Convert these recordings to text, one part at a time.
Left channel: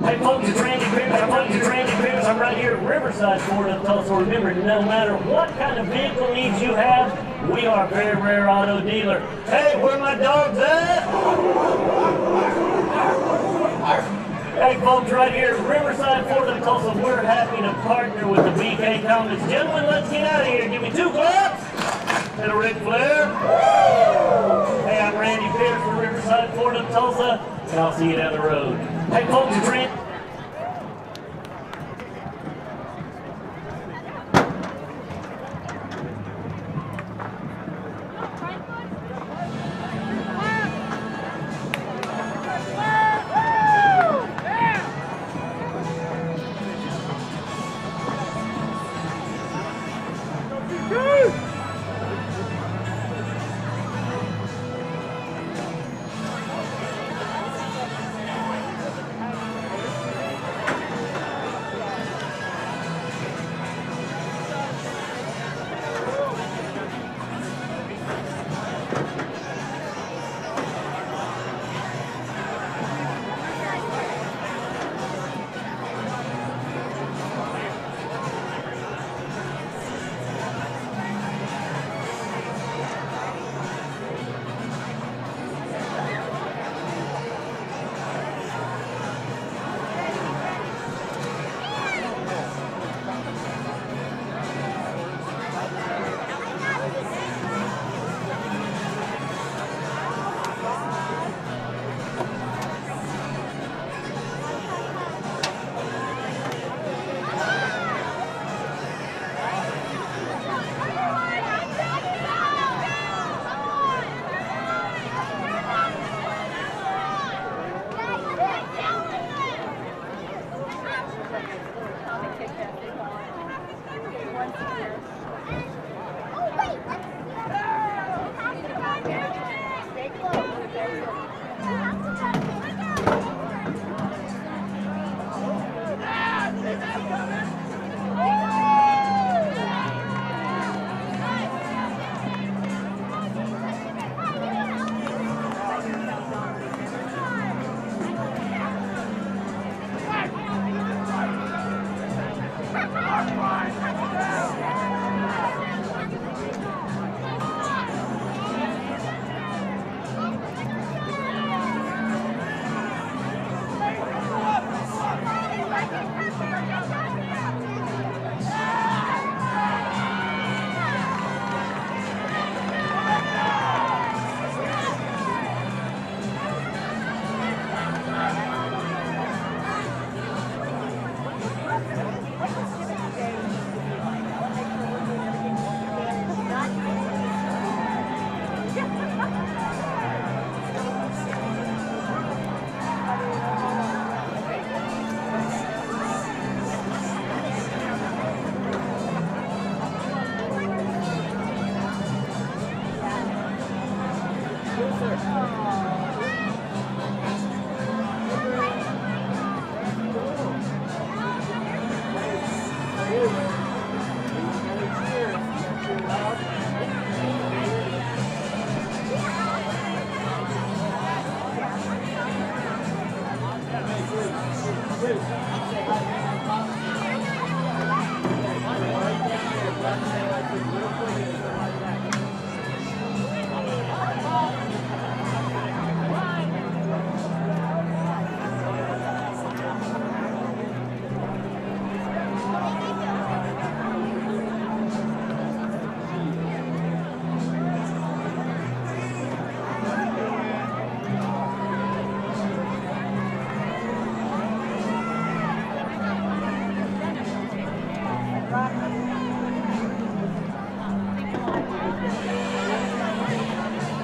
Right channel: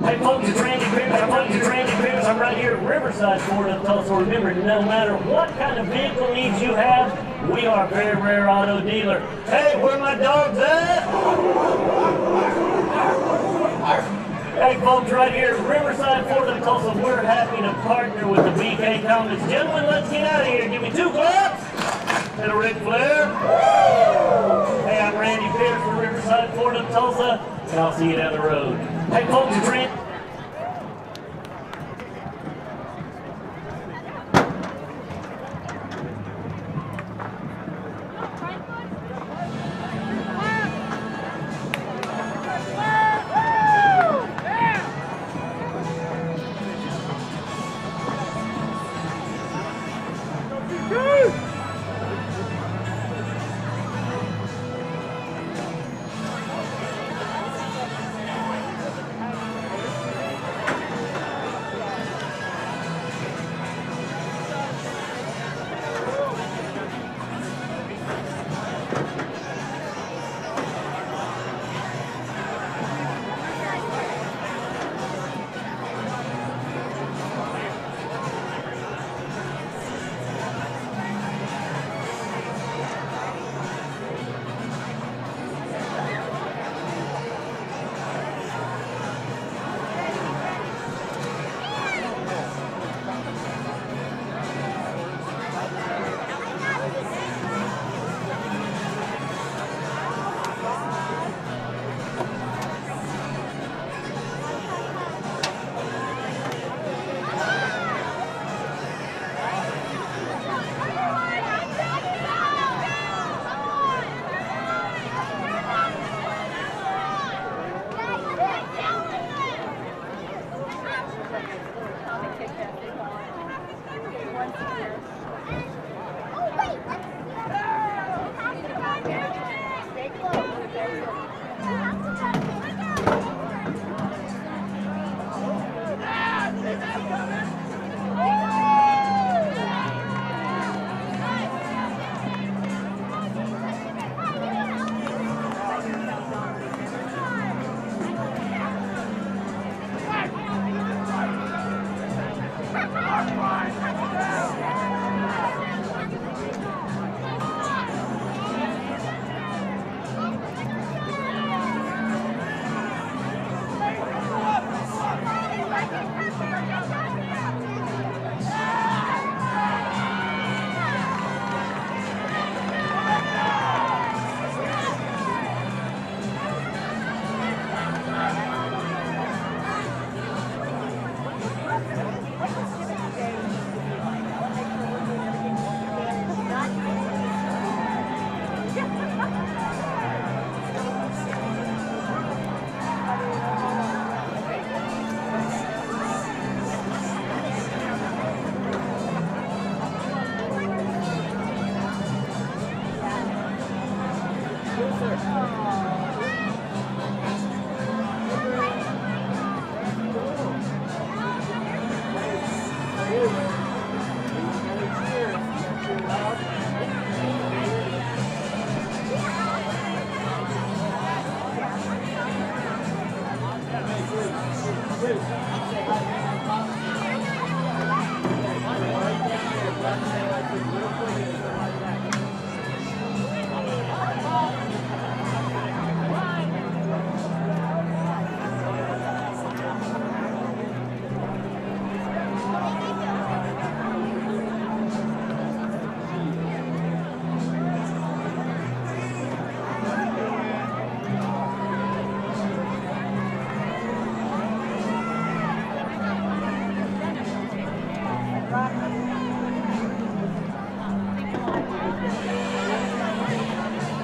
Hey folks, it's Randy Pierce. I'm right here at Riverside, Florida, Tulsa. Remember, no matter what kind of vehicle needs you have, we are a very rare auto dealer. Hey, where my dogs at? Hey folks, right here at Riverside, Florida, Tulsa, we're happy to partner with the BK Comets. Gentlemen, let's get out of here. Give me 2 claps. And a Ric Flair. Hey, I'm Randy Pierce from Riverside, Florida, Tulsa, and I'll see you down the road. Hey folks, it's Randy.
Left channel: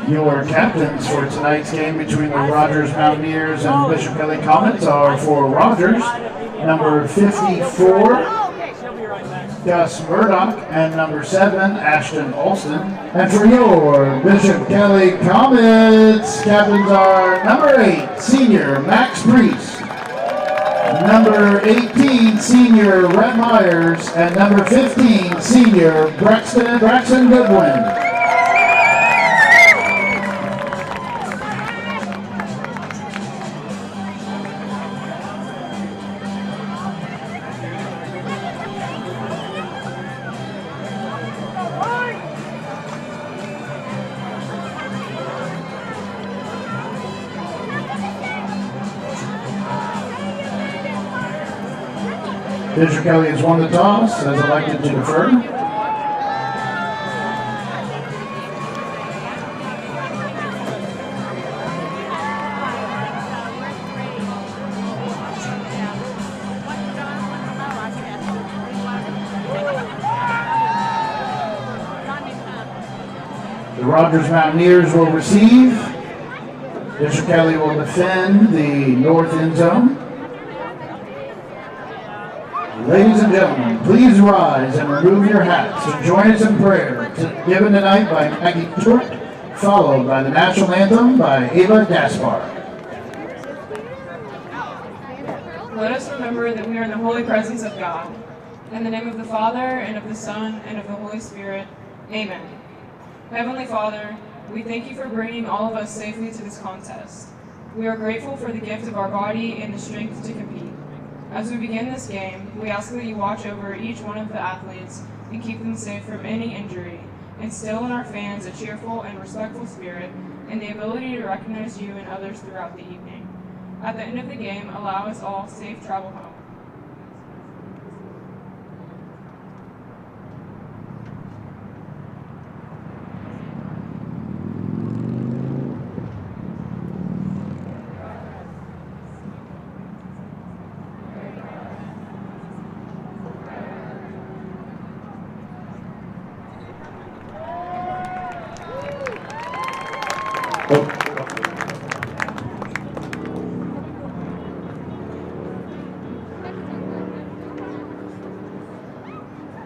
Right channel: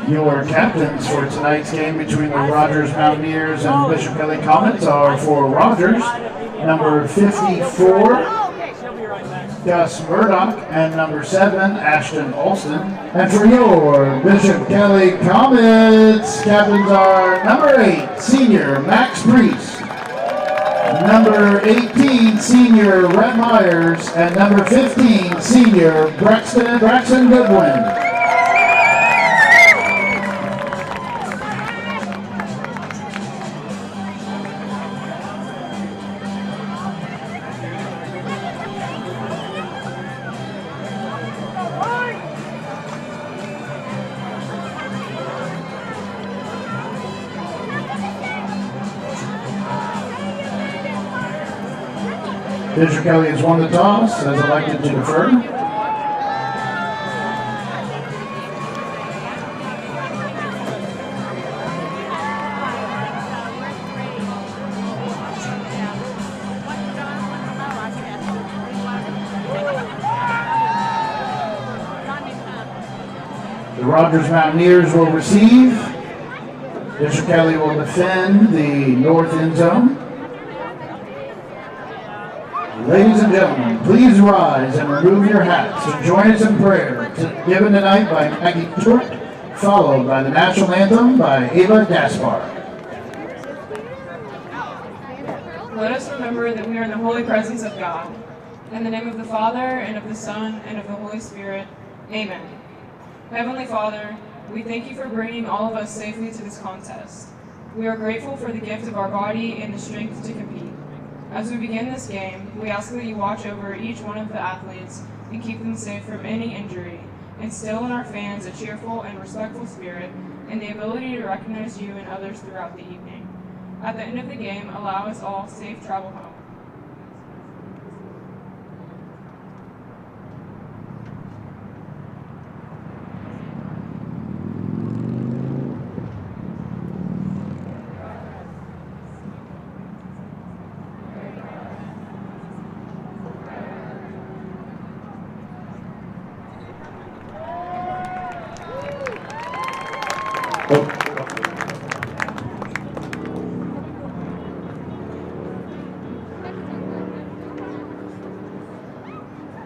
Your captains for tonight's game between the Rogers Mountaineers and Bishop Kelly Comets are for Rogers, number 54, Gus Murdoch, and number 7, Ashton Olson. And for your Bishop Kelly Comets, captains are number 8, senior Max Priest, number 18, senior Rhett Myers, and number 15, senior Braxton Goodwin. Bishop Kelly has won the toss, has elected to defer. The Rogers Mountaineers will receive. Bishop Kelly will defend the north end zone. Ladies and gentlemen, please rise and remove your hats and join us in prayer given tonight by Maggie Stewart, followed by the national anthem by Ava Gaspar. Let us remember that we are in the holy presence of God. In the name of the Father, and of the Son, and of the Holy Spirit. Amen. Heavenly Father, we thank you for bringing all of us safely to this contest. We are grateful for the gift of our body and the strength to compete. As we begin this game, we ask that you watch over each one of the athletes and keep them safe from any injury. Instill in our fans a cheerful and respectful spirit and the ability to recognize you and others throughout the evening. At the end of the game, allow us all safe travel home.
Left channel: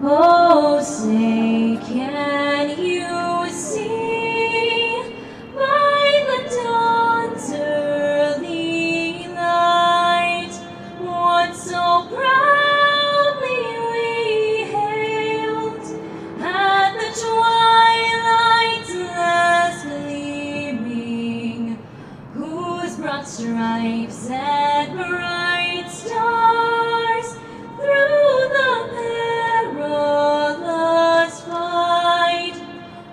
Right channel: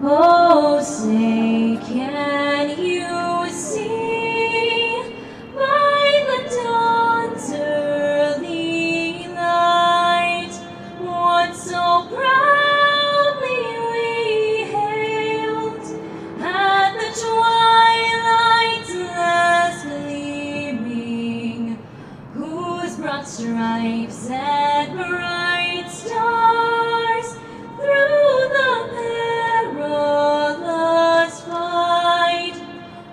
Oh, say, can you see by the dawn's early light what so proudly we hailed at the twilight's last gleaming, whose broad stripes and bright stars through the perilous fight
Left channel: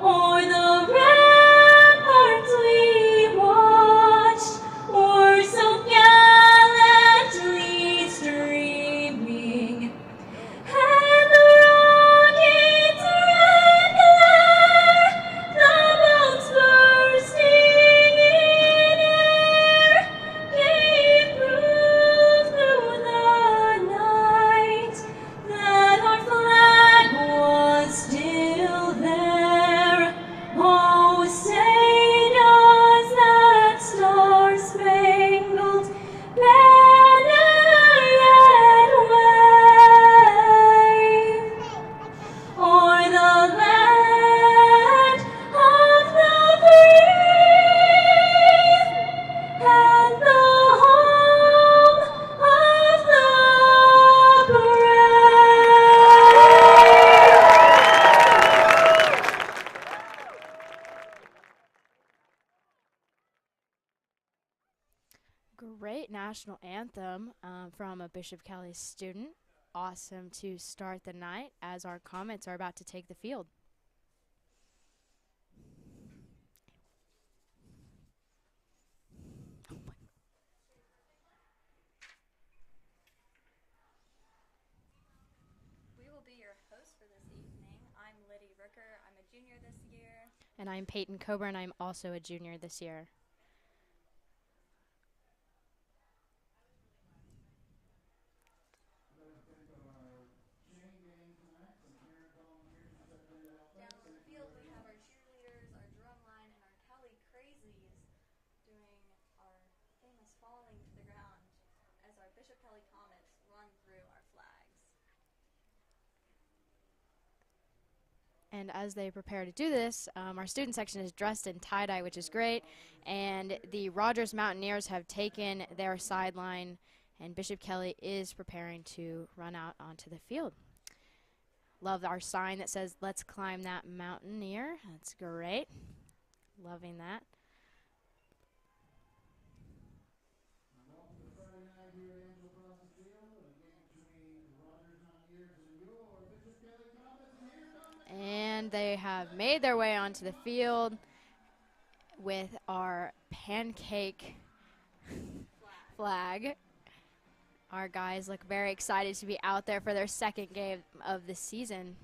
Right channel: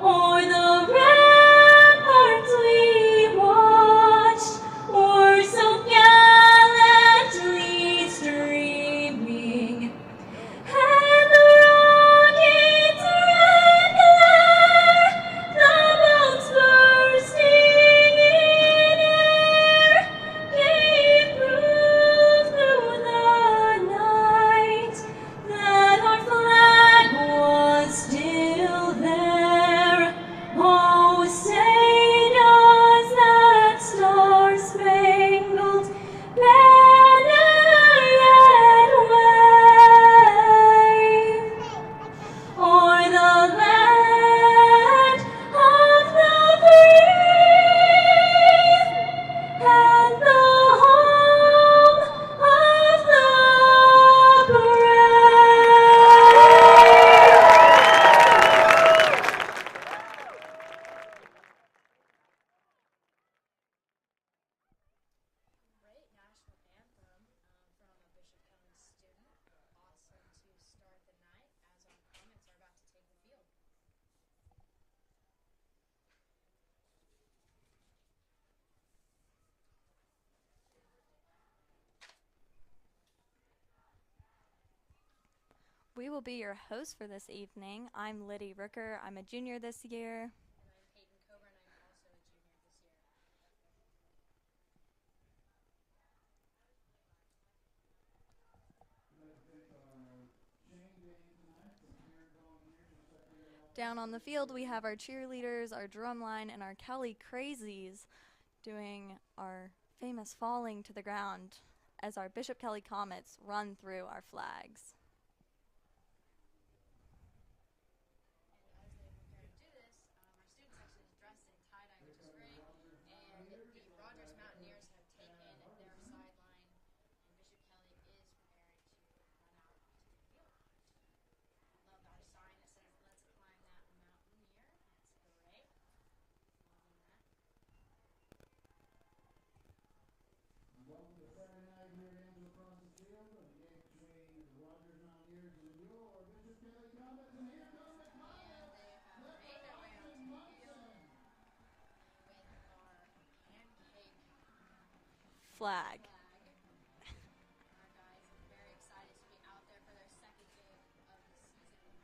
o'er the ramparts we watched were so gallantly streaming, and the rocket's red glare, the bombs bursting in air, gave proof through the night that our flag was still there. Oh, say does that star-spangled banner yet wave o'er the land of the free and the home of the brave? Great national anthem from a Bishop Kelly student. Awesome to start the night as our Comets are about to take the field. We will be your host for this evening. I'm Liddy Rooker. I'm a junior this year. And I'm Peyton Coburn. I'm also a junior this year. Down on the field, we have our cheerleaders, our drumline, and our Kelly Crazies doing our famous falling to the ground as our Bishop Kelly Comets run through our flags. And as they prepare to do this, our student section is dressed in tie-dye, which is great. And the Rogers Mountaineers have taken their sideline, and Bishop Kelly is preparing to run out onto the field. Love our sign that says, "Let's climb that Mountaineer." That's great. Loving that. And they have made their way onto the field with our pancake Flag. flag. Our guys look very excited to be out there for their second game of the season.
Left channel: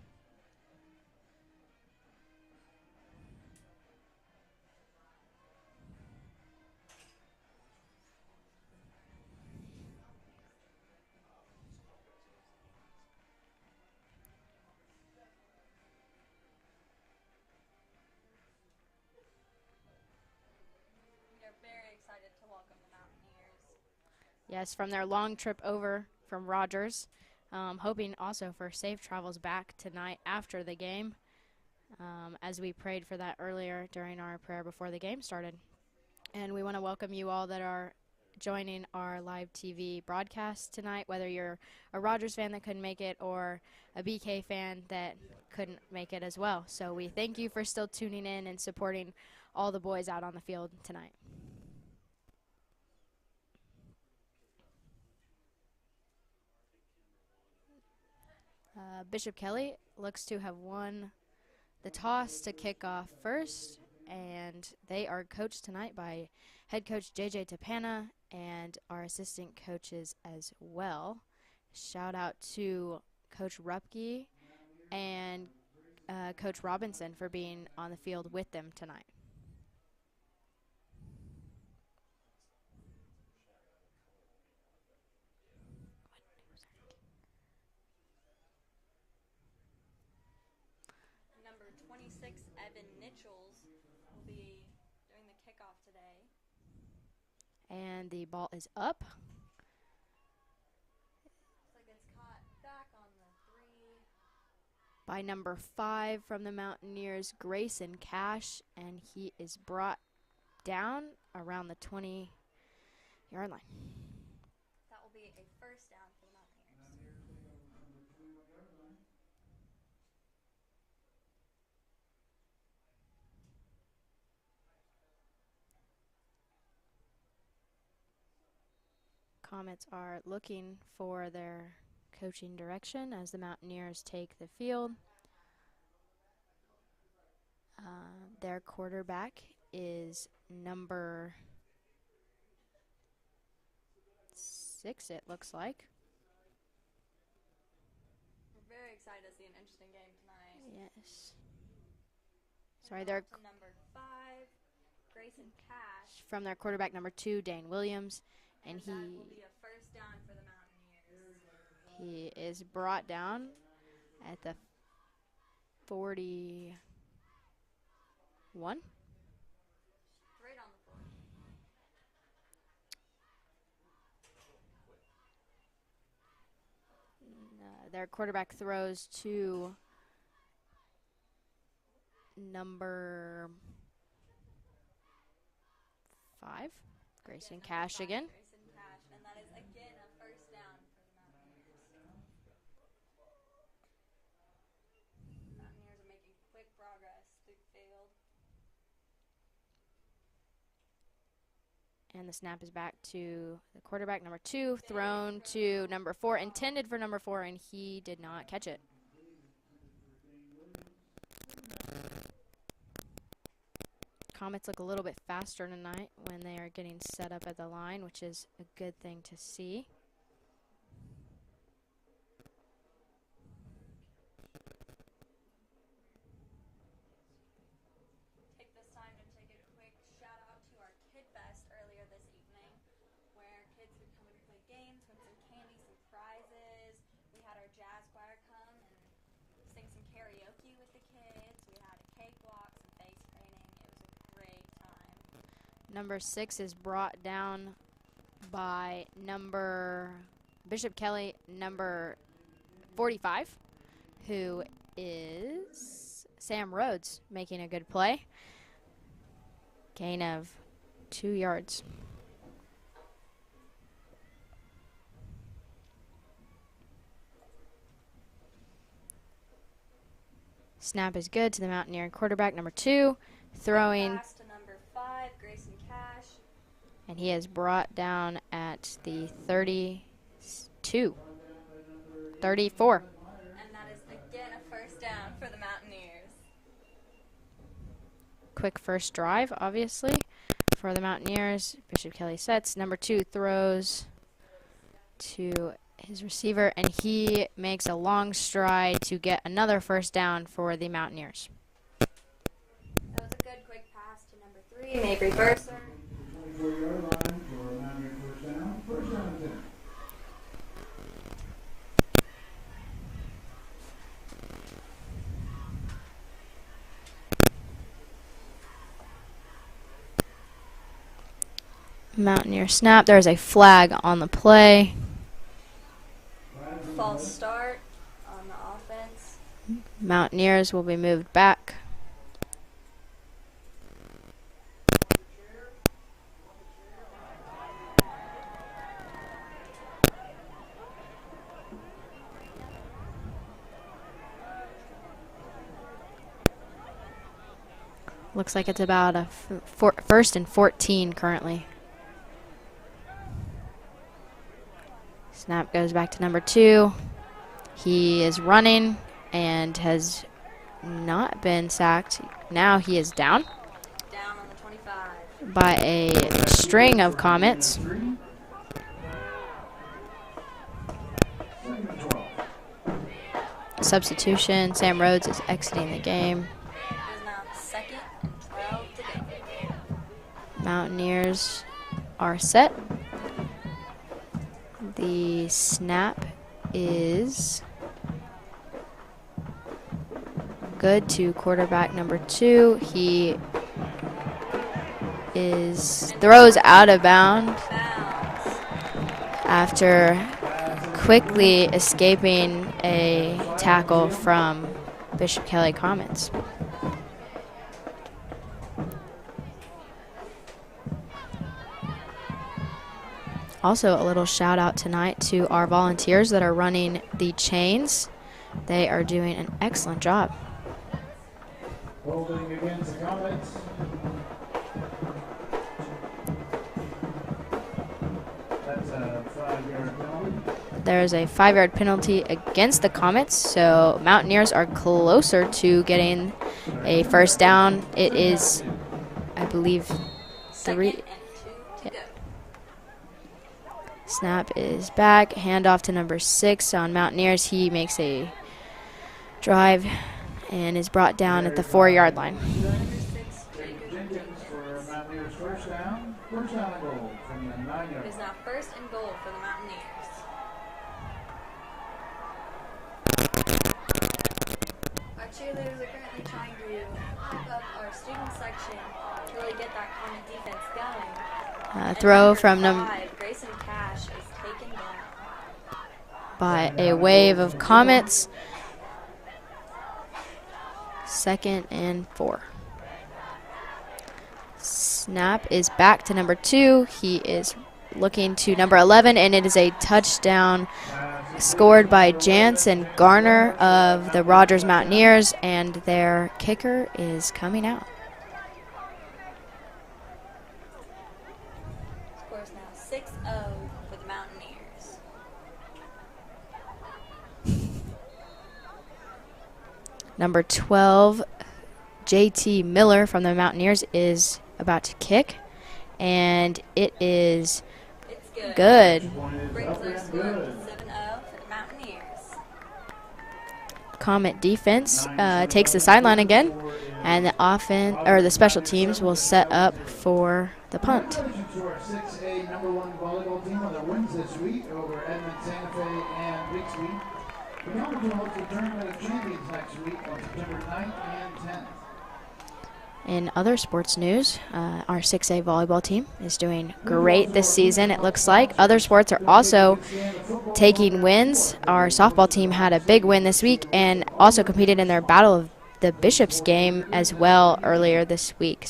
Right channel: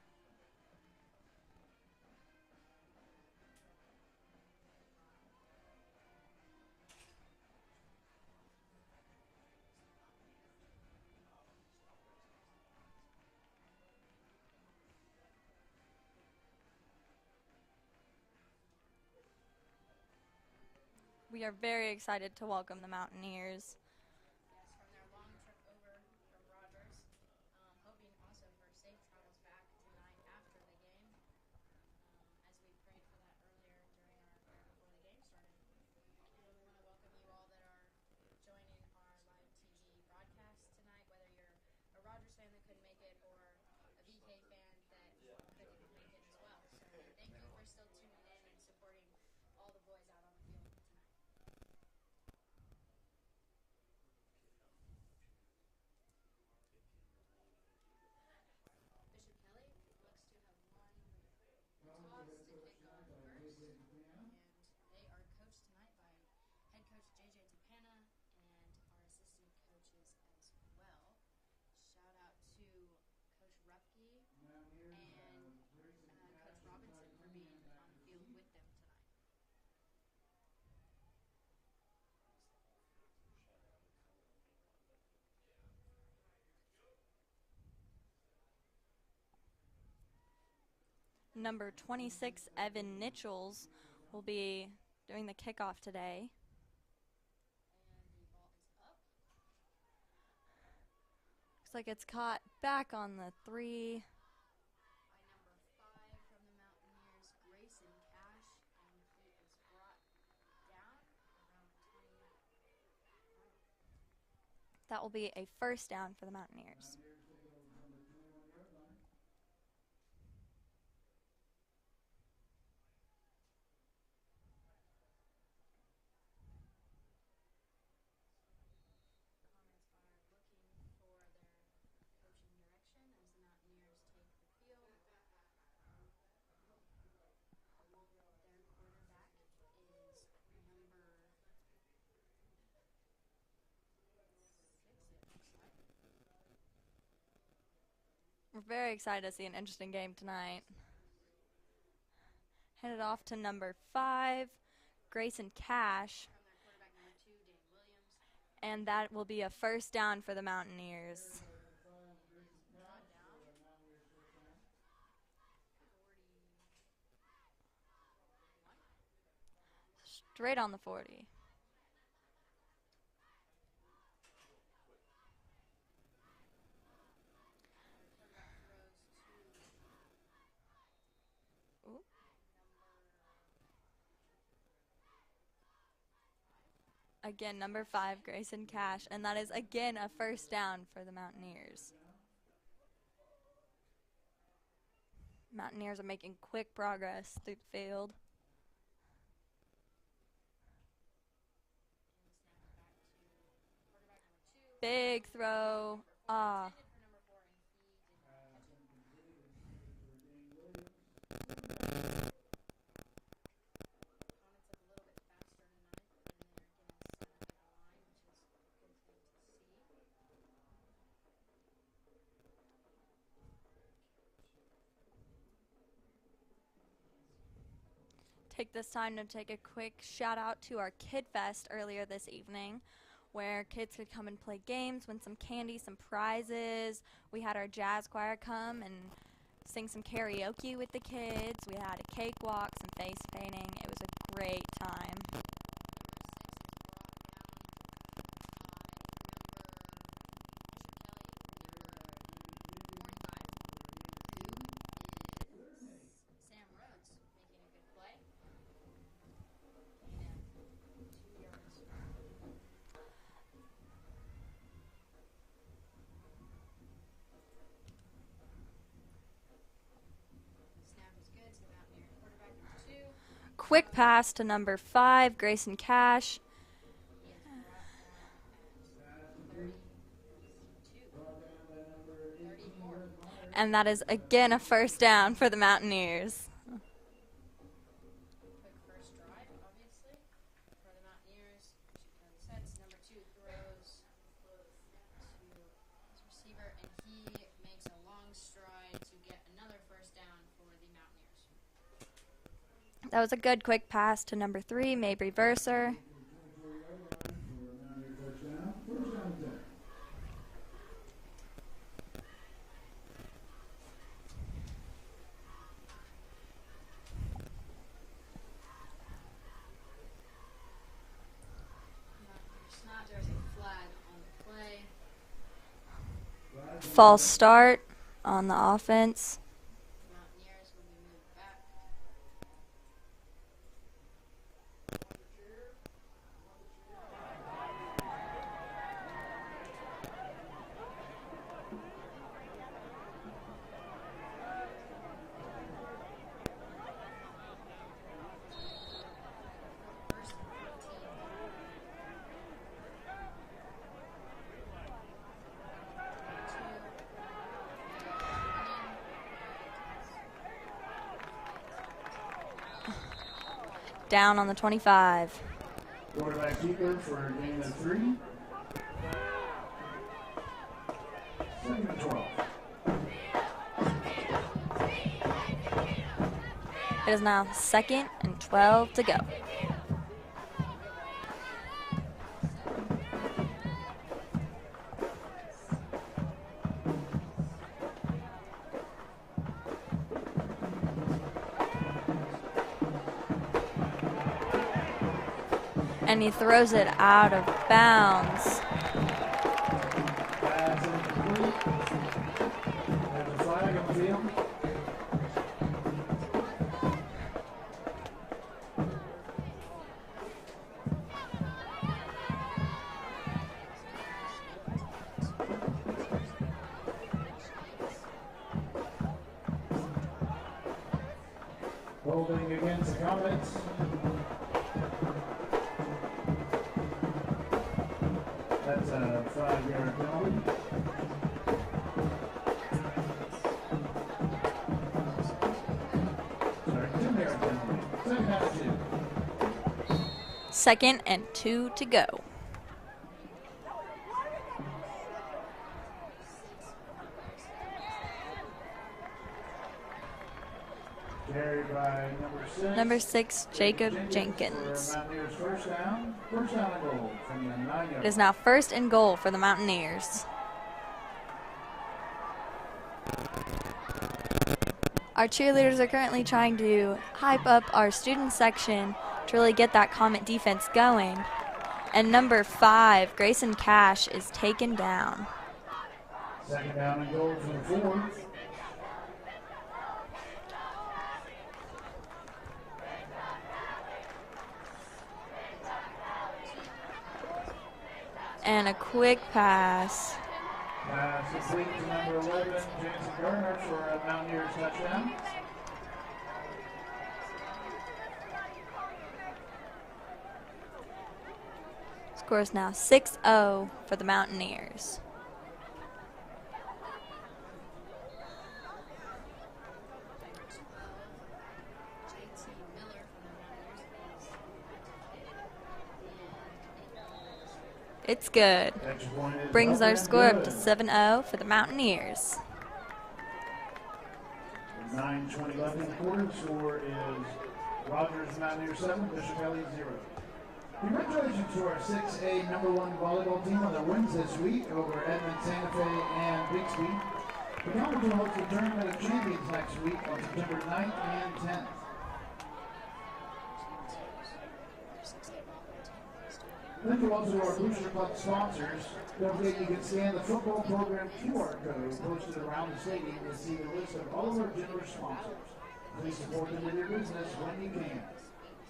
We are very excited to welcome the Mountaineers. Yes, from their long trip over from Rogers. Hoping also for safe travels back tonight after the game, as we prayed for that earlier during our prayer before the game started. And we want to welcome you all that are joining our live TV broadcast tonight, whether you're a Rogers fan that couldn't make it or a BK fan that couldn't make it as well. So we thank you for still tuning in and supporting all the boys out on the field tonight. Bishop Kelly looks to have won the toss to kick off first, and they are coached tonight by head coach JJ Tapana and our assistant coaches as well. Shout out to Coach Rupke and Coach Robinson for being on the field with them tonight. Number 26, Evan Nichols, will be doing the kickoff today. And the ball is up. Looks like it's caught back on the 3. By number 5 from the Mountaineers, Grayson Cash, and he is brought down around the 20-yard line. That will be a first down for the Mountaineers. Comets are looking for their coaching direction as the Mountaineers take the field. Their quarterback is number 6, it looks like. We're very excited to see an interesting game tonight. Yes. Headed off to number 5, Grayson Cash. From their quarterback number 2, Dane Williams. And that will be a first down for the Mountaineers. He is brought down at the 41. Straight on the 40. Their quarterback throws to number 5. Again, Grayson number Cash 5, again. Grayson Cash. And that is, again, a first down for the Mountaineers. Mountaineers are making quick progress through the field. And the snap is back to the quarterback, number 2, Big thrown throw. to number 4, intended for number 4, and he did not catch it. Comets look a little bit faster tonight when they are getting set up at the line, which is a good thing to see. Take this time to take a quick shout out to our Kid Fest earlier this evening, where kids could come and play games, win some candy, some prizes. We had our jazz choir come and sing some karaoke with the kids. We had a cakewalk, some face painting. It was a great time. Number 6 is brought down by Bishop Kelly, number 45, who is Sam Rhodes, making a good play. Gain of 2 yards. Snap is good to the Mountaineer quarterback, number 2. Quick pass to number 5, Grayson Cash. And he is brought down at the 34. And that is, again, a first down for the Mountaineers. Quick first drive, obviously, for the Mountaineers. Bishop Kelly sets. Number 2 throws to his receiver, and he makes a long stride to get another first down for the Mountaineers. That was a good quick pass to number 3, Mabry Burser. Mountaineer snap. There's a flag on the play. False start on the offense. Mountaineers will be moved back. Looks like it's about a first and 14 currently. Snap goes back to number 2. He is running and has not been sacked. Now he is down. Down on the 25. By a string of Comets. Substitution. Sam Rhodes is exiting the game. It is now 2nd and 12 to go. Mountaineers are set. The snap is good to quarterback number 2. He throws out of bounds after quickly escaping a tackle from Bishop Kelly Comets. Also, a little shout out tonight to our volunteers that are running the chains. They are doing an excellent job. Holding against the Comets. That's a 5-yard penalty. There's a 5-yard penalty against the Comets, so Mountaineers are closer to getting a first down. It is, I believe, 2nd and 2 to go. Snap is back. Handoff to number 6 on Mountaineers. He makes a drive and is brought down at the 4-yard line. Number 6, Jacob Jenkins. First down and goal from the 9-yard. It is now 1st and goal for the Mountaineers. Our cheerleaders are currently trying to hype up our student section to really get that Comet defense going. And Throw number from 5, Grayson Cash, is taken down by a wave of Comets. 2nd and 4. Snap is back to number 2. He is looking to number 11, and it is a touchdown scored by Jansen Garner of the Rogers Mountaineers, and their kicker is coming out. Score is now 6-0 for the Mountaineers. Number 12, JT Miller from the Mountaineers is about to kick, and it's good. Good. Brings our score up to 7-0 for the Mountaineers. Comet defense takes the sideline again, and the special teams will set up for the punt. Congratulations to our 6A #1 volleyball team on their wins this week over Edmond, Santa Fe, and Bixby. The Comets will host the Tournament of Champions next week on September 9th and 10th. In other sports news, our 6A volleyball team is doing great this season, it looks like. Other sports are also taking wins. Our softball team had a big win this week and also competed in their Battle of the Bishops game as well earlier this week.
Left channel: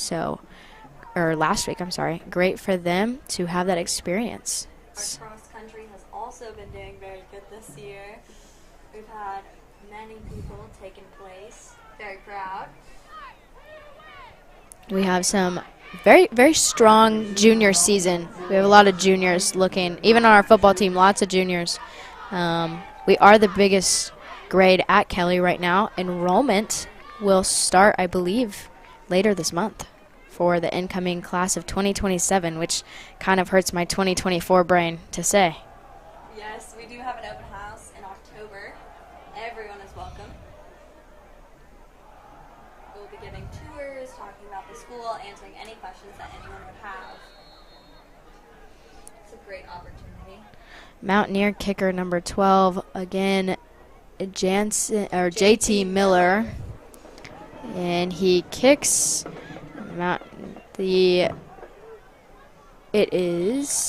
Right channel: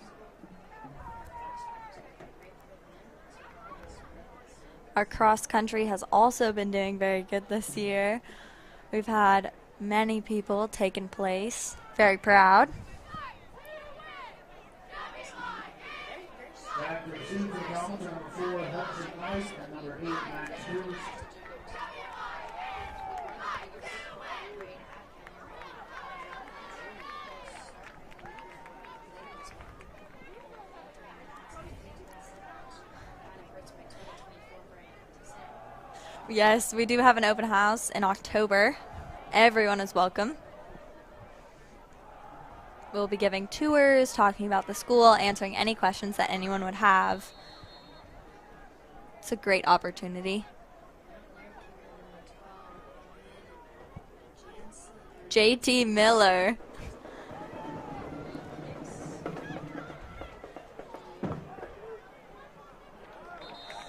Or last week, I'm sorry. Great for them to have that experience. Our cross country has also been doing very good this year. We've had many people taking place. Very proud. We have some very, very strong junior season. We have a lot of juniors looking, even on our football team, lots of juniors. We are the biggest grade at Kelly right now. Enrollment will start, I believe, later this month for the incoming class of 2027, which kind of hurts my 2024 brain to say. Yes, we do have an open house in October. Everyone is welcome. We'll be giving tours, talking about the school, answering any questions that anyone would have. It's a great opportunity. Mountaineer kicker number 12, again, JT Miller. And he kicks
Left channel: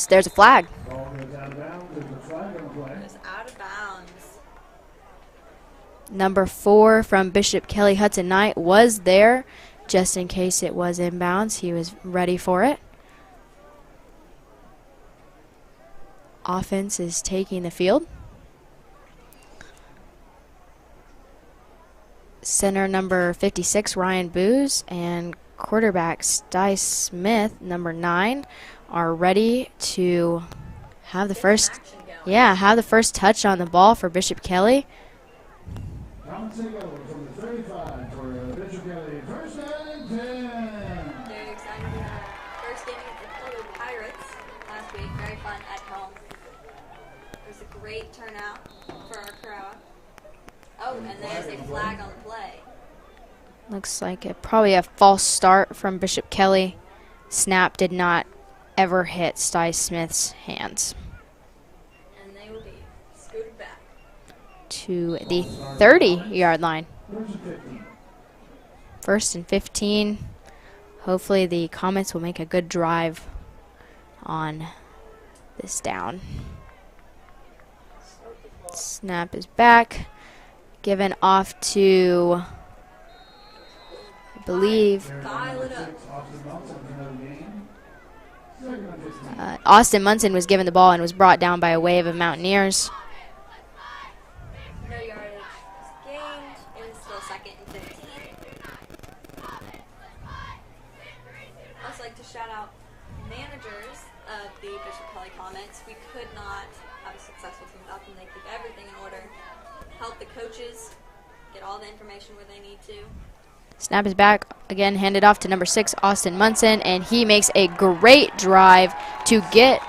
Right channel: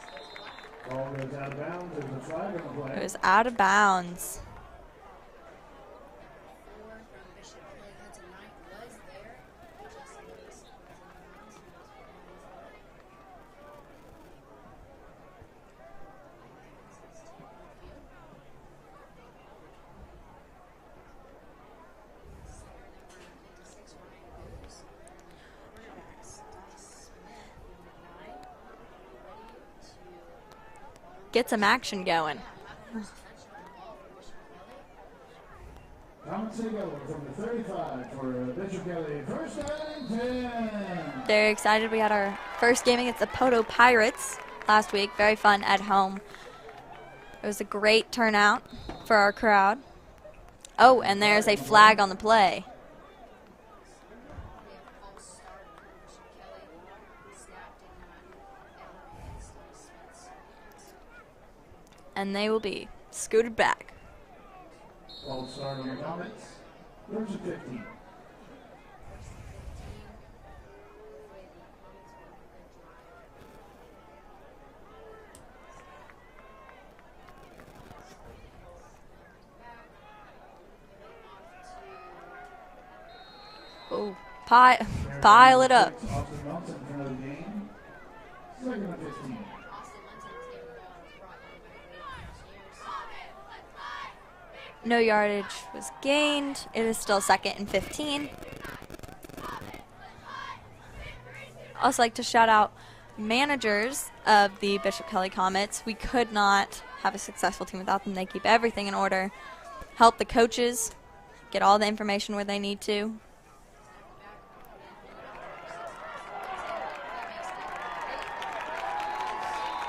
there's a flag. Ball goes out of bounds. There's a flag on the play. It was out of bounds. Number 4 from Bishop Kelly, Hudson Knight, was there just in case it was inbounds. He was ready for it. Offense is taking the field. Center number 56, Ryan Booz, and quarterback Sty Smith, number 9, are ready to have the Get some action going. Yeah, have the first touch on the ball for Bishop Kelly. Comets take over from the 35 for Bishop Kelly. First down and 10. Very excited. We had our first game against the Poto Pirates last week. Very fun at home. It was a great turnout for our crowd. Oh, and there's a flag on the play. Looks like probably a false start from Bishop Kelly. Snap did not ever hit Sty Smith's hands. And they will be scooted back to the 30-yard line. First and 15. First and 15. Hopefully the Comets will make a good drive on this down. Snap is back. Given off to, I believe, pile it up. Austin Munson was given the ball and was brought down by a wave of Mountaineers. No yardage was gained. It is still 2nd and 15. Also like to shout out managers of the Bishop Kelly Comets. We could not have a successful team without them. They keep everything in order. Help the coaches get all the information where they need to. Snap is back, again handed off to number 6, Austin Munson, and he makes a great drive to get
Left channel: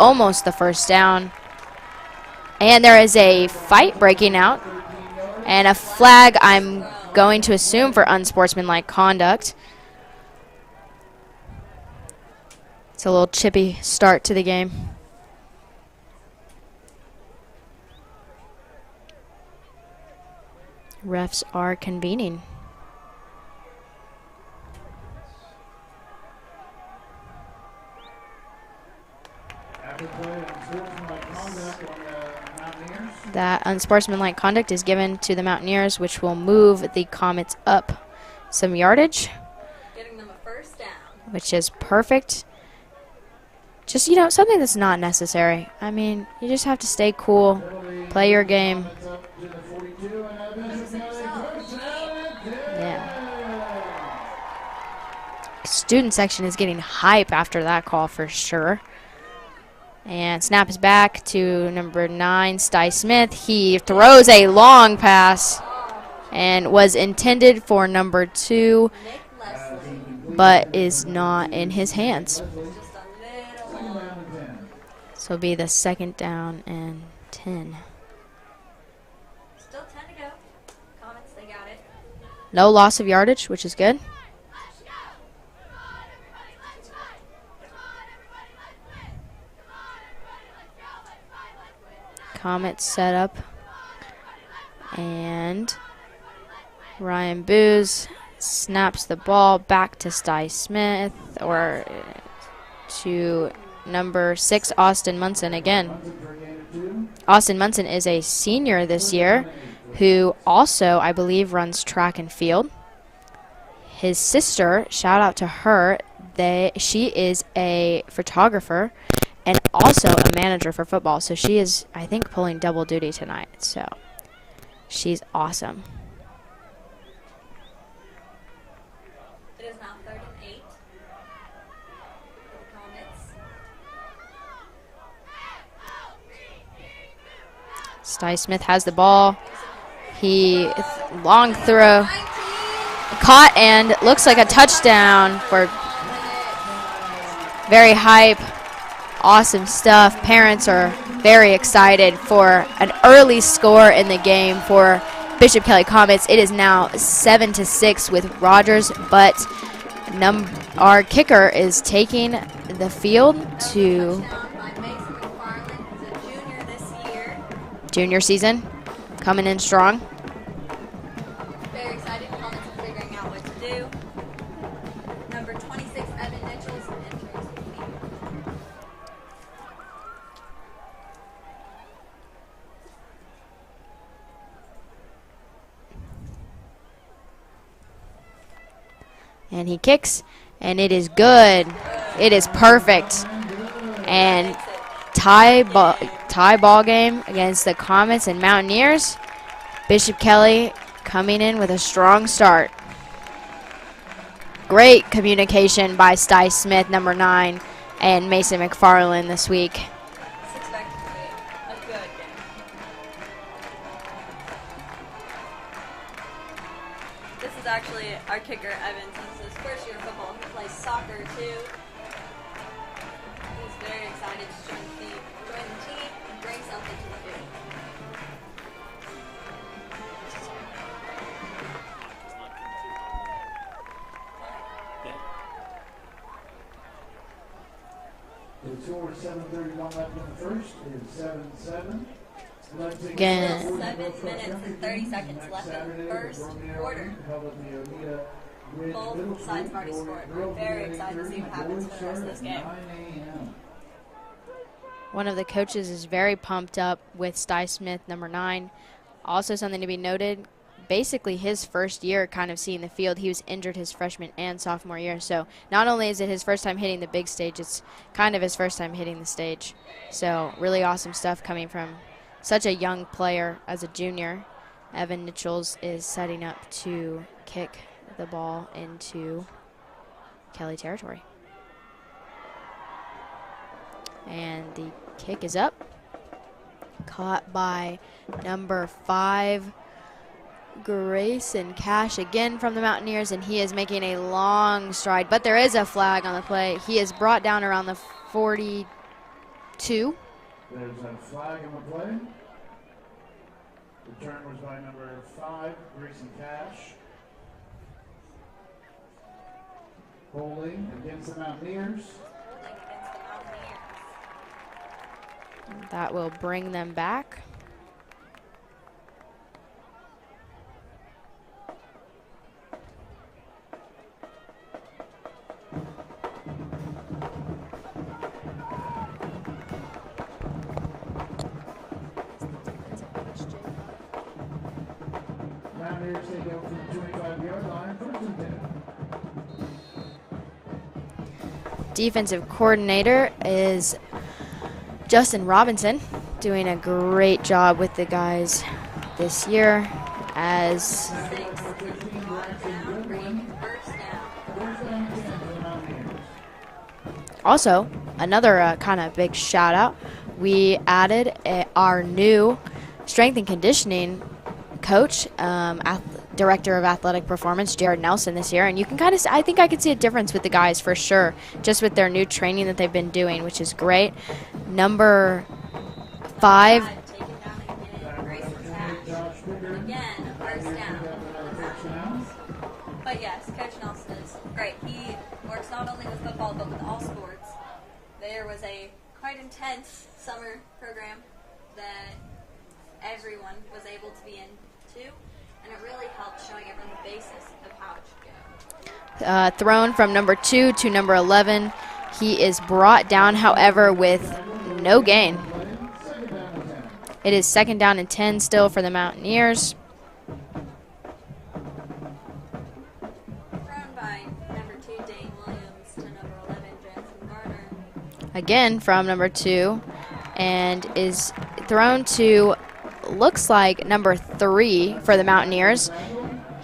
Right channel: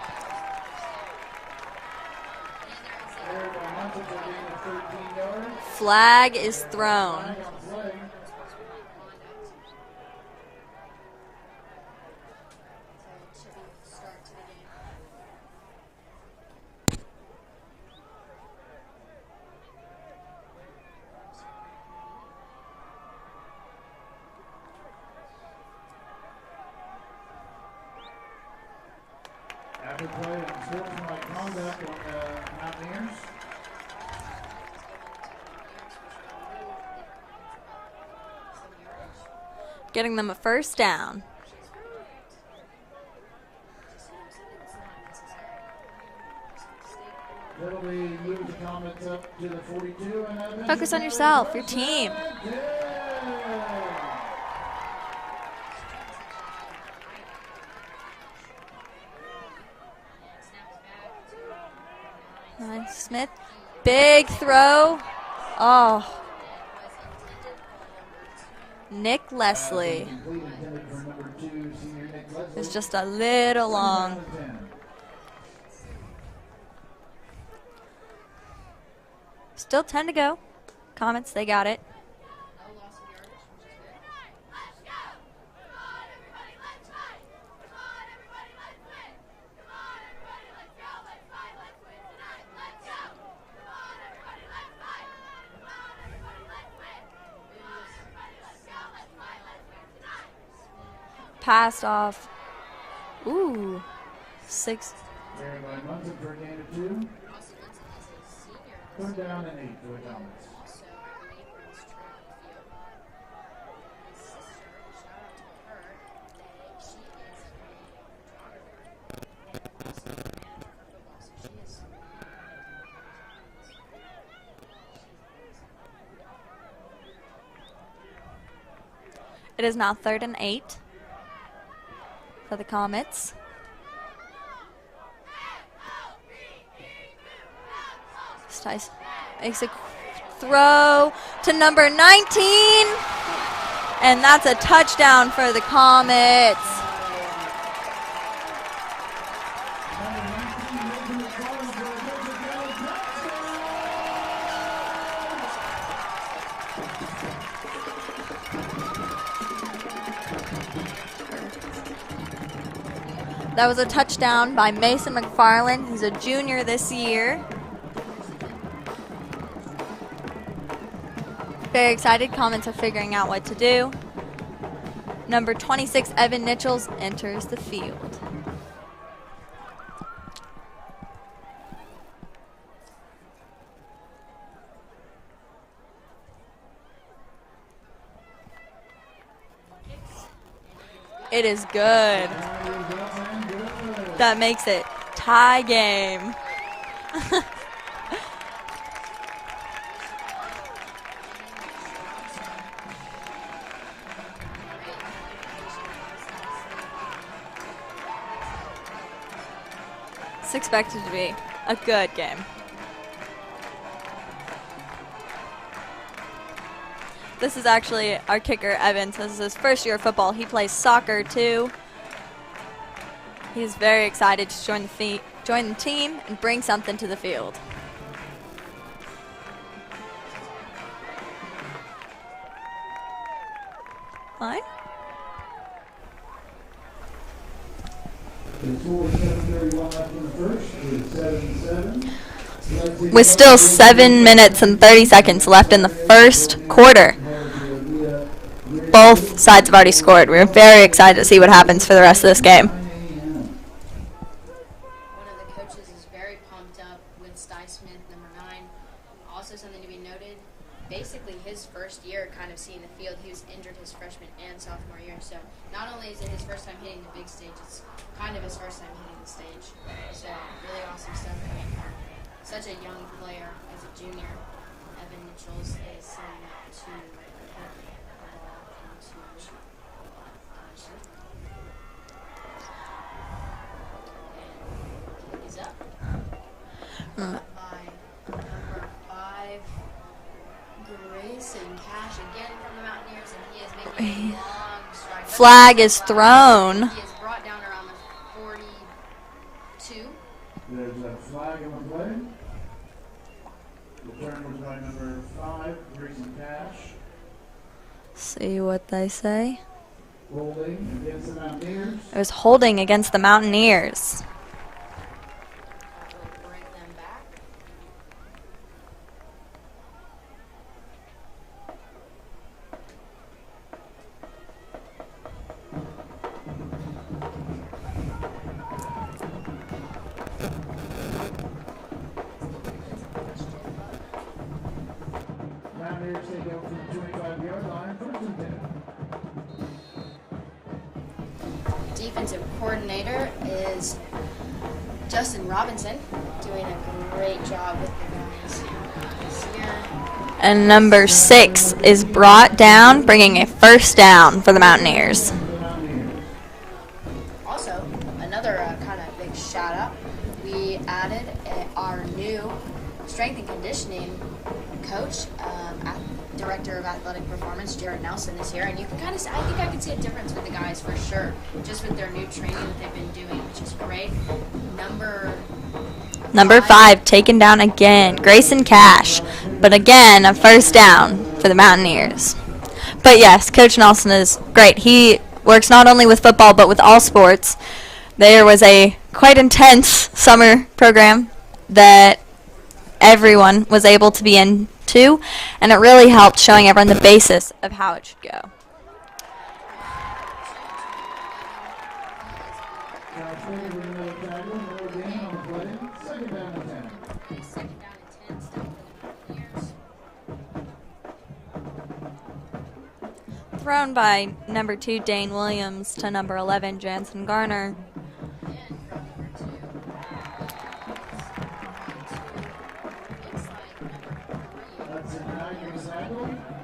almost the first down. And there is a fight breaking out, and a flag I'm going to assume for unsportsmanlike conduct. It's a little chippy start to the game. Refs are convening. That unsportsmanlike conduct is given to the Mountaineers, which will move the Comets up some yardage. Getting them a first down. Which is perfect. Just, something that's not necessary. I mean, you just have to stay cool, play your game. Focus on yourself, your team. Yeah. Student section is getting hype after that call for sure. And snap is back to number 9, Sty Smith. He throws a long pass and was intended for number 2, Nick Leslie, but is not in his hands. It's just a little long. So it'll be the 2nd down and 10. Still 10 to go. Comets, they got it. No loss of yardage, which is good. Comets set up, and Ryan Booz snaps the ball back to Sty Smith. Pass off to number 6, Austin Munson again. Austin Munson is a senior this year who also, I believe, runs track and field. His sister, shout out to her, she is a photographer and also a manager for football. So she is, I think, pulling double duty tonight. So she's awesome. It is now 3rd and 8 for the Comets. Sty Smith has the ball. He long to number 19. Caught and looks like a touchdown for the Comets. Very hype. Awesome stuff. Parents are very excited for an early score in the game for Bishop Kelly Comets. It is now 7-6 with Rogers, but our kicker is taking the field. That was a touchdown by Mason McFarland. He's a junior this year. Junior season, coming in strong. Very excited. Comets are figuring out what to do. Number 26, Evan Nichols, enters the field. And he kicks, and it is good. It is good. It is perfect. That And makes it tie ball game against the Comets and Mountaineers. Bishop Kelly coming in with a strong start. Great communication by Sty Smith, number 9, and Mason McFarland this week. It's expected to be a good game. This is actually our kicker, Evans. This is his first year of football. He plays soccer too. He's very excited to join the team and bring something to the field. Fine. With still 7 minutes and 30 seconds left in the first quarter. Both sides have already scored. We're very excited to see what happens for the rest of this game. One of the coaches is very pumped up with Sty Smith, number 9. Also something to be noted, basically his first year kind of seeing the field. He was injured his freshman and sophomore year, so not only is it his first time hitting the big stage, it's kind of his first time hitting the stage. So really awesome stuff coming from such a young player as a junior. Evan Nichols is setting up to kick the ball into Kelly territory. And the kick is up. Caught by number 5, Grayson Cash, again from the Mountaineers, and he is making a long stride. But Flag is thrown. He is brought down around the 42. There's a flag in the play. The turn was by number 5, Grayson Cash. See what they say. Rolling against the Mountaineers. It was holding against the Mountaineers. That will bring them back. Mountaineers take out from the 25-yard line, 1st and 10. Defensive coordinator is Justin Robinson, doing a great job with the guys this year. And number 6 is brought down, bringing a first down for the Mountaineers. Also, another kind of big shout out, we added our new strength and conditioning coach, Director of Athletic Performance, Jared Nelson, this year, and you can kind of, I think I can see a difference with the guys for sure, just with their new training that they've been doing, which is great. Number 5 taken down again, Grayson Cash, but again a first down for the Mountaineers. But yes, Coach Nelson is great. He works not only with football but with all sports. There was a quite intense summer program that everyone was able to be into, and it really helped showing everyone the basis of how it should go. Thrown from number 2 to number 11. He is brought down, however, with no gain. It is 2nd down and 10 still for the Mountaineers. Thrown by number 2, Dane Williams, to number 11, Jansen Garner. Again from number 2, and is thrown to, looks like, number 3 for the Mountaineers.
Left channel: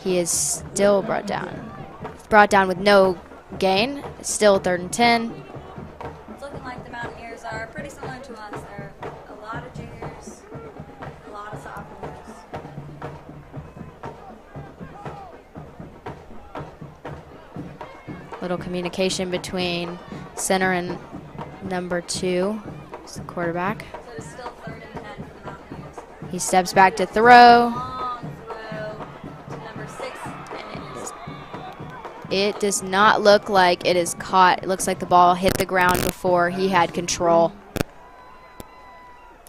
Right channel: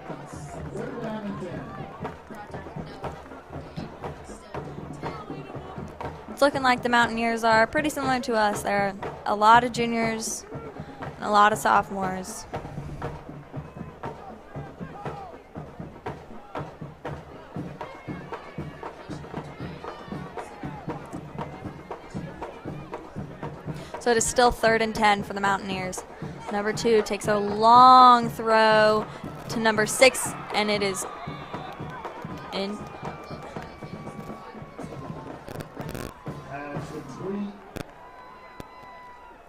He is still brought down. Brought down with no gain, still 3rd and 10. It's looking like the Mountaineers are pretty similar to us. There are a lot of juniors and a lot of sophomores. Little communication between center and Number 2 is the quarterback. So it is still 3rd and 10 for the Mountaineers. He steps Number back 2 to takes throw. a long throw to number 6, and it is. It does not look like it is caught. It looks like the ball hit the ground before he had control.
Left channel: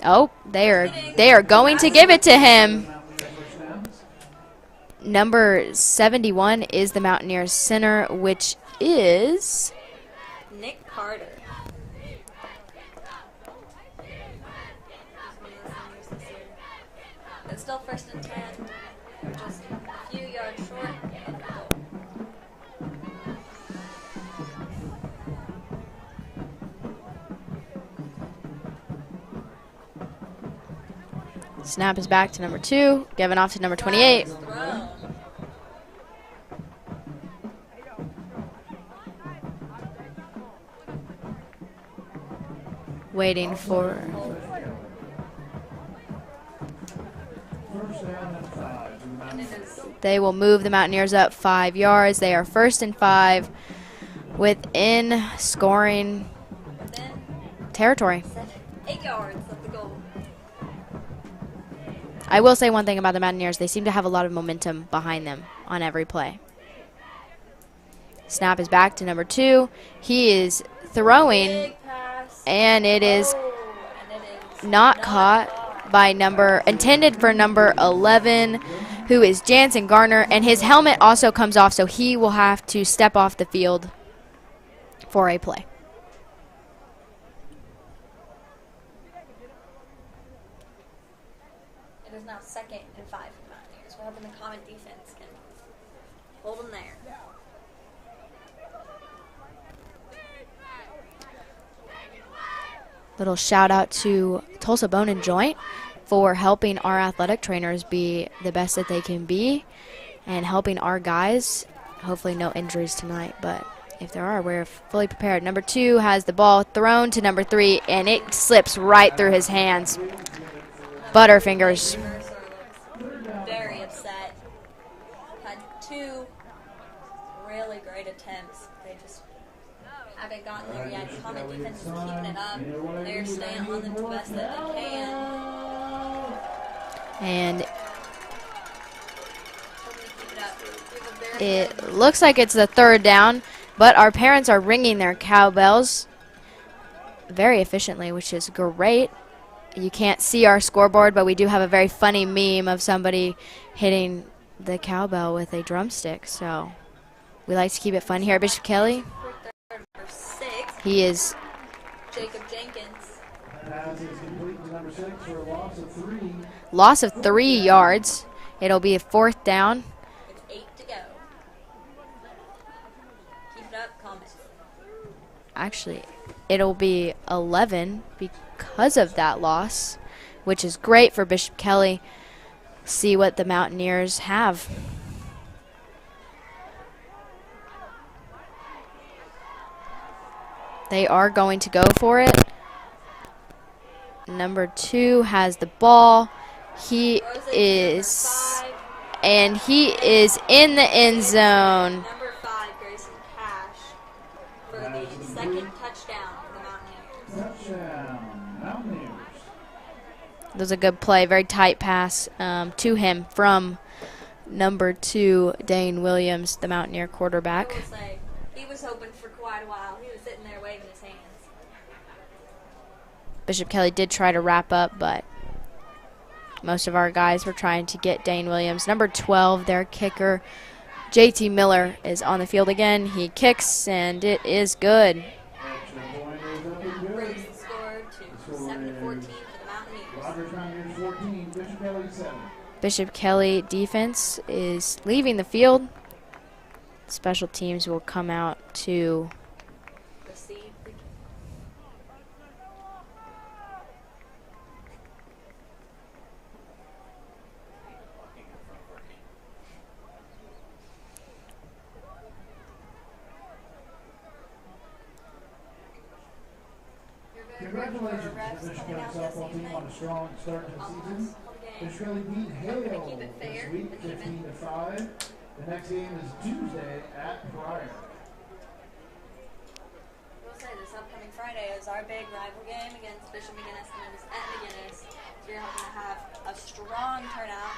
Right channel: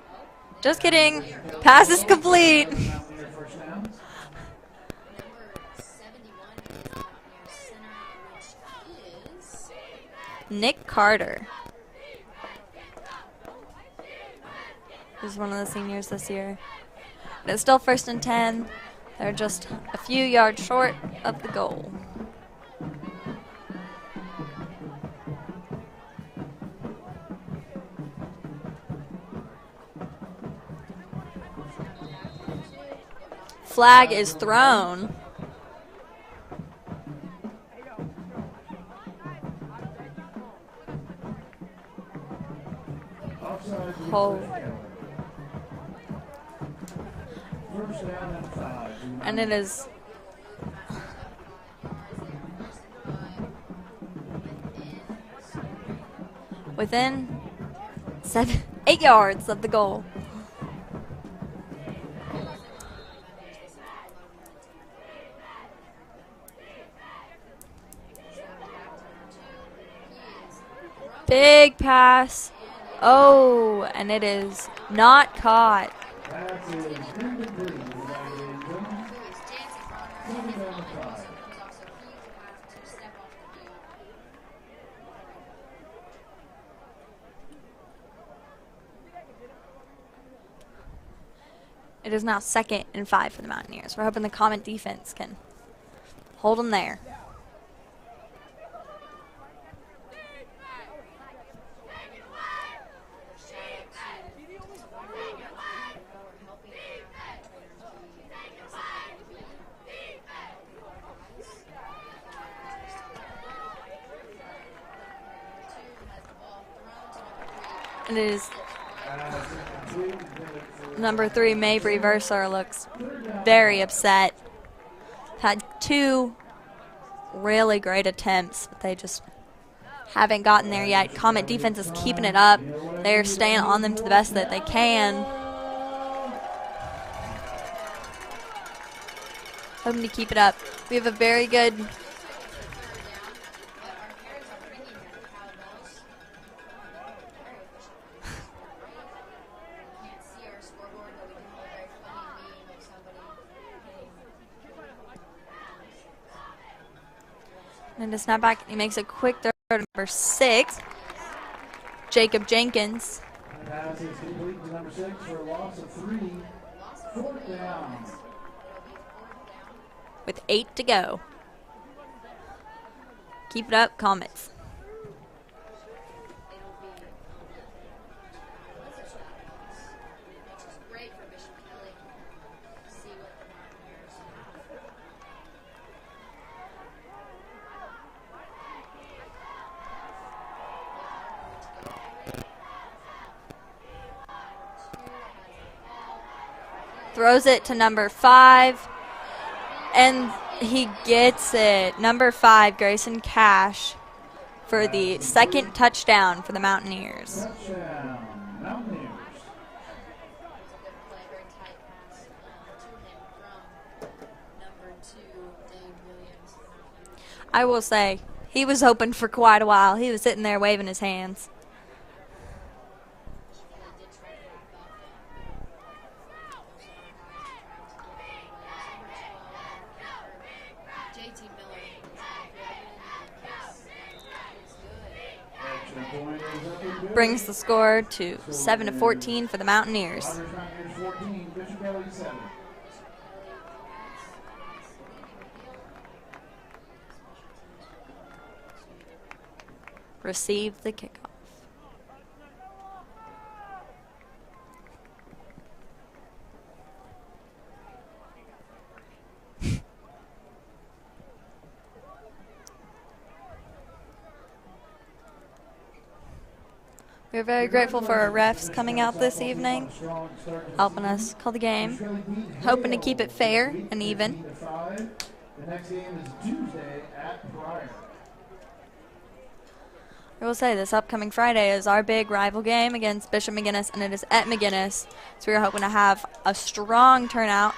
Oh, they are going to give it to him. Number 71 is the Mountaineers center, which is Nick Carter. He's one of the seniors this year. But it's still 1st and 10. They're just a few yards short of the goal. Snap is back to number 2, given off to number 28. Flag is thrown. Waiting for Hold. And it is. They will move the Mountaineers up 5 yards. They are 1st and 5 within scoring Within territory. 8 yards of the goal. I will say one thing about the Mountaineers. They seem to have a lot of momentum behind them on every play. Snap is back to number 2. He is throwing. Big pass. And it is and it is not caught by intended for number 11, who is Jansen Garner, and his helmet also comes off, so he will have to step off the field for a play. It is now 2nd and 5 for the Mountaineers. We're hoping the Comet defense can hold them there. Little shout out to Tulsa Bone and Joint for helping our athletic trainers be the best that they can be and helping our guys. Hopefully no injuries tonight, but if there are, we're fully prepared. Number 2 has the ball thrown to number 3, and it slips right through his hands. Number 3, Butterfingers. Mabry Verser looks very upset. Had 2 really great attempts, but they just haven't gotten there yet. Comet defense is keeping it up. They're staying on them to the best that they can. And hoping to keep it up. We have a very good. Looks like it's the 3rd down, but our parents are ringing their cowbells very efficiently, which is great. You can't see our scoreboard, but we do have a very funny meme of somebody hitting the cowbell with a drumstick. So we like to keep it fun here. Bishop Kelly makes a quick throw to number 6. He is Jacob Jenkins. Pass is complete to number 6 for a loss of 3. Loss of 3 yards. It'll be a 4th down with 8 to go. Keep it up, Comets. Actually, it'll be 11 because of that loss, which is great for Bishop Kelly. See what the Mountaineers have. They are going to go for it. Number 2 has the ball. He throws it to number 5. And he is in the end zone. Number 5, Grayson Cash, for the 2nd touchdown for the Mountaineers. Touchdown, Mountaineers. That was a good play, very tight pass to him from number 2, Dane Williams, the Mountaineer quarterback. I will say, he was open for quite a while. He was sitting there waving his hands. Bishop Kelly did try to wrap up, but most of our guys were trying to get Dane Williams. Number 12, their kicker, JT Miller, is on the field again. He kicks, and it is good. Brings the score to 7-14 for the Mountaineers. Bishop Kelly defense is leaving the field. Special teams will come out to receive the kickoff. We're very grateful for our refs coming out this evening, helping us call the game, hoping to keep it fair and even. The next game is Tuesday at Pryor. I will say this upcoming Friday is our big rival game against Bishop McGuinness, and it is at McGuinness. So we're hoping to have a strong turnout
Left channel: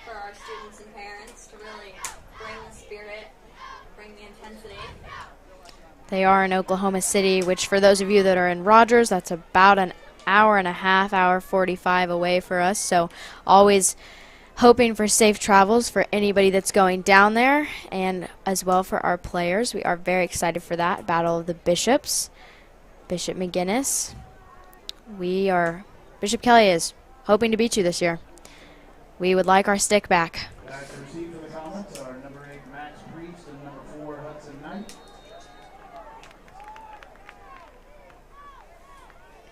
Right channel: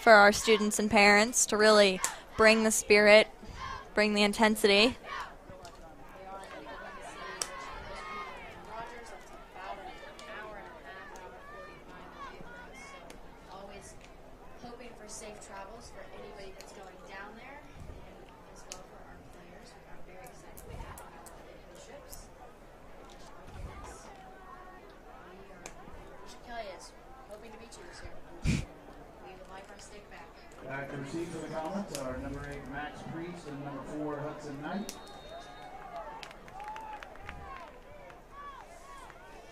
for our students and parents to really bring the spirit, bring the intensity. They are in Oklahoma City, which for those of you that are in Rogers, that's about an hour and a half, hour 45 away for us. So always hoping for safe travels for anybody that's going down there, and as well for our players. We are very excited for that. Battle of the Bishops, Bishop McGuinness. Bishop Kelly is hoping to beat you this year. We would like our stick back. Back to receive for the Comets are number 8, Max Priest, and number 4, Hudson Knight.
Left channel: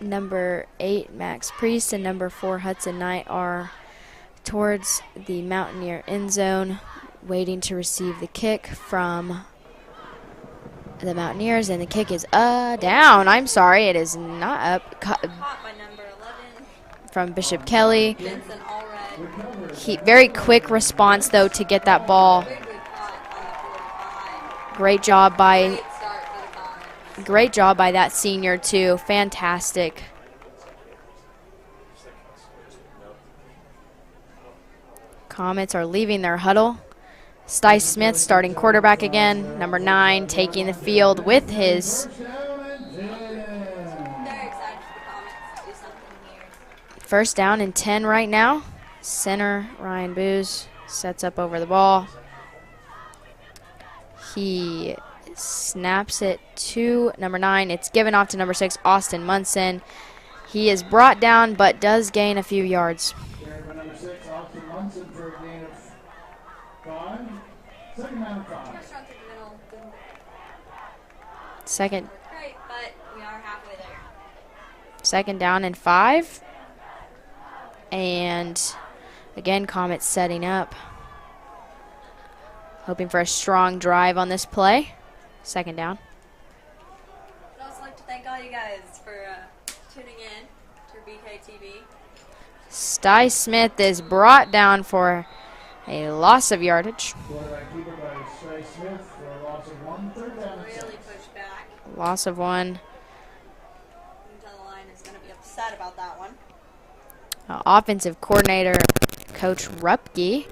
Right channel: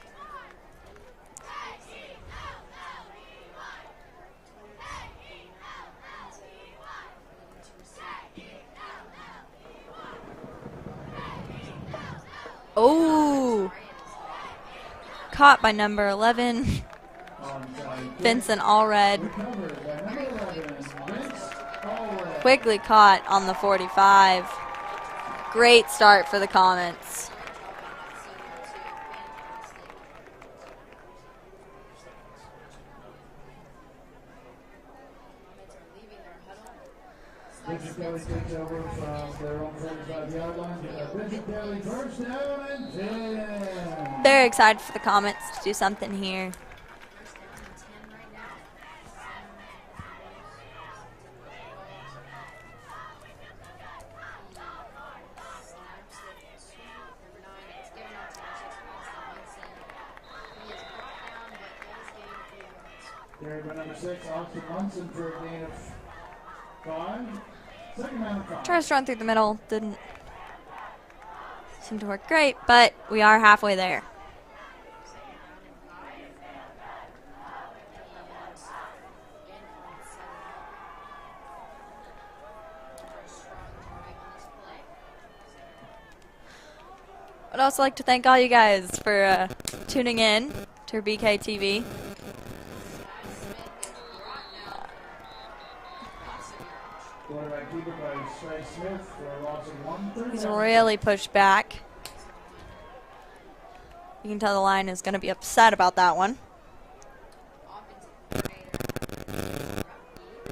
Number 8, Max Priest, and number 4, Hudson Knight are towards the Mountaineer end zone, waiting to receive the kick from the Mountaineers, and the kick is down. I'm sorry, it is not up. Caught by number 11. From Bishop Kelly. Vincent Allred. Very quick response, though, to get that ball. Quickly caught on the 45. Great job by... Great start for the Comets. Great job by that senior, too. Fantastic. Comets are leaving their huddle. Sti Smith starting quarterback again. Number 9 taking the field with his... Very excited for the Comets to do something here. First down and 10 right now. Center, Ryan Booz, sets up over the ball. He snaps it to number 9. It's given off to number 6, Austin Munson. He is brought down, but does gain a few yards. Carried by number 6, Austin Munson, for a gain of 5. Second down and 5. Tries to run through the middle. Didn't Second work great, but we are halfway there. Second down and 5. And again, Comets setting up. Hoping for a strong drive on this play. Second down. I'd also like to thank all you guys for tuning in to BK TV. Sti Smith is brought down for a loss of yardage. Quarterback keeper by Sti Smith for a loss of 1. Third He's down. really pushed back. Loss of 1. You can tell the line is going to be upset about that one. Offensive coordinator, Coach Rupke,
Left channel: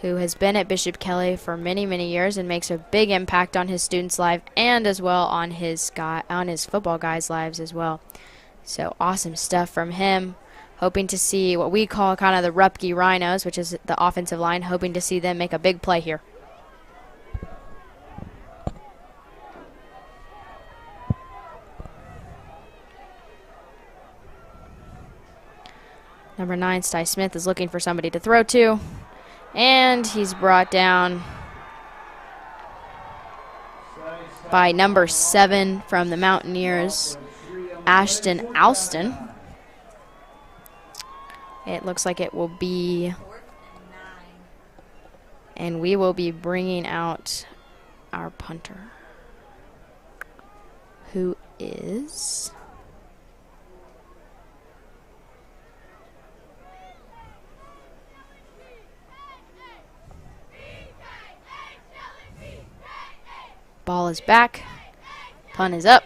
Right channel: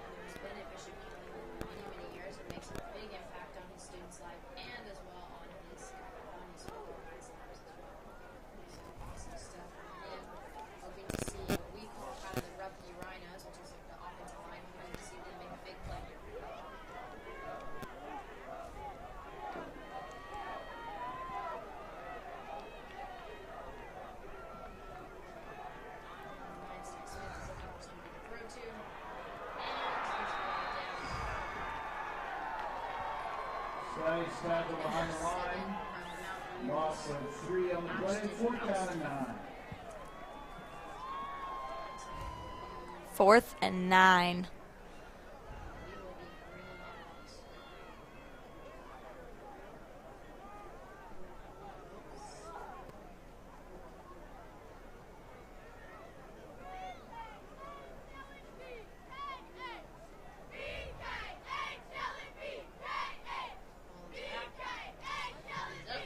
who has been at Bishop Kelly for many, many years and makes a big impact on his students' life and as well on his football guys' lives as well. So awesome stuff from him. Hoping to see what we call kind of the Rupke Rhinos, which is the offensive line, hoping to see them make a big play here. Number 9, Sti Smith, is looking for somebody to throw to. And he's brought down by number 7 from the Mountaineers, Ashton Alston. It looks like it will be 4th and 9. And we will be bringing out our punter, who is... Ball is back. Punt is up.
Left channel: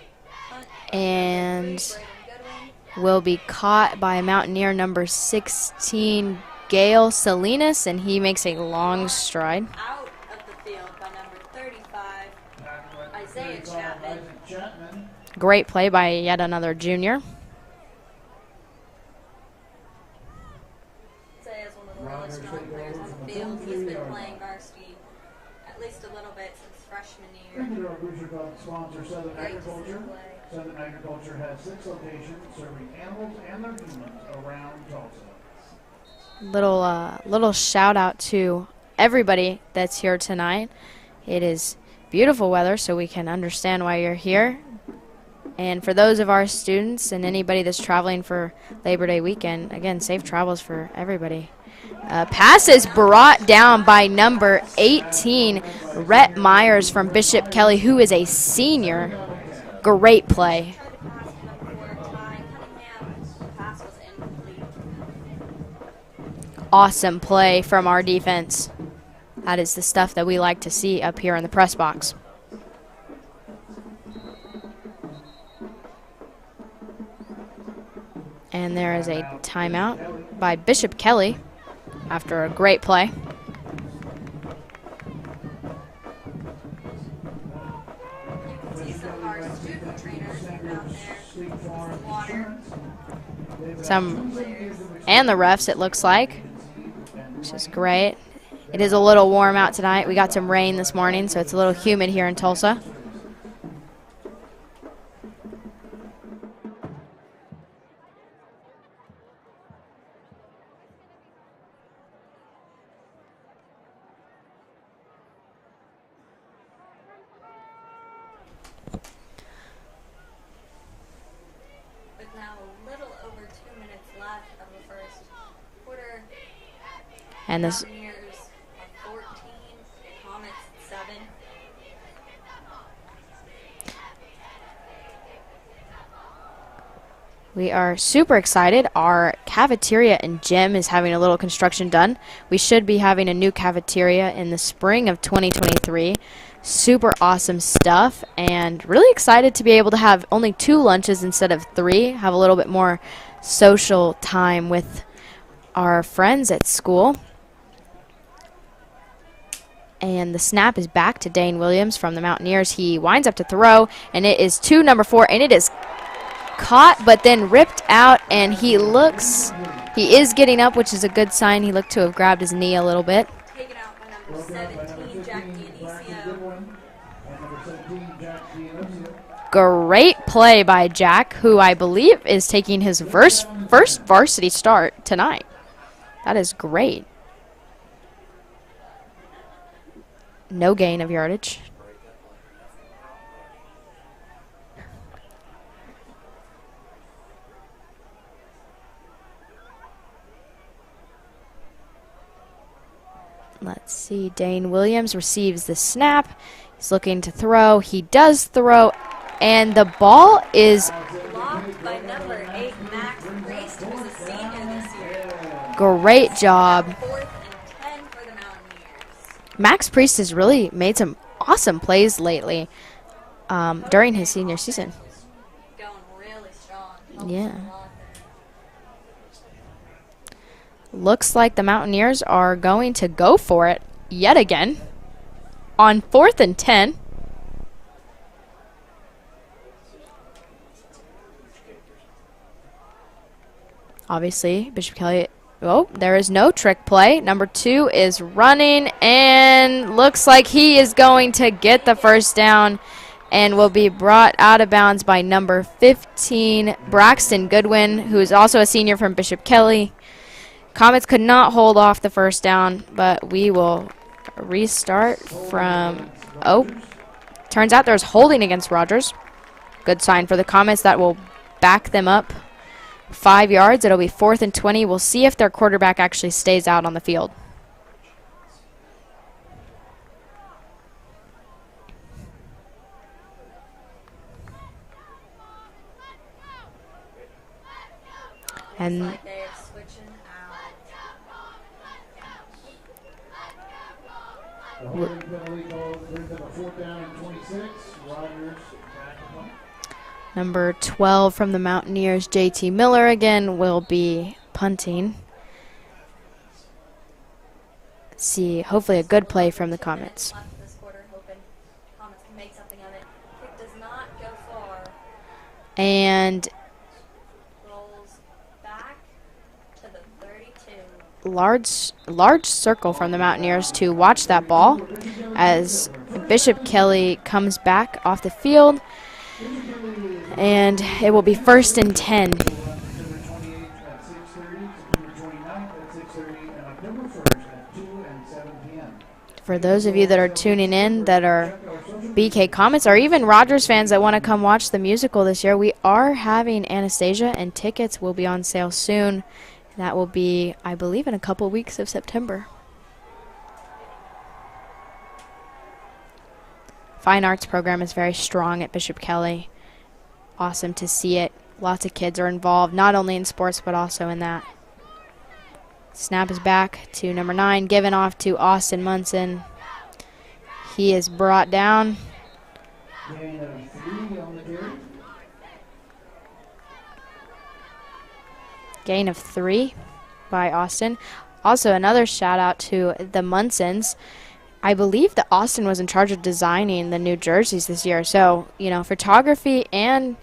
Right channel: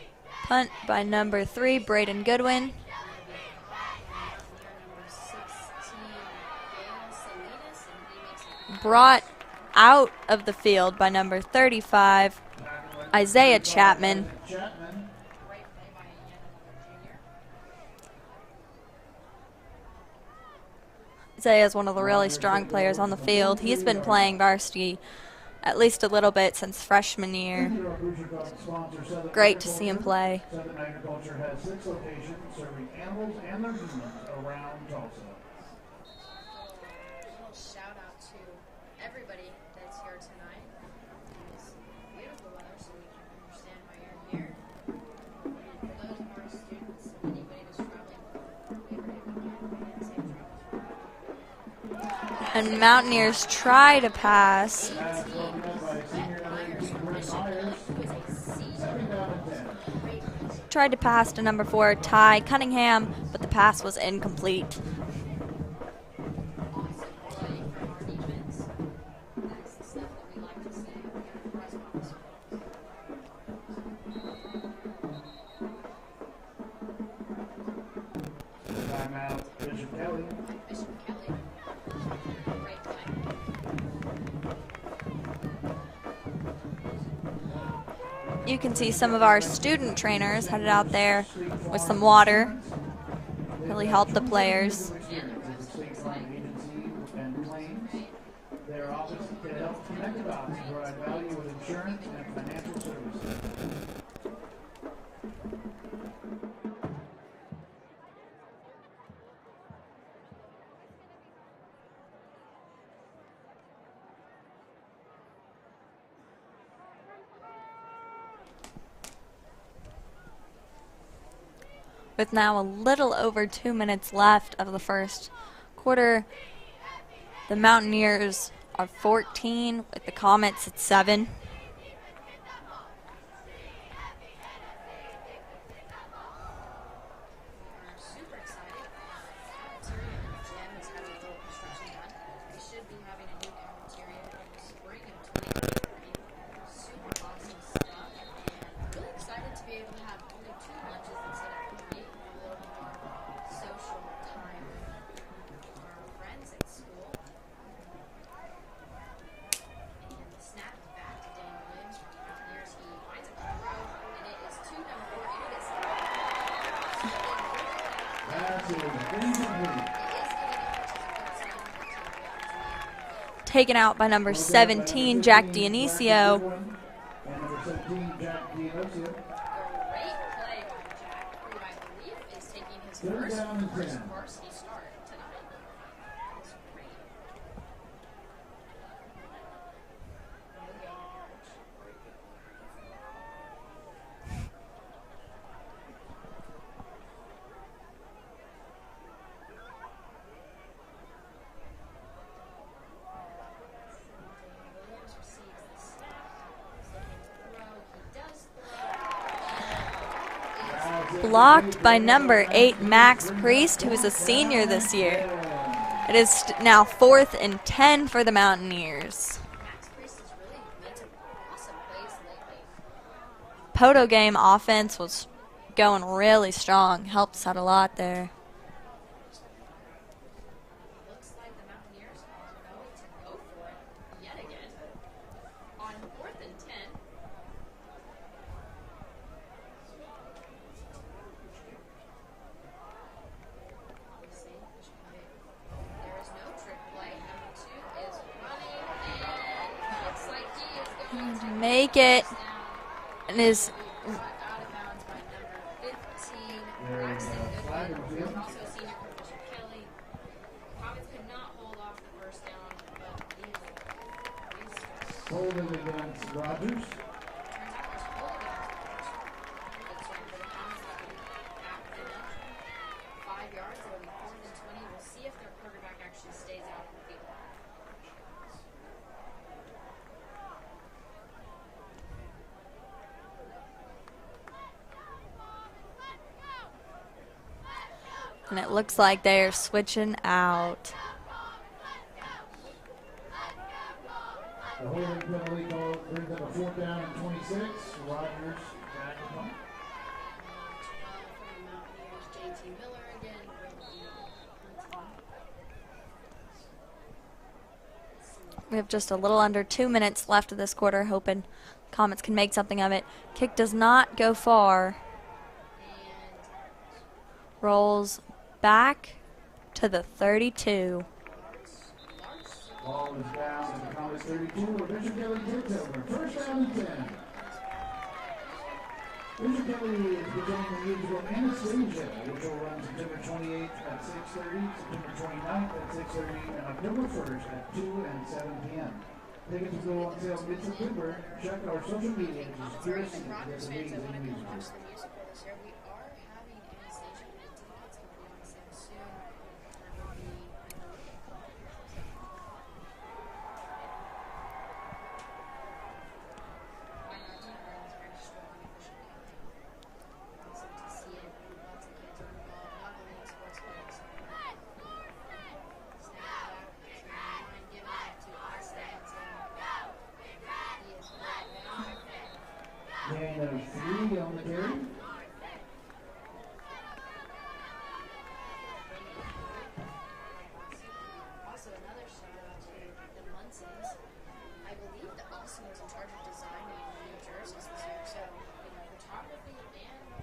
Punt by number 3, Braden Goodwin. Will be caught by Mountaineer number 16, Gail Salinas, and he makes a long stride. Out of the field by number 35, Isaiah Chapman. Great play by yet another junior. Isaiah is one of the really strong players on the field. He's been playing varsity at least a little bit since freshman year. Great to see him play. Southern Agriculture has 6 locations serving animals and their humans around Tulsa. Little shout out to everybody that's here tonight. It is beautiful weather, so we can understand why you're here. And for those of our students and anybody that's traveling for Labor Day weekend, again, safe travels for everybody. Pass is brought down by number 18, Rhett Myers from Bishop Kelly, who is a senior. Great play. Tried to pass to number 4, Ty Cunningham, but the pass was incomplete. Awesome play from our defense. That is the stuff that we like to see up here in the press box. there is a timeout by Bishop Kelly after a great play. You can see some of our student trainers headed out there with some water. Really help the players. And the refs, it looks like, which is great. It is a little warm out tonight. We got some rain this morning, so it's a little humid here in Tulsa. With now a little over 2 minutes left of the first quarter, the Mountaineers are 14 with the Comets at 7. We are super excited. Our cafeteria and gym is having a little construction done. We should be having a new cafeteria in the spring of 2023. Super awesome stuff, and really excited to be able to have only 2 lunches instead of 3, have a little bit more social time with our friends at school. And the snap is back to Dane Williams from the Mountaineers. He winds up to throw, and it is to number 4, and it is caught but then ripped out, and he is getting up, which is a good sign. He looked to have grabbed his knee a little bit. Taken out by number 17, Jack Dionisio. Great play by Jack, who I believe is taking his first varsity start tonight. That is great. No gain of yardage. Let's see, Dane Williams receives the snap. He's looking to throw. He does throw, and the ball is blocked by number 8, Max Priest, who's a senior this year. Great It's job. Now 4th and 10 for the Mountaineers. Max Priest has really made some awesome plays lately. Poto During game his senior offense season. was going really strong. Helped us out a lot there. Looks like the Mountaineers are going to go for it yet again on 4th and 10. Obviously, Bishop Kelly, oh, there is no trick play. Number 2 is running, and looks like he is going to get the first down and will be brought out of bounds by number 15, Braxton Goodwin, who is also a senior from Bishop Kelly. Comets could not hold off the first down, but we will restart from, oh, turns out there's holding against Rogers. Good sign for the Comets. That will back them up 5 yards. It'll be 4th and 20. We'll see if their quarterback actually stays out on the field. And it looks like they're switching out. The holding penalty call brings up a 4th down and 26. Rogers back at Number 12 from the Mountaineers, JT Miller again, will be punting. Let's see, hopefully a good play from the Comets. 2 minutes left of this quarter, hoping Comets can make something of it. Kick does not go far. And rolls back to the 32. Large circle from the Mountaineers to watch that ball as Bishop Kelly comes back off the field. And it will be 1st and 10. September 28th at 6:30, September 29th at 6:30, and October 1st at 2 and 7 p.m. For those of you that are tuning in that are BK Comets or even Rogers fans that want to come watch the musical this year, we are having Anastasia, and tickets will be on sale soon. That will be, I believe, in a couple weeks of September. Fine arts program is very strong at Bishop Kelly. Awesome to see it. Lots of kids are involved, not only in sports, but also in that. Snap is back to number 9, given off to Austin Munson. He is brought down. Gain of 3 on the carry. Gain of 3 by Austin. Also, another shout out to the Munsons. I believe that Austin was in charge of designing the new jerseys this year. So, you know, photography and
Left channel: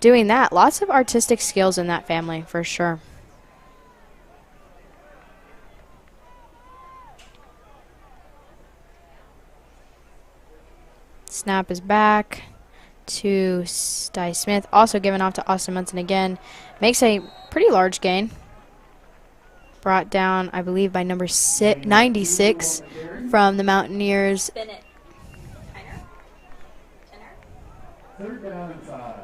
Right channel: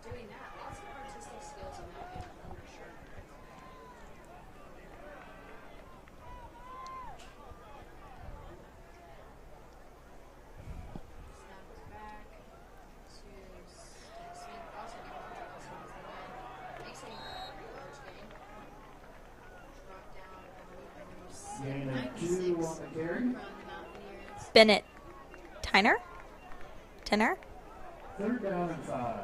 doing that, lots of artistic skills in that family for sure. Snap is back to Sty Smith, also given off to Austin Munson again. Makes a pretty large gain. Brought down, I believe, by number 96 from the Mountaineers. Bennett. Tyner? Tenor? 3rd down and 5.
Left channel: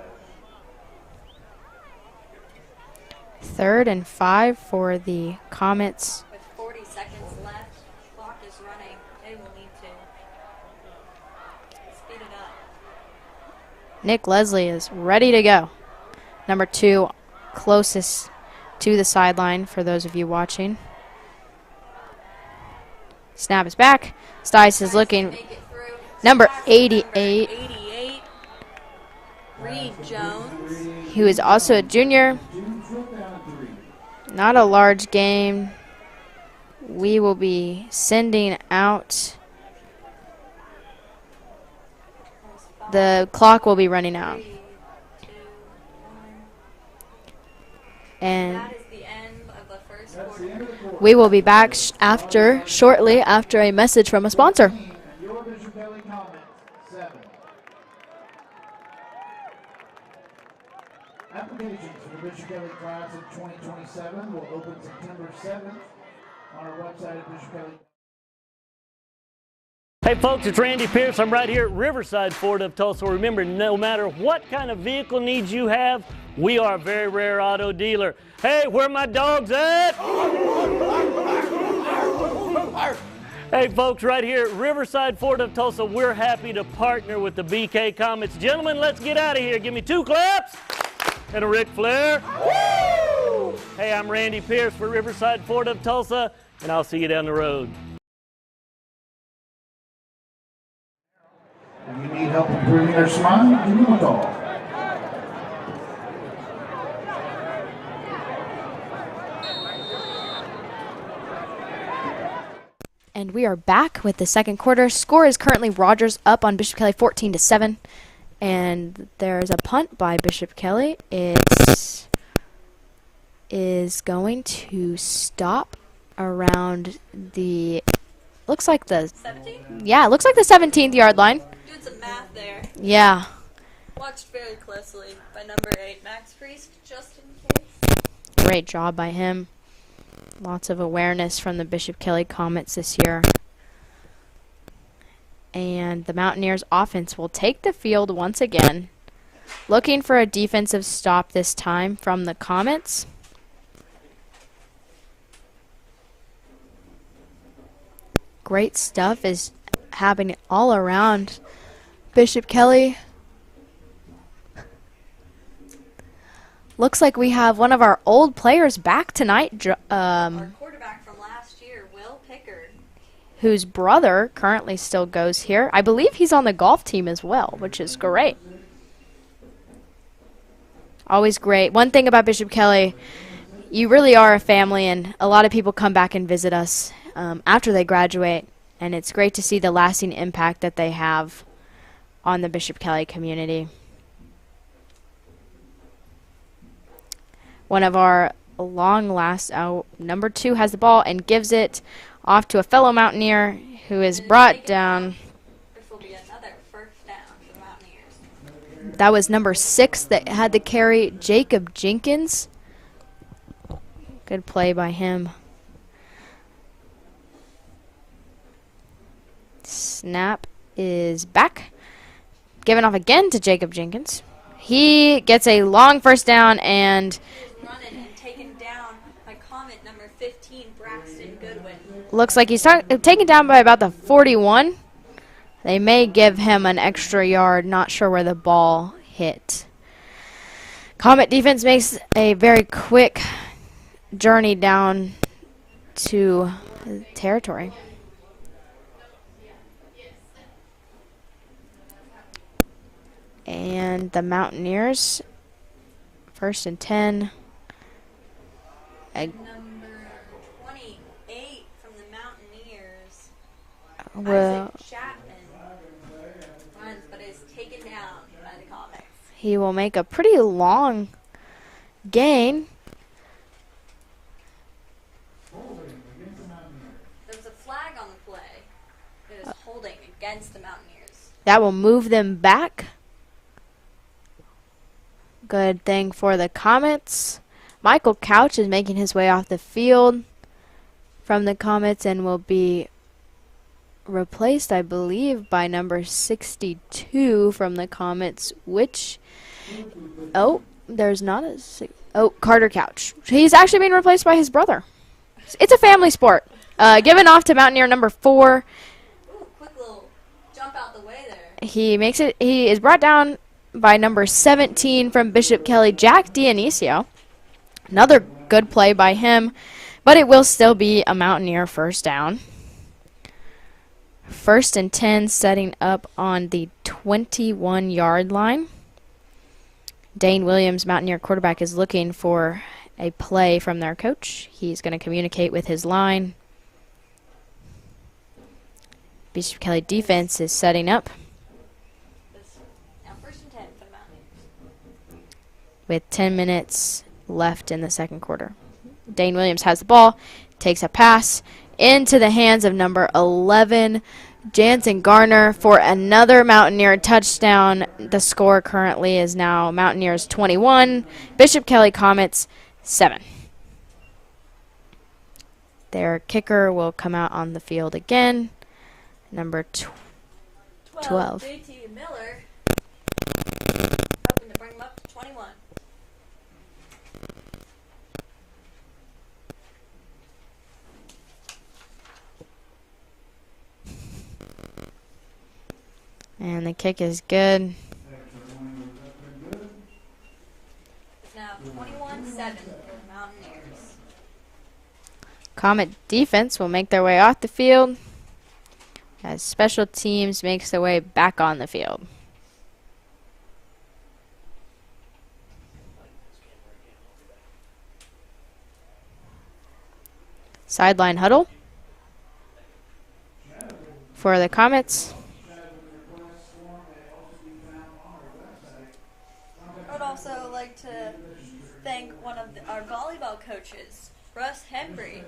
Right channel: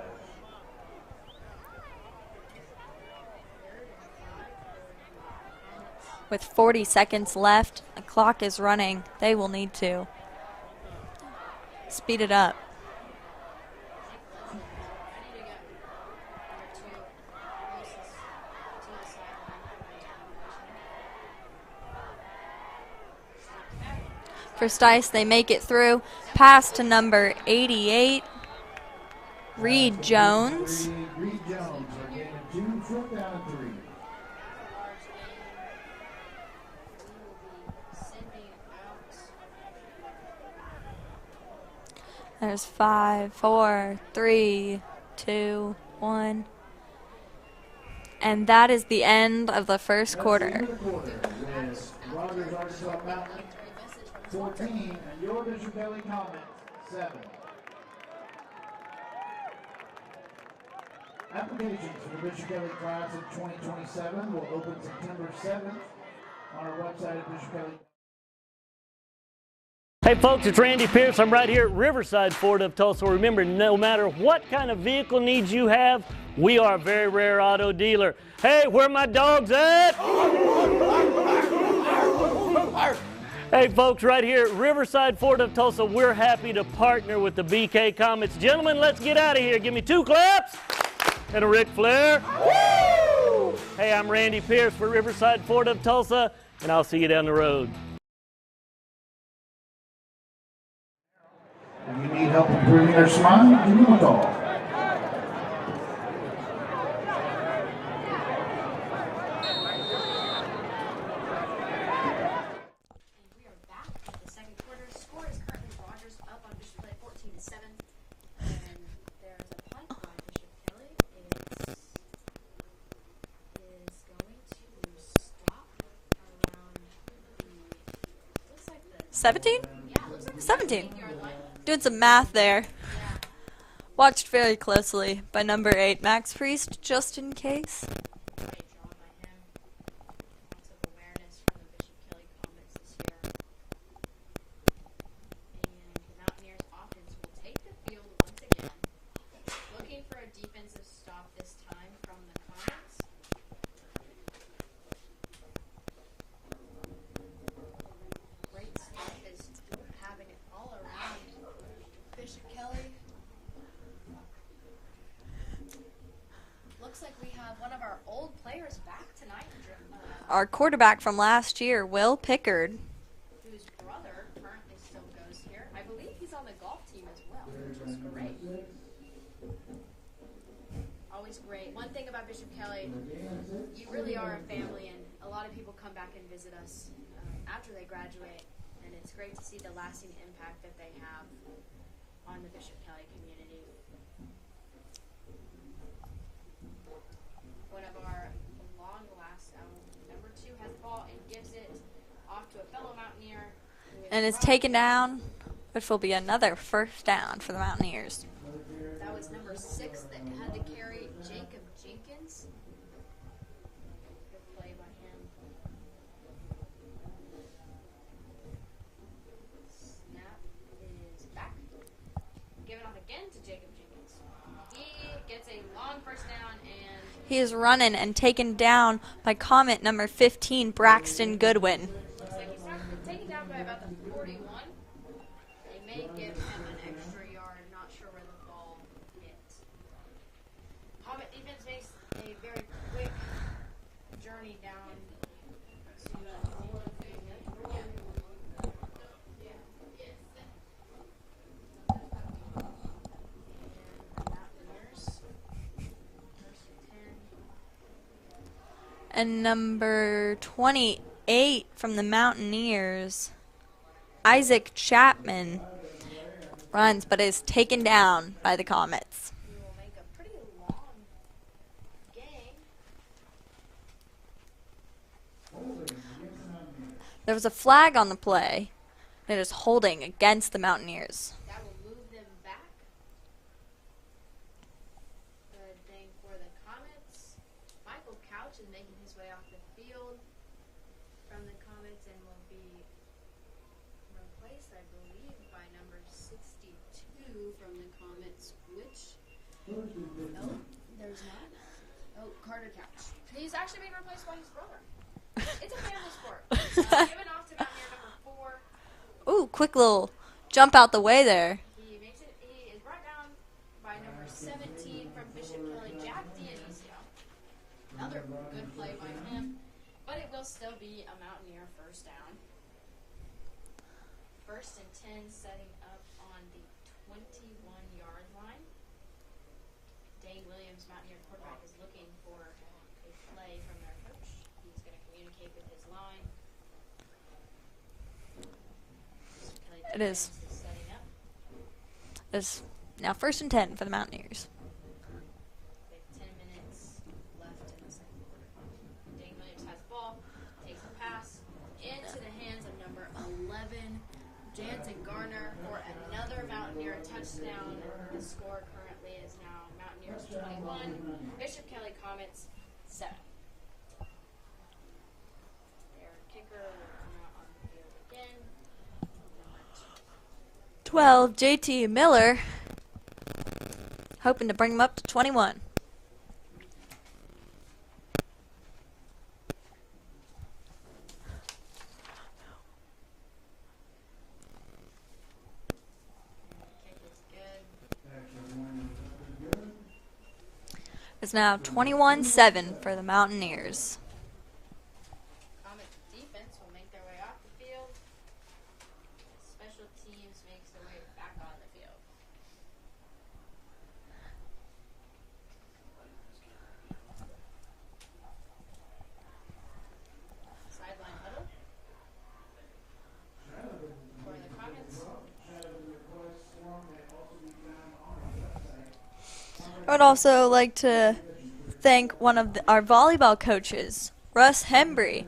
3rd and 5 for the Comets. With 40 seconds left, the clock is running. They will need to speed it up. Nick Leslie is ready to go. Number 2, closest to the sideline for those of you watching. Snap is back. Stice is looking. They make it through. Number Pass to 88. Number 88. Reed Jones. Who is also a junior. Not a large game. We will be sending out. There's 5. The clock will be 4, running 3, 2, 1. And And that is the end of the first quarter. we will be back shortly after a message from a sponsor. And your Bishop Kelly Comets, 7. Applications for the Bishop Kelly class of 2027 will open September 7th on our website at Bishop Kelly. Hey folks, it's Randy Pierce. I'm right here at Riverside Ford of Tulsa. Remember, no matter what kind of vehicle needs you have, we are a very rare auto dealer. Hey, where my dogs at? Hey folks, right here at Riverside Ford of Tulsa, we're happy to partner with the BK Comets. Gentlemen, let's get out of here. Give me 2 claps and a Ric Flair. Woo! Hey, I'm Randy Pierce for Riverside Ford of Tulsa, and I'll see you down the road. If you need help improving their smile, give them a call. And we are back with the second quarter. Score is currently Rogers up on Bishop Kelly 14-7. And there's a punt by Bishop Kelly. It is going to stop around the, looks like the 17? Yeah, it looks like the 17th yard line. Doing some math there. Yeah. Watched very closely by number 8, Max Priest, just in case. Great job by him. Lots of awareness from the Bishop Kelly Comets this year. And the Mountaineers offense will take the field once again. Looking for a defensive stop this time from the Comets. Great stuff is happening all around Bishop Kelly. Looks like we have one of our old players back tonight. Our quarterback from last year, Will Pickard. Whose brother currently still goes here. I believe he's on the golf team as well, which is great. Always great. One thing about Bishop Kelly, you really are a family, and a lot of people come back and visit us after they graduate, and it's great to see the lasting impact that they have on the Bishop Kelly community. One of our number 2 has the ball and gives it off to a fellow Mountaineer who is brought down. Which will be another first down for the Mountaineers. That was number 6 that had to carry, Jacob Jenkins. Good play by him. Snap is back. Given off again to Jacob Jenkins. He gets a long first down, and he is running and taken down by Comet number 15, Braxton Goodwin. Looks like he's taken down by about the 41. They may give him an extra yard. Not sure where the ball hit. Comet defense makes a very quick journey down to territory. And the Mountaineers, 1st and 10. And number 28 from the Mountaineers, Well, Isaac Chapman, runs but is taken down by the Comets. he will make a pretty long gain. There was a flag on the play. It is holding against the Mountaineers. That will move them back. Good thing for the Comets. Michael Couch is making his way off the field from the Comets and will be replaced, I believe, by number 62 from the Comets, which, there's not a, Carter Couch. He's actually being replaced by his brother. It's a family sport. Given off to Mountaineer number 4. Ooh, quick little jump out the way there. He makes it. He is brought down by number 17 from Bishop Kelly, Jack Dionisio. Another good play by him, but it will still be a Mountaineer first down. 1st and 10, setting up on the 21-yard line. Dane Williams, Mountaineer quarterback, is looking for a play from their coach. He's going to communicate with his line. Bishop Kelly defense is setting up. It's now 1st and 10 for the Mountaineers. With 10 minutes left in the second quarter. Dane Williams has the ball, takes a pass into the hands of number 11, Jansen Garner, for another Mountaineer touchdown. The score currently is now Mountaineers 21, Bishop Kelly Comets 7. Their kicker will come out on the field again. Number 12. JT Miller, hoping to bring him up to 21. And the kick is good. It's now 21-7 for the Mountaineers. Comet defense will make their way off the field as special teams makes their way back on the field. Sideline huddle for the Comets. I would also like to thank one of our volleyball coaches, Russ Hembry.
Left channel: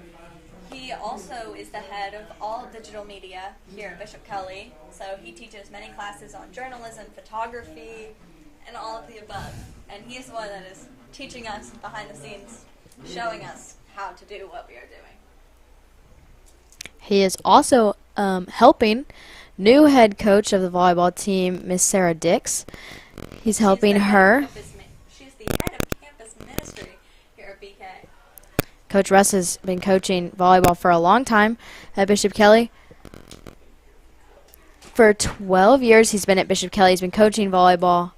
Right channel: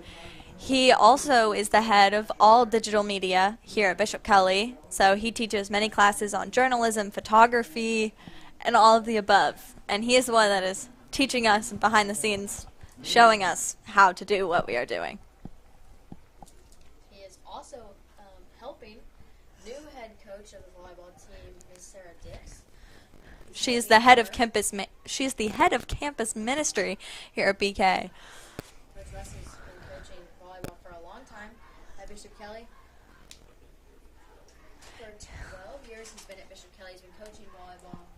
He also is the head of all digital media here at Bishop Kelly, so he teaches many classes on journalism, photography, and all of the above. And he is the one that is teaching us behind the scenes, showing us how to do what we are doing. He is also helping new head coach of the volleyball team, Miss Sarah Dix. He's helping her. She's the head of campus ministry here at BK. Coach Russ has been coaching volleyball for a long time at Bishop Kelly. For 12 years he's been at Bishop Kelly. He's been coaching volleyball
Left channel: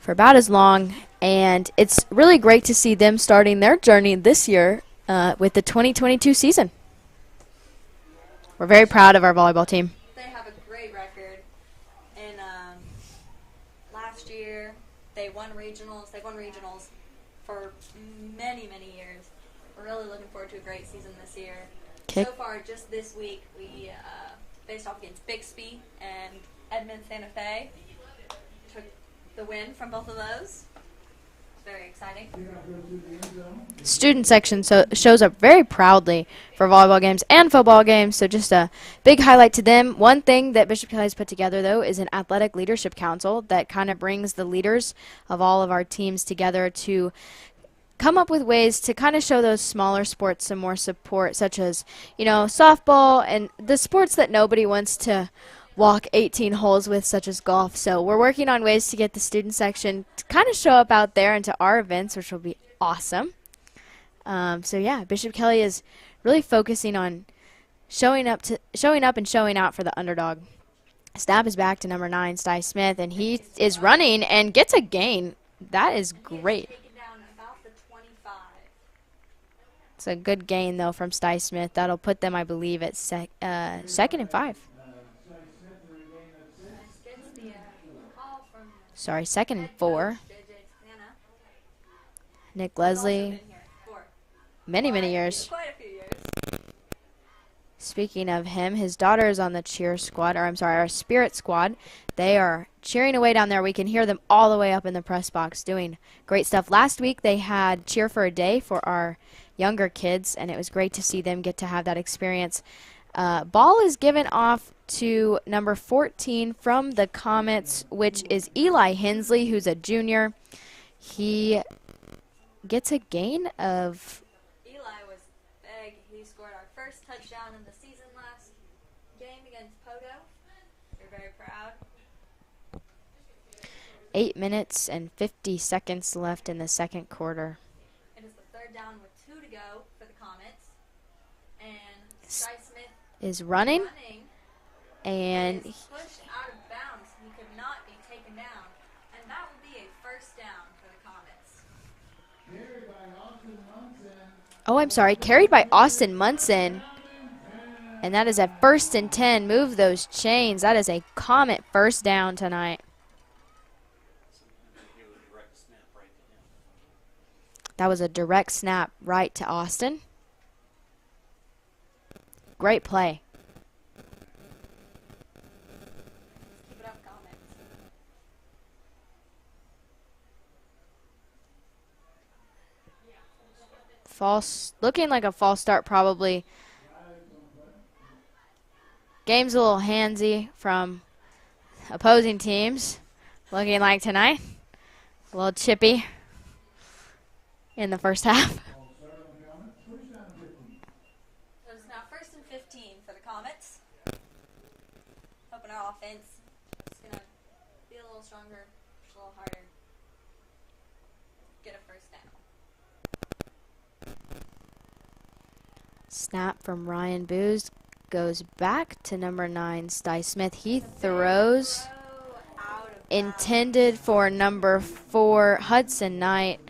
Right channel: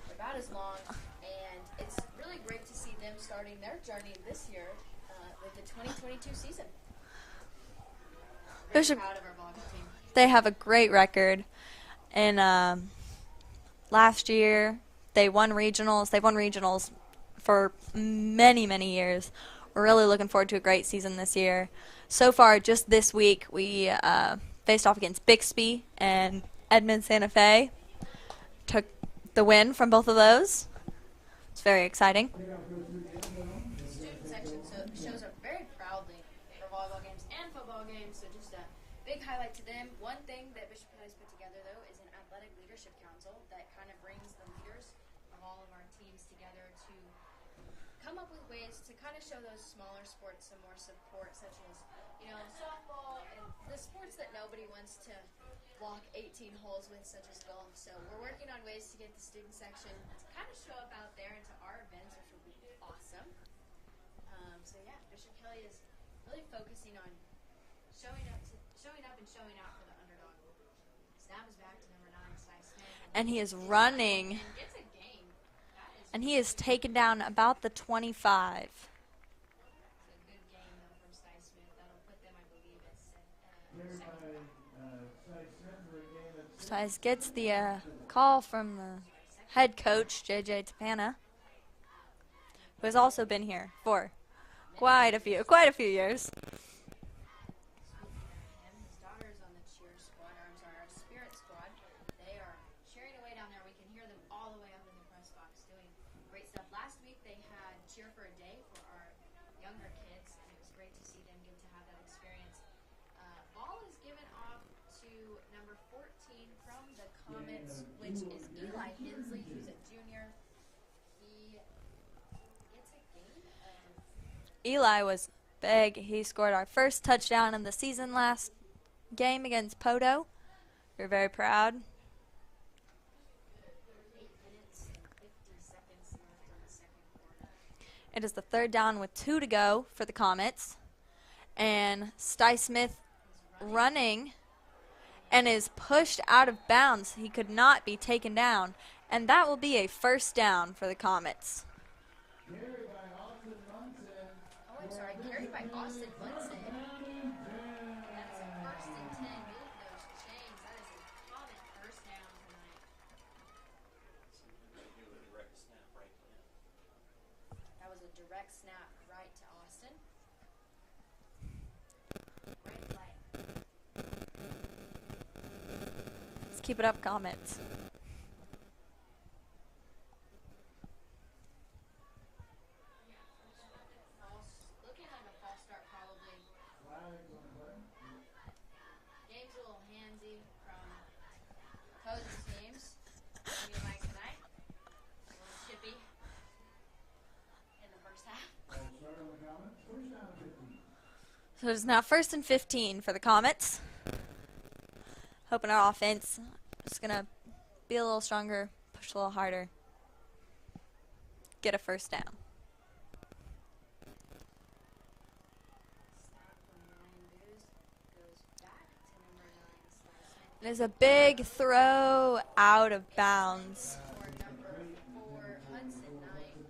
for about as long, and it's really great to see them starting their journey this year with the 2022 season. We're very proud of our volleyball team. They have a great record. And last year they won regionals. They've won regionals for many, many years. We're really looking forward to a great season this year. Okay. So far, just this week, we faced off against Bixby and Edmond Santa Fe. Took the win from both of those. It's very exciting. Student section shows up very proudly for volleyball games and football games, so just a big highlight to them. One thing that Bishop Kelly has put together, though, is an athletic leadership council that kind of brings the leaders of all of our teams together to come up with ways to kind of show those smaller sports some more support, such as, softball and the sports that nobody wants to walk 18 holes with, such as golf. So we're working on ways to get the student section to kind of show up out there into our events, which will be awesome. Bishop Kelly is really focusing on showing up and showing out for the underdog. Snap is back to number 9, Sty Smith, and he is running and gets a gain. That is great. And he is taken down about the 25. It's a good gain, though, from Sty Smith. That'll put them, I believe, at 2nd and 5. Stice gets the call from the 2nd head and 4. coach, JJ Tapana. Nick Who's Leslie. also been here. 4. many years. Quite a few years. Speaking of him, his daughter is on the cheer squad, or I'm sorry, our spirit squad. They are cheering away down there. We can hear them all the way up in the press box doing great stuff. Last week they had Cheer for a Day for our younger kids, and it was great to see them get to have that experience. Ball is given off to number 14 from the Comets, which is Eli Hensley, who's a junior. He gets a gain of... Eli was big. He scored our first touchdown in the season last game against Poto. We're very proud. 8 minutes and 50 seconds left in the second quarter. It is the third down with 2 to go for the Comets. And Cy Smith is running and is pushed out of bounds. He could not be taken down. And that will be a first down for the Comets. Oh, I'm sorry, carried by Austin Munson. And that is a 1st and 10. Move those chains. That is a Comet first down tonight. That was a direct snap right to Austin. Great play. Let's keep it up, Comets. Looking like a false start probably. Game's a little handsy from opposing teams. Looking like tonight. A little chippy in the first half. So it's now 1st and 15 for the Comets. Hoping our offense is going to be a little stronger, push a little harder, get a first down. Snap from Ryan Booz goes back to number 9, Cy Smith. He There's a big throws throw out of bounds. intended for number 4, Hudson Knight,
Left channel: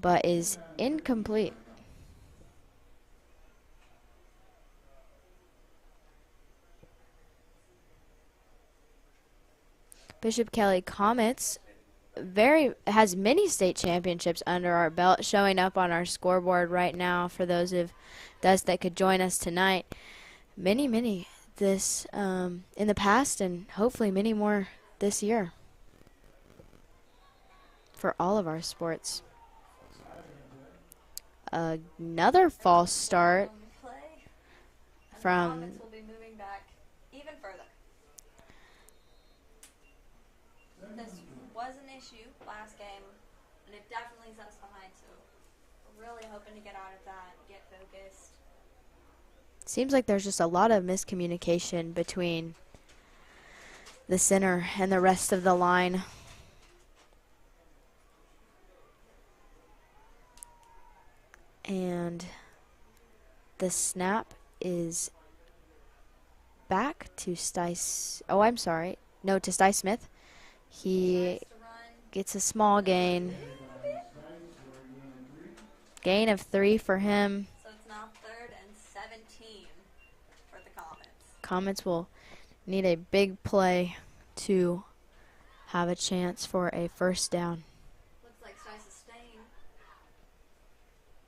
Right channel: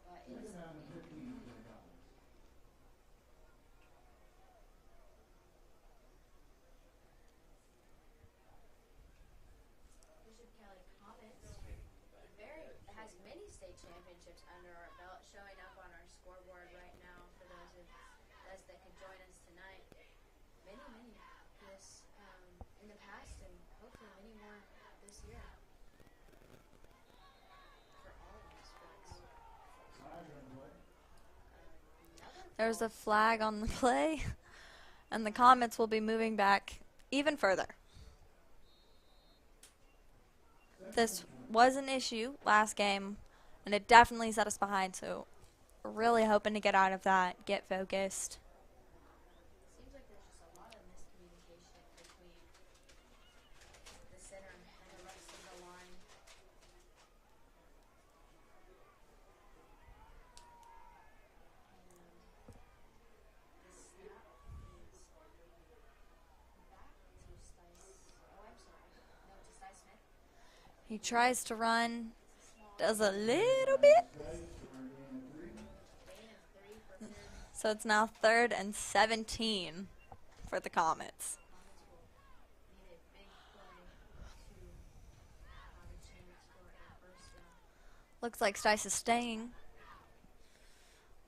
but is incomplete. Bishop Kelly Comets has many state championships under our belt, showing up on our scoreboard right now for those of us that could join us tonight. Many this in the past, and hopefully many more this year for all of our sports. Another false start on the play, and the Comets will be moving back even further. This was an issue last game, and it definitely set us behind, so we're really hoping to get out of that, get focused. Seems like there's just a lot of miscommunication between the center and the rest of the line. And the snap is back to Cy Smith. He tries to run. Gets a small gain. A little bit. Gain of 3 for him. So it's now 3rd and 17 for the Comets. Comets will need a big play to have a chance for a first down. Looks like Stice is staying.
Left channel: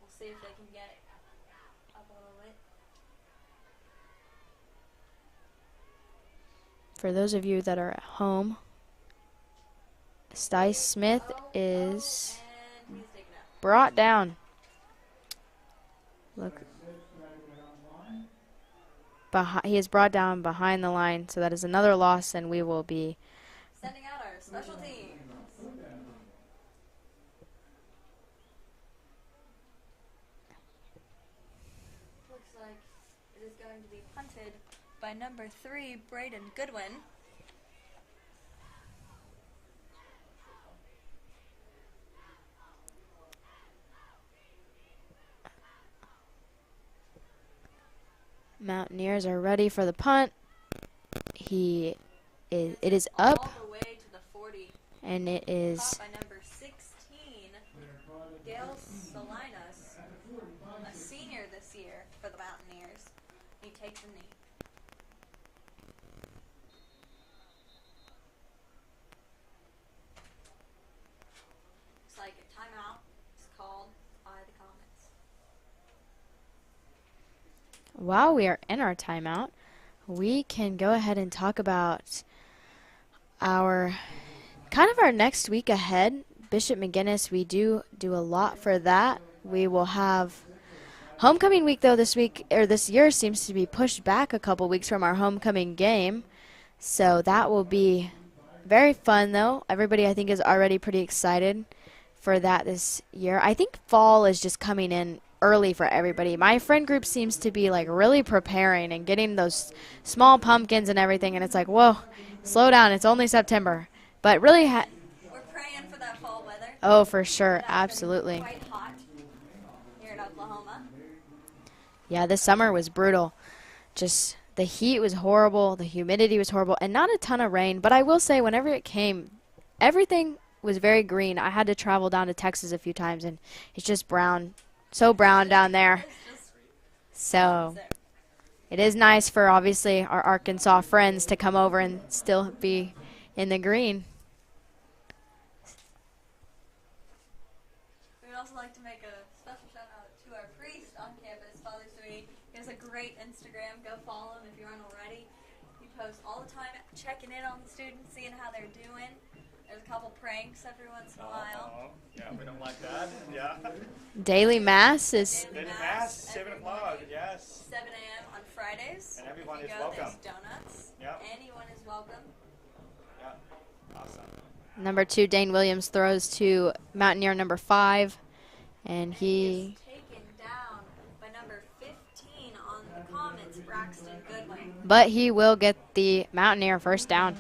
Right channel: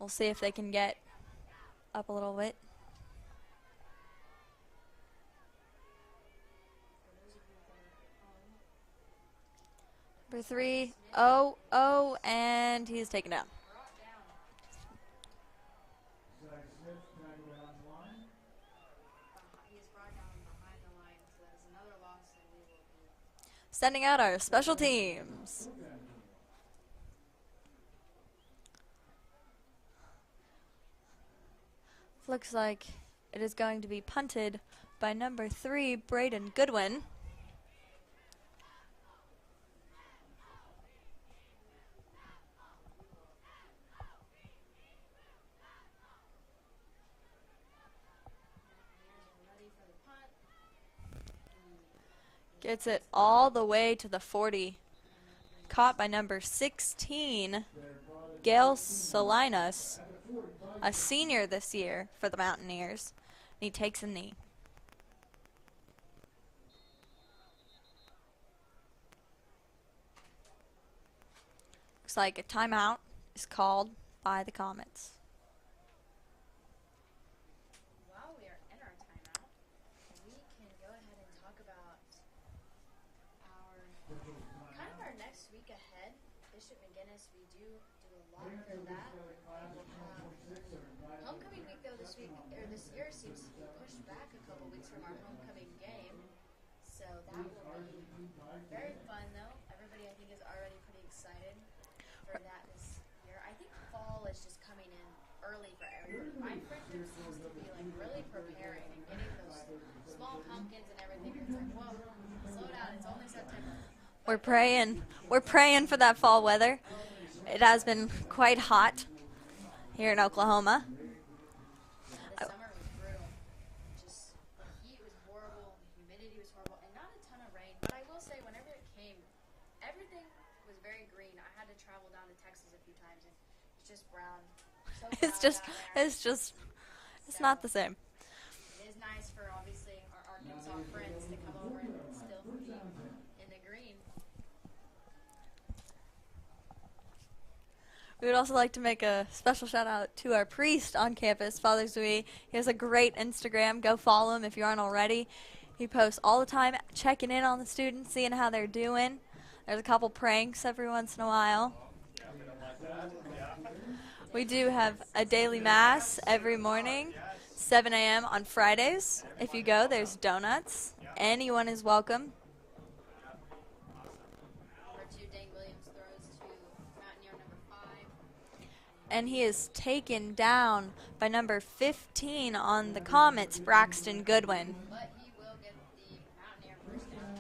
We'll see if they can get up a little bit. For those of you that are at home, Cy Smith is and he's taken down. Brought down. Look. He is brought down behind the line, so that is another loss, and we will be sending out our special teams. Looks like it is going to be punted by number 3, Braden Goodwin. Mountaineers are ready for the punt. It is all up the way to the 40. And it is caught by number 16, Gail Salinas, a senior this year for the Mountaineers. And he takes a knee. Looks like a timeout is called by the Comets. while we are in our timeout, we can go ahead and talk about our next week ahead. Bishop McGuinness, we do a lot for that. We will have homecoming week, though, this year seems to be pushed back a couple weeks from our homecoming game. So that will be very fun, though. Everybody, I think, is already pretty excited for that this year. I think fall is just coming in early for everybody. My friend group seems to be like really preparing and getting those small pumpkins and everything, and it's like, whoa, slow down, it's only September. But really we're praying for that fall weather. Oh, for sure. It has Absolutely been quite hot here in Oklahoma. Yeah, this summer was brutal. Just the heat was horrible, the humidity was horrible, and not a ton of rain. But I will say, whenever it came, everything was very green. I had to travel down to Texas a few times, and it's just brown, so brown down there. It's just not the same. It is nice for, obviously, our Arkansas friends to come over and still be in the green. We would also like to make a special shout out to our priest on campus, Father Zui. He has a great Instagram. Go follow him if you aren't already. He posts all the time, checking in on the students, seeing how they're doing. There's a couple pranks every once in a while. Yeah, we don't like that. Yeah. Daily mass a daily mass every morning, 7 a.m. on Fridays. If you go, there's donuts. Anyone is welcome. Number 2, Dane Williams, throws to Mountaineer number 5. And he is taken down by number 15 on the Comets, Braxton Goodwin. But he will get the Mountaineer first down.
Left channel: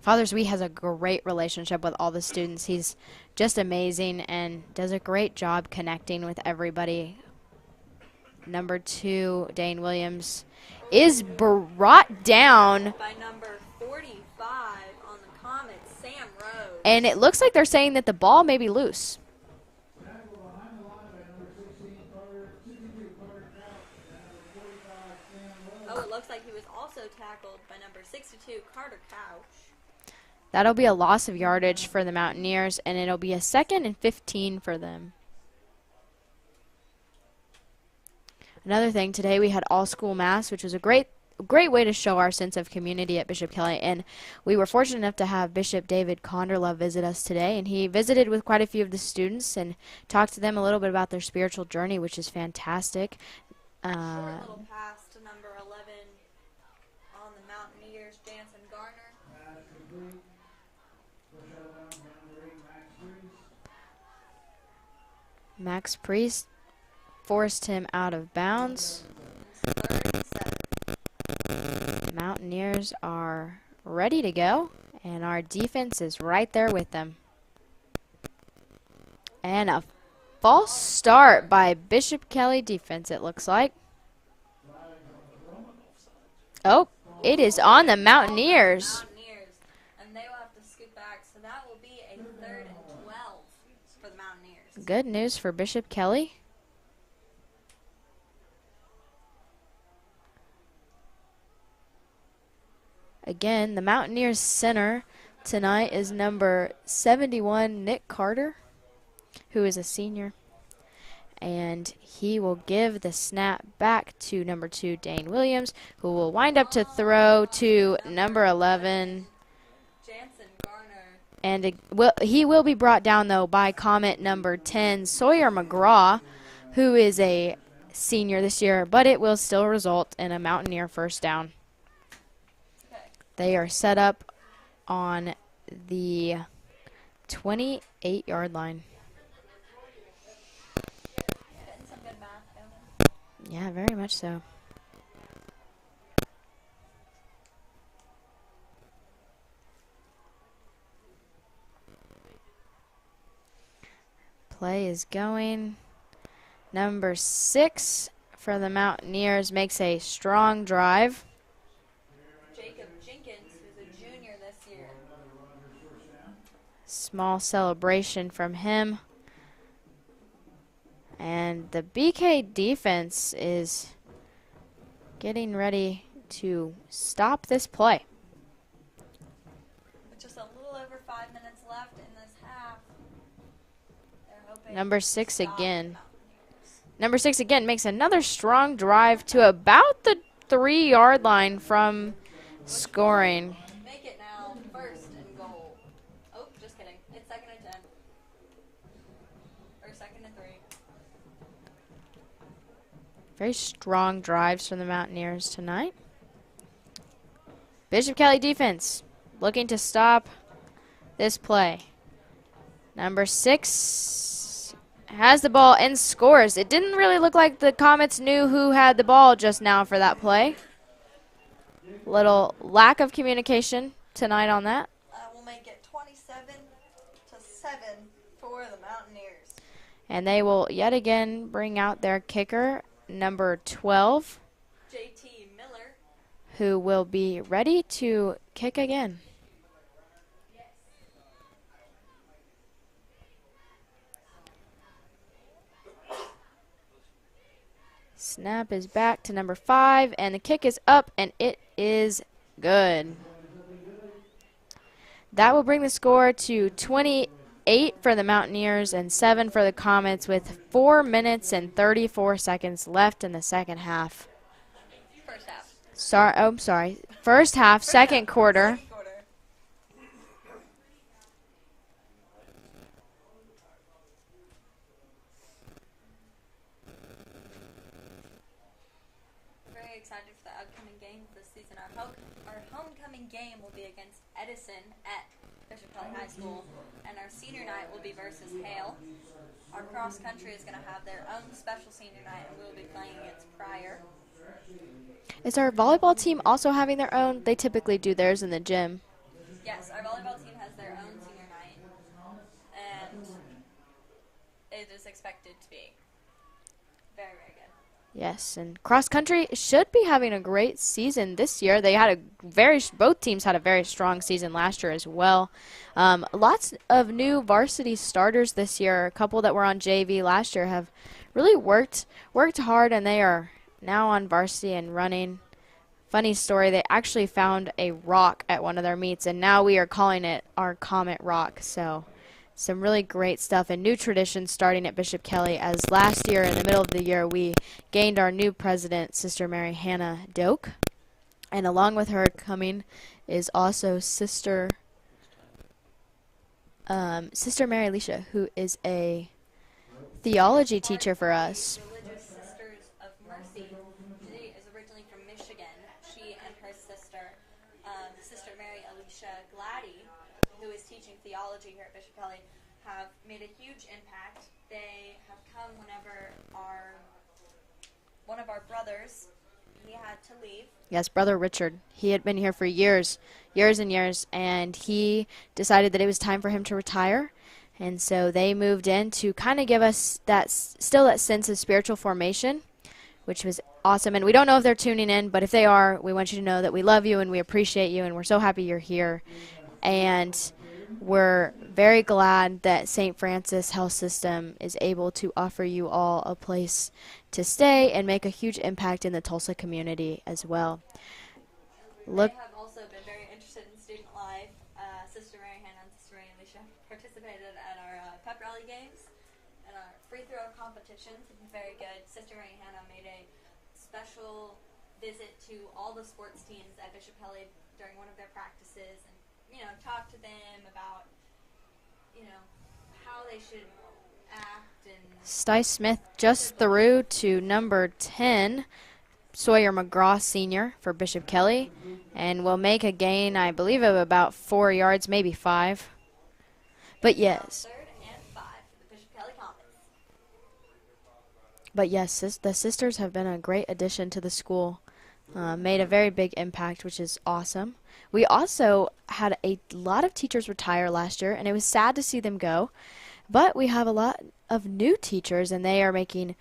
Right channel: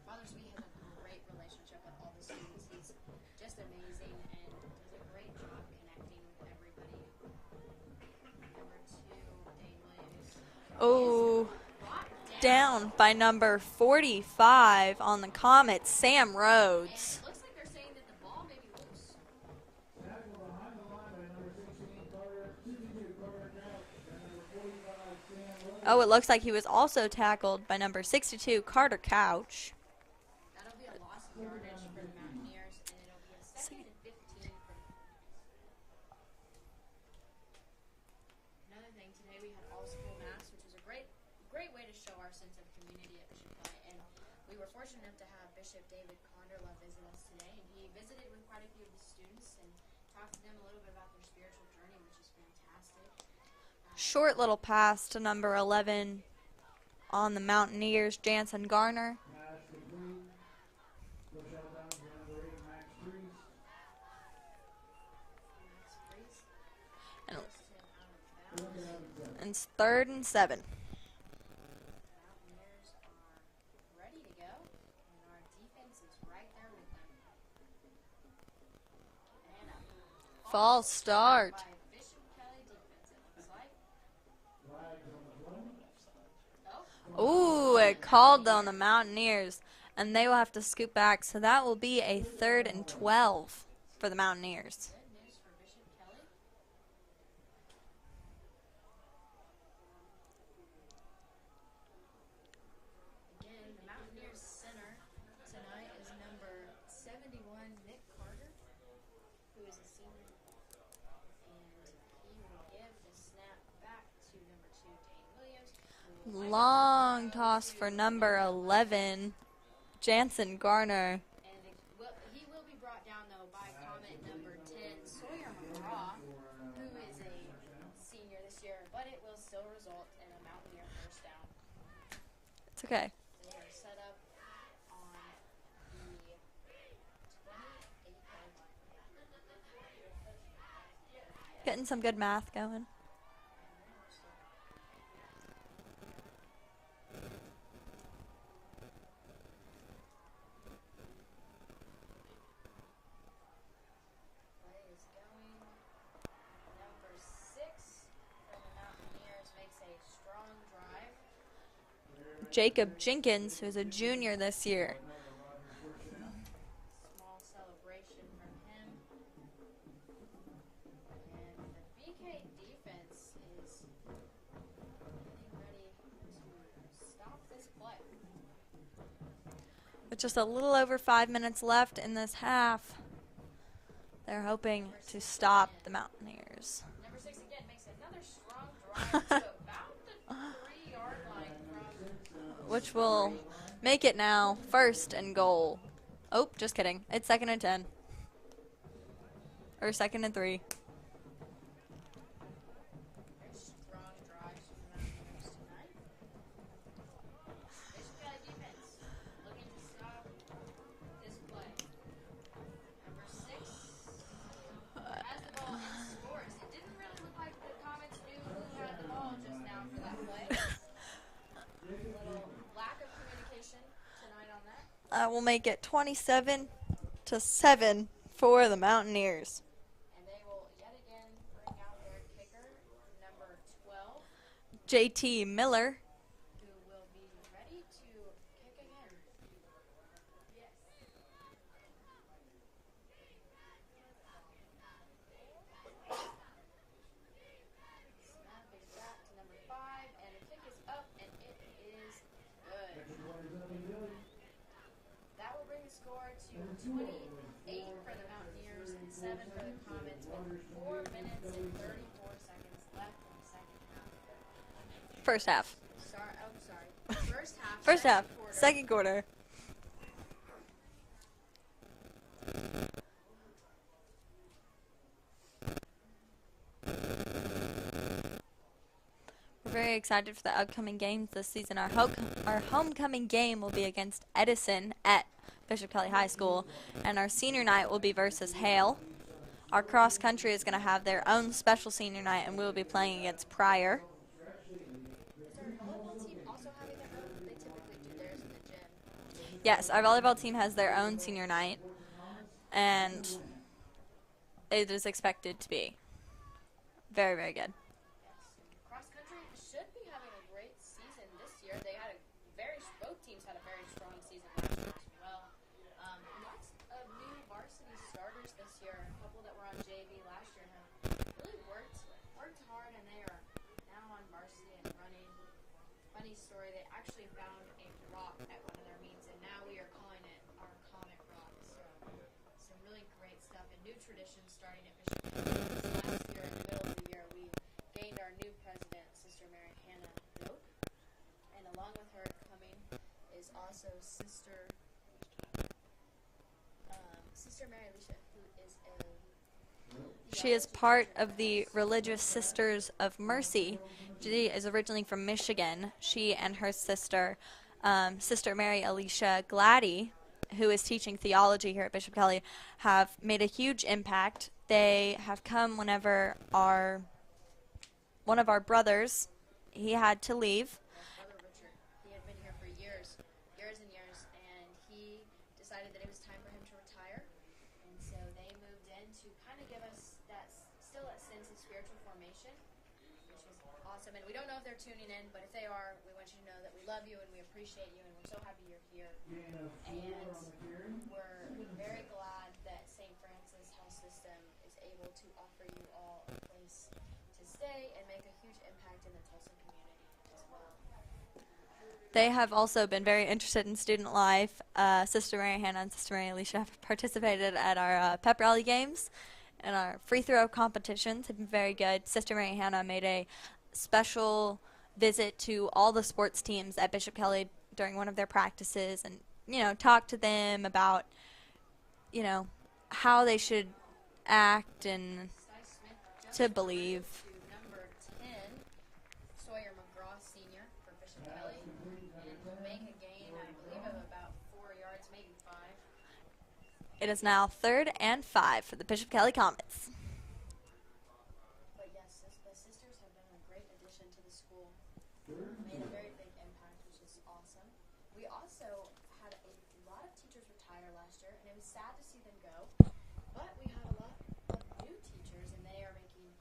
Father Zui has a great relationship with all the students. He's just amazing and does a great job connecting with everybody. Number 2, Dane Williams, is brought down by number 45 on the Comets, Sam Rose. And it looks like they're saying that the ball may be loose. Oh, it looks like he was also tackled by number 62, Carter Couch. That'll be a loss of yardage for the Mountaineers, and it'll be a 2nd and 15 for them. Another thing, today we had all-school mass, which was a great way to show our sense of community at Bishop Kelly. And we were fortunate enough to have Bishop David Conderlove visit us today. And he visited with quite a few of the students and talked to them a little bit about their spiritual journey, which is fantastic. Short little pass to number 11 on the Mountaineers, Jansen Garner. Max Priest forced him out of bounds. It's 3rd and 7. The Mountaineers are ready to go, and our defense is right there with them. And a false start by Bishop Kelly defense, it looks like. Oh, it is on the Mountaineers. And they will have to scoot back, so that will be a 3rd and 12 for the Mountaineers. Good news for Bishop Kelly. Again, the Mountaineers center tonight is number 71, Nick Carter, who is a senior. And he will give the snap back to number 2, Dane Williams, who will wind up to throw to number 11, Jansen Garner. And he will be brought down, though, by Comet number 10, Sawyer McGraw, who is a senior this year, but it will still result in a Mountaineer first down. It's okay. They are set up on the 28-yard line. Getting some good math going. Yeah, very much so. Play is going. Number 6 for the Mountaineers makes a strong drive. Jacob Jenkins, who's a junior this year. Small celebration from him. And the BK defense is getting ready to stop this play. With just a little over 5 minutes left in this half, they're hoping number to 6 stop again. the Mountaineers. Number 6 again makes another strong drive to about the 3-yard line from Which scoring. will make it now 1st and goal. Oh, just kidding. It's 2nd and 10. Or 2nd and 3. Very strong drives from the Mountaineers tonight. Bishop Kelly defense looking to stop this play. Number 6 has the ball and scores. It didn't really look like the Comets knew who had the ball just now for that play. Little lack of communication tonight on that. Will make it 27-7 for the Mountaineers. And they will yet again bring out their kicker, number 12. JT Miller. Who will be ready to kick again. Snap is back to number 5, and the kick is up, and it is good. That will bring the score to 28 for the Mountaineers and 7 for the Comets with 4 minutes and 34 seconds left in the second half. First half. I'm sorry. First half, second quarter. Second quarter. We're very excited for the upcoming games this season. Our homecoming game will be against Edison at Bishop Kelly High School, and our senior night will be versus Hale. Our cross country is going to have their own special senior night, and we will be playing against Pryor. Is our volleyball team also having their own? They typically do theirs in the gym. Yes, our volleyball team has their own senior night, and it is expected to be very, very good. Yes, and cross country should be having a great season this year. They had both teams had a very strong season last year as well. Lots of new varsity starters this year. A couple that were on JV last year have really worked hard, and they are now on varsity and running. Funny story, they actually found a rock at one of their meets, and now we are calling it our Comet Rock. So some really great stuff and new traditions starting at Bishop Kelly, as last year in the middle of the year we gained our new president, Sister Mary Hannah Doak, and along with her coming is also Sister Mary Alicia, who is a theology teacher for us. The Religious Sisters of Mercy. She is originally from Michigan. She and her sister, Sister Mary Alicia Gladdy, who is teaching theology here at Bishop Kelly, have made a huge impact. They have come whenever one of our brothers, he had to leave. Yes, Brother Richard. He had been here for years and years, and he decided that it was time for him to retire. And so they moved in to kind of give us that sense of spiritual formation, which was awesome. And we don't know if they're tuning in, but if they are, we want you to know that we love you and we appreciate you, and we're so happy you're here. And we're very glad that St. Francis Health System is able to offer you all a place to stay and make a huge impact in the Tulsa community as well. They have also been very interested in student life. Sister Mary Hannah and Sister Mary Alicia have participated at our pep rally games, and our free throw competitions have been very good. Sister Mary Hannah made a special visit to all the sports teams at Bishop Kelly during one of their practices, and talk to them about how they should act. And Sty Smith just threw to number 10, Sawyer McGraw Sr. for Bishop Kelly, and will make a gain, I believe, of about 4 yards, maybe 5. But yes, now 3rd and 5 for the Bishop Kelly Comets. But yes, the sisters have been a great addition to the school, made a very big impact, which is awesome. We also had a lot of teachers retire last year, and it was sad to see them go. But we have a lot of new teachers, and they are making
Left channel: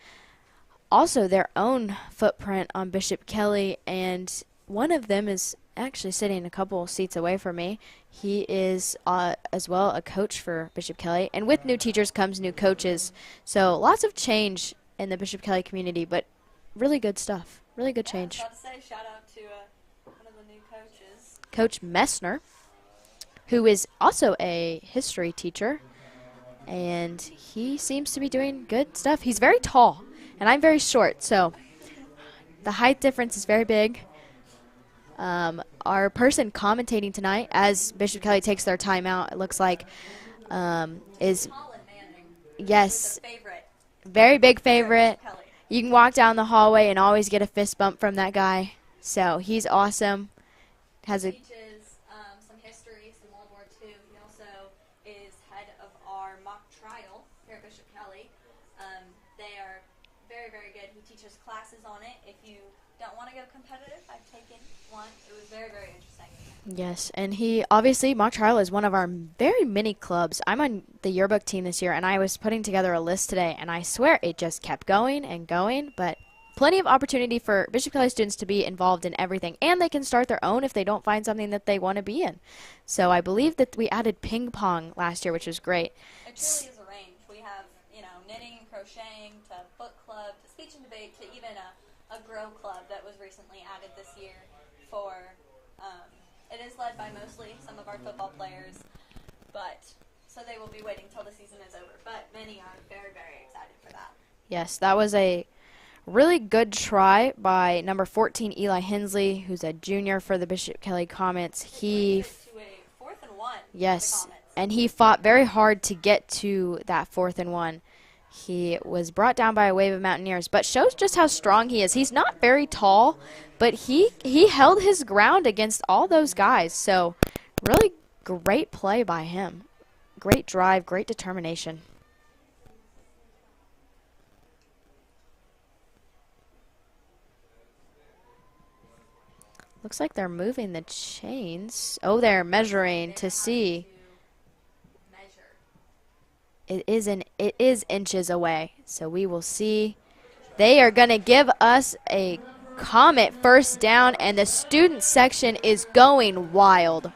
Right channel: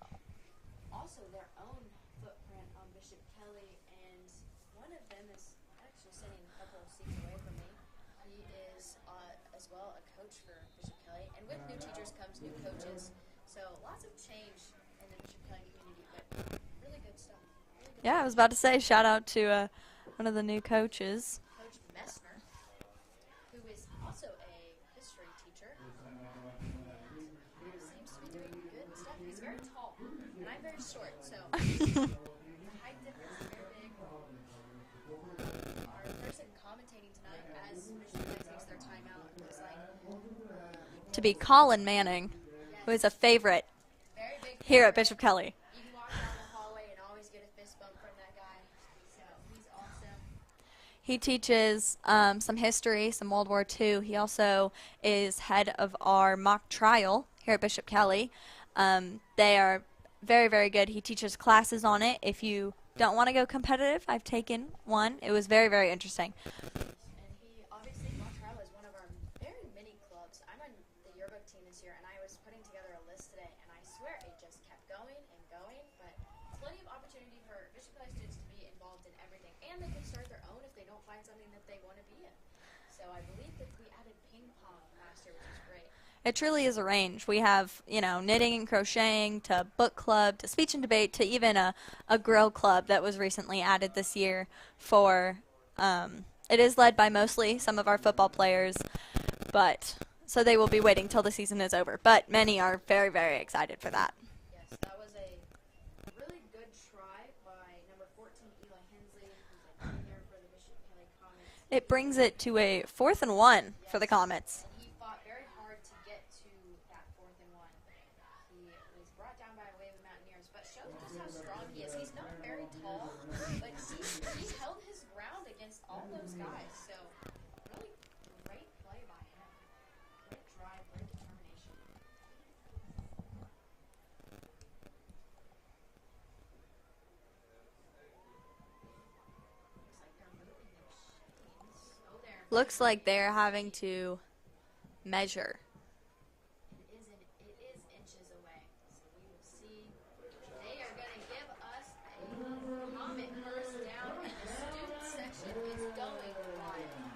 also their own footprint on Bishop Kelly, and one of them is actually sitting a couple seats away from me. He is as well a coach for Bishop Kelly, and with new teachers comes new coaches. So lots of change in the Bishop Kelly community, but really good stuff. Really good change. I was about to say, shout out to one of the new coaches. Coach Messner, who is also a history teacher, and he seems to be doing good stuff. He's very tall. And I'm very short, so the height difference is very big. Our person commentating tonight, as Bishop Kelly takes their time out, it looks like, To be is Colin Manning. yes, Who's a favorite. very big Here at favorite. Bishop Kelly. You can walk down the hallway and always get a fist bump from that guy. So he's awesome. He teaches some history, some World War II. He also is head of our mock trial here at Bishop Kelly. They are very, very good. He teaches classes on it. If you don't want to go competitive, I've taken one. It was very, very interesting. Yes, and he obviously, mock trial is one of our very many clubs. I'm on the yearbook team this year, and I was putting together a list today, and I swear it just kept going and going, but plenty of opportunity for Bishop Kelly students to be involved in everything, and they can start their own if they don't find something that they want to be in. So I believe that we added ping pong last year, which was great. It truly is a range. We have, knitting and crocheting to book club to speech and debate to even a grill club that was recently added this year for, it is led by mostly some of our football players, but so they will be waiting till the season is over. But many are very, very excited for that. Yes, that was a really good try by number 14, Eli Hensley, who's a junior for the Bishop Kelly Comets. It brings it to a 4th and 1 yes, for the Comets. And he fought very hard to get to that 4th and 1. He was brought down by a wave of Mountaineers, but shows just how strong he is. He's not very tall, but he held his ground against all those guys. So really great play by him. Great drive, great determination. Looks like they're moving the chains. Oh, they're measuring Looks like they're to see. having to measure. It is inches away, so we will see. They are going to give us a Comet first down, and the student section is going wild.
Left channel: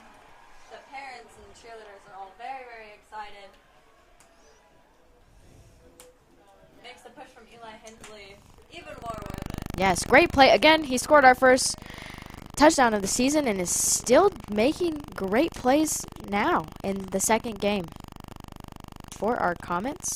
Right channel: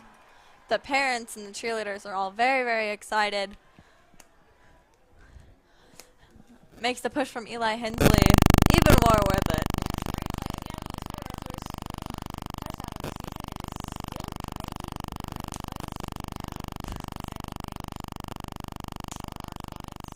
The parents and the cheerleaders are all very, very excited. Makes the push from Eli Hensley even more worth it. Yes, great play. Again, he scored our first touchdown of the season and is still making great plays now in the second game for our Comets.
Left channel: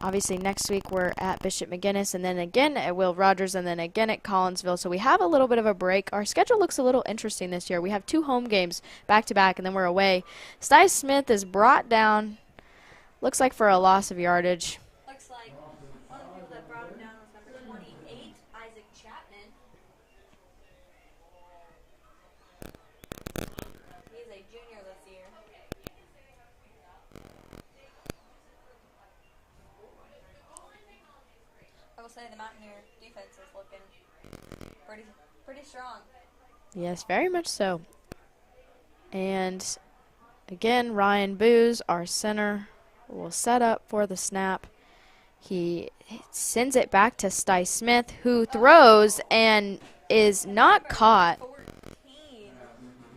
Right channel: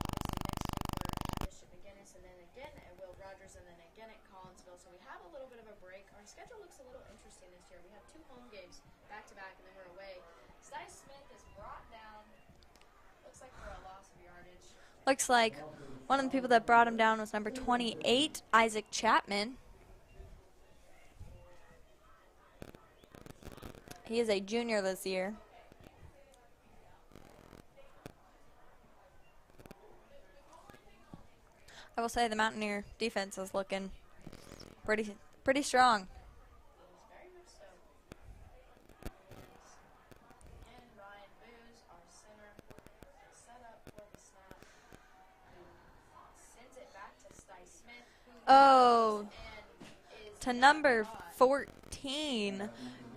Obviously, next week we're at Bishop McGuinness, and then again at Will Rogers, and then again at Collinsville. So we have a little bit of a break. Our schedule looks a little interesting this year. We have 2 home games back-to-back, and then we're away. Sty Smith is brought down, looks like for a loss of yardage. Looks like one of the people that brought him down was number 28, Isaac Chapman. He is a junior this year. I will say the Mountaineer defense is looking pretty strong. Yes, very much so. And again, Ryan Booz, our center, will set up for the snap. He sends it back to Sty Smith, who throws and is not caught. 14,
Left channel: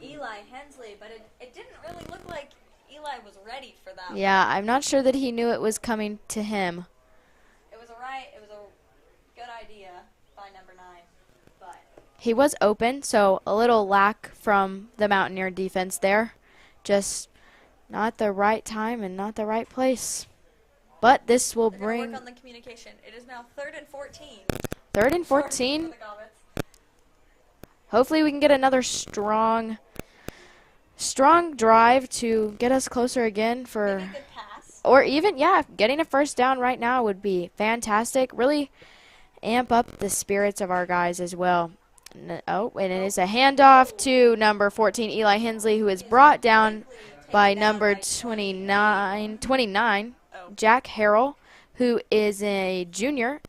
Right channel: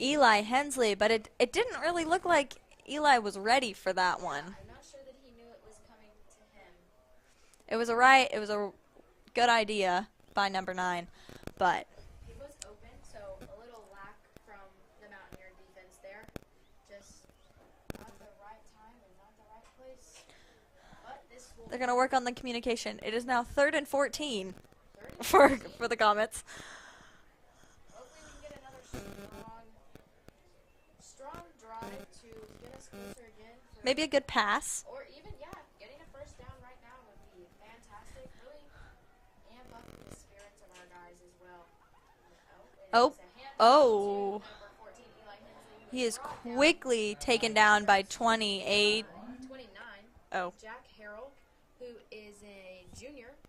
Eli Hensley, but it didn't really look like Eli was ready for that one. Yeah, I'm not sure that he knew it was coming to him. It was a good idea by number 9, but he was open, so a little lack from the Mountaineer defense there. Just not the right time and not the right place. But this will they're going to work on the communication. It is now 3rd and 14. 3rd and 14 for the Comets. Hopefully we can get another strong drive to get us closer again for maybe a good pass. Or even, yeah, getting a first down right now would be fantastic. Really amp up the spirits of our guys as well. It is a handoff to number 14, Eli Hensley, who is brought down by number 29, Jack Harrell, who is a junior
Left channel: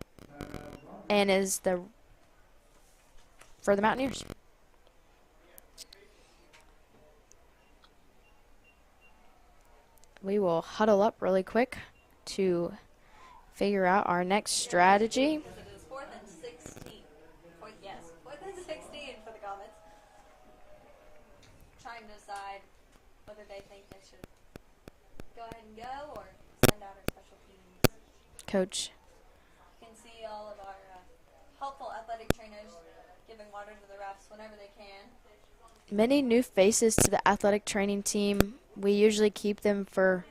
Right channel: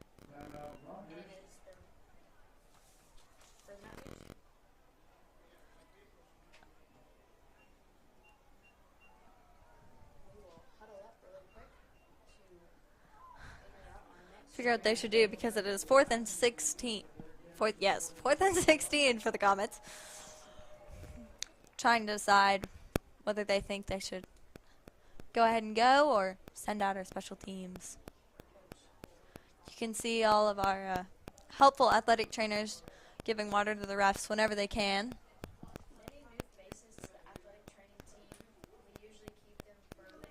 and is for the Mountaineers. We will huddle up really quick to figure out our next strategy. Because it is 4th and 16. 4th and 16 for the Comets. Trying to decide whether they think they should go ahead and go or send out our special teams. Coach. You can see all of our helpful athletic trainers giving water to the refs whenever they can. Many new faces to the athletic training team. We usually keep them for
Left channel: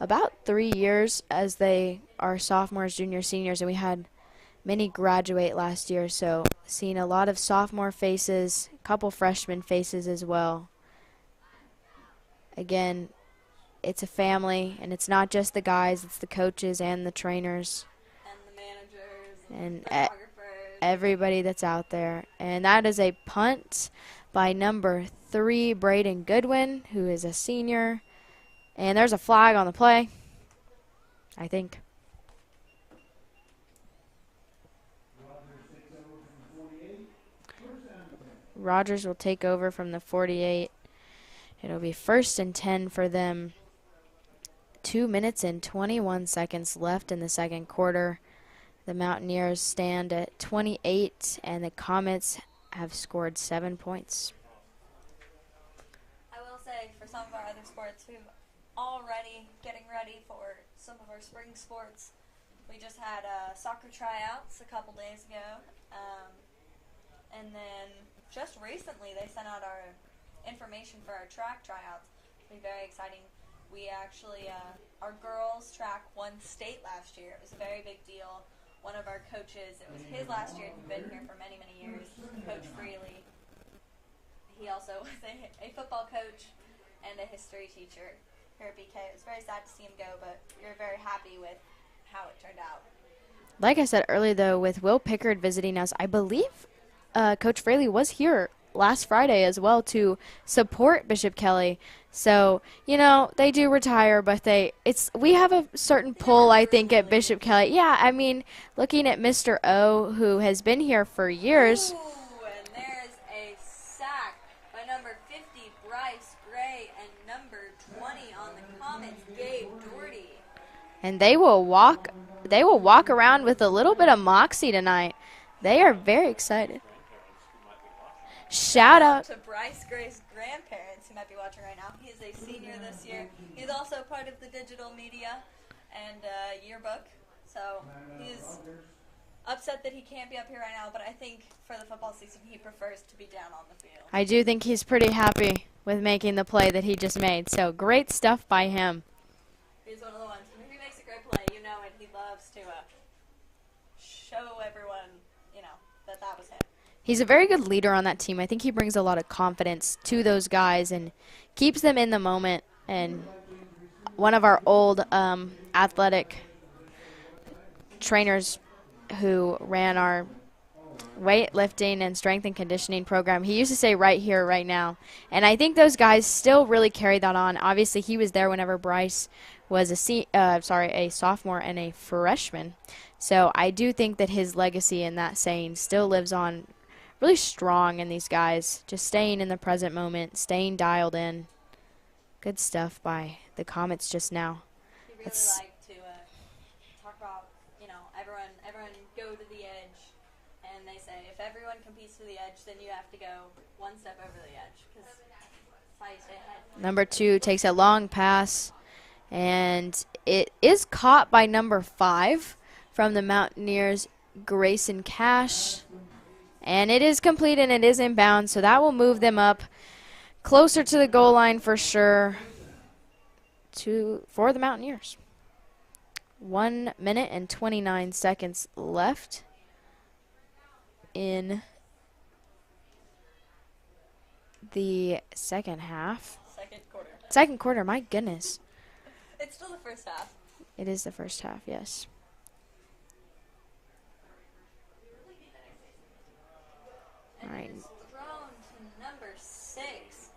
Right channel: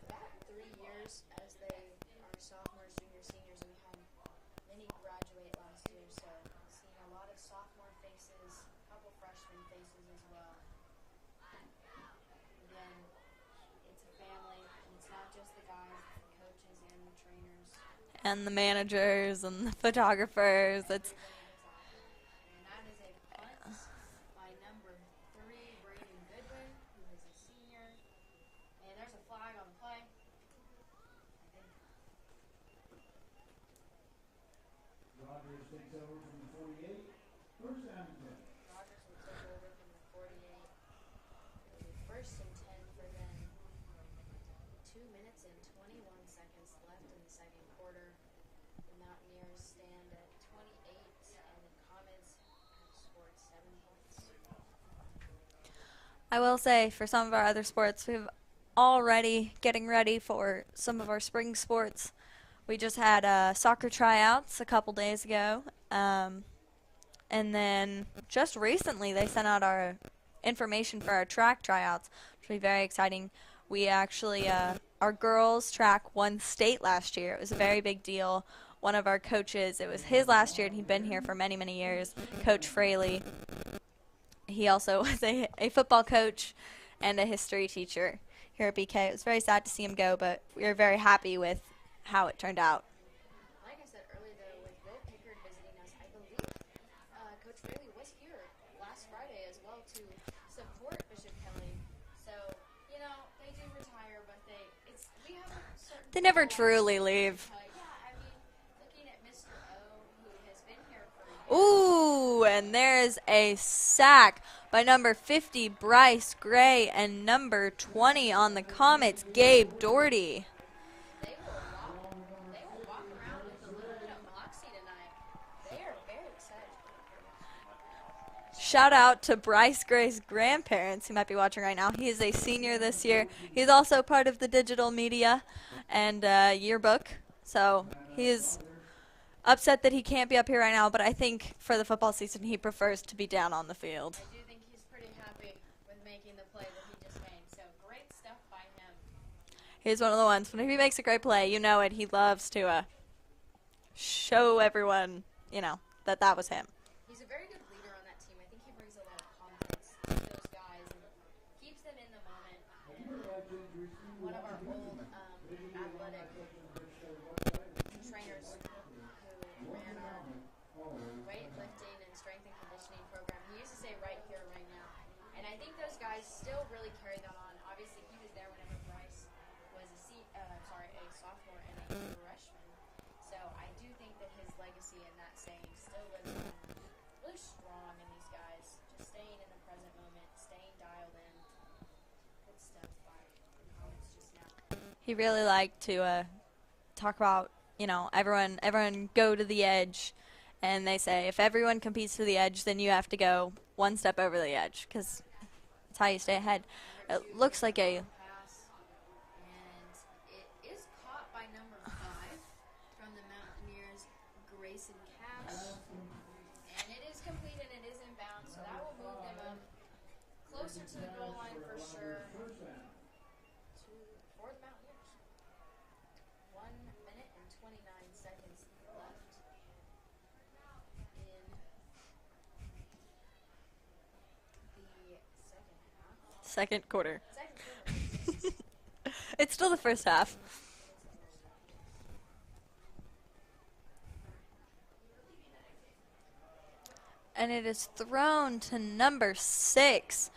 about 3 years, as they are sophomores, juniors, seniors, and we had many graduate last year, so seeing a lot of sophomore faces, a couple freshman faces as well. Again, it's a family, and it's not just the guys, it's the coaches and the trainers. And the managers and the photographers. Everybody that's out there. And that is a punt by number 3, Braden Goodwin, who is a senior. And there's a flag on the play, I think. Rogers will take over from the 48. It'll be 1st and 10 for them. 2 minutes and 21 seconds left in the second quarter. The Mountaineers stand at 28, and the Comets have scored 7 points. I will say, for some of our other sports, we've already getting ready for some of our spring sports. We just had soccer tryouts a couple days ago. And then just recently they sent out our information for our track tryouts, which will be very exciting. We actually, our girls track won state last year. It was a very big deal. One of our coaches, it was his last year, and he'd been here for many, many years, Coach Fraley. He also was a football coach and a history teacher here at BK. It was very sad to see him go, but we were very happy with how it turned out. Like I said earlier, though, with Will Pickard visiting us, I believe Coach Fraley was here last Friday as well to support Bishop Kelly. So, you know, they do retire, but we have a certain pull, I think, at Bishop Kelly. Yeah, I mean, looking at Mr. O, who has been here for years. Ooh, and there's a sack by number 50, Bryce Gray, and number 20 on the Comets, Gabe Doherty. And they will walk around with a little bit of moxie tonight. They are very excited. Shout out to Bryce Gray's grandparents who might be watching right now. He is a senior this year. He's also part of the digital media and yearbook. So he's upset that he can't be up here right now, but I think for the football season he prefers to be down on the field. I do think he's pretty happy with making the play that he just made. So great stuff by him. He's one of the ones, when he makes a great play, you know it, he loves to show everyone, you know, that was him. He's a very good leader on that team. I think he brings a lot of confidence to those guys and keeps them in the moment. And one of our old athletic trainers who ran our weightlifting and strength and conditioning program, he used to say right here, right now. And I think those guys still really carry that on. Obviously, he was there whenever Bryce was a sophomore and a freshman. So I do think that his legacy in that saying still lives on really strong in these guys, just staying in the present moment, staying dialed in. Good stuff by the Comets just now. He really liked to talk about, you know, everyone go to the edge, and they say if everyone competes to the edge, then you have to go one step over the edge, because that's how you stay ahead. Number 2 takes a long pass, and it is caught by number 5 from the Mountaineers, Grayson Cash. And it is complete and it is inbound, so that will move them up closer to the goal line for sure for the Mountaineers. 1 minute and 29 seconds left in the second half. Second quarter. Second quarter, my goodness. It's still the first half. It is the first half, yes. And it is thrown to number 6,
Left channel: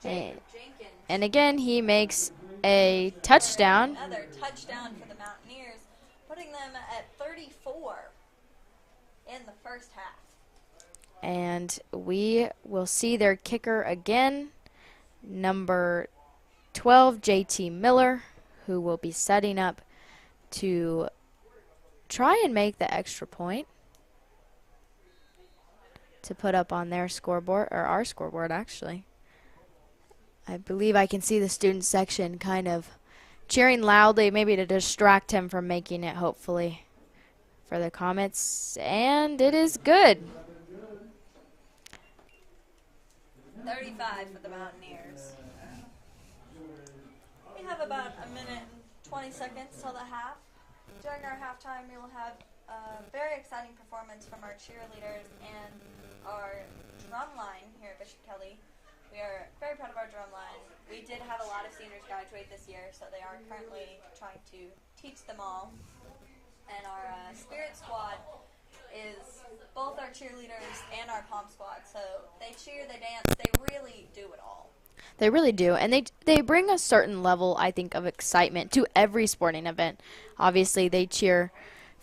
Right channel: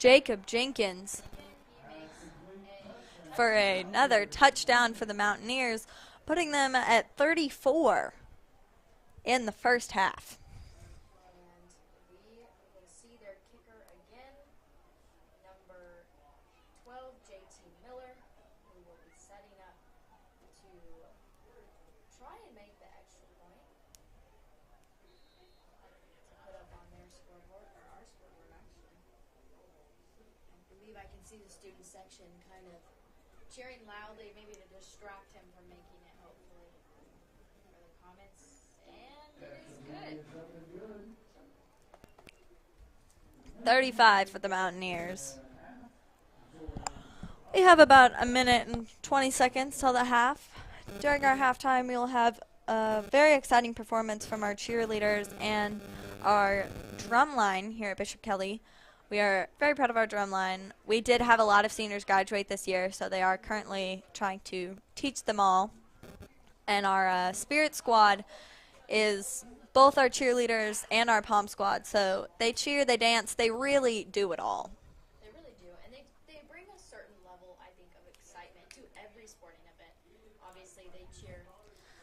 Jacob Jenkins. And again, he makes a touchdown. Another touchdown for the Mountaineers, putting them at 34 in the first half. And we will see their kicker again, number 12, JT Miller, who will be setting up to try and make the extra point to put up on their scoreboard, or our scoreboard actually. I believe I can see the student section kind of cheering loudly, maybe to distract him from making it, hopefully, for the Comets. And it is good. 35 for the Mountaineers. We have about a minute and 20 seconds till the half. During our halftime, we will have a very exciting performance from our cheerleaders and our drum line here at Bishop Kelly. We are very proud of our drum line. We did have a lot of seniors graduate this year, so they are currently trying to teach them all. And our spirit squad is both our cheerleaders and our pom squad. So they cheer, they dance, they really do it all. They really do, and they bring a certain level, I think, of excitement to every sporting event. Obviously, they cheer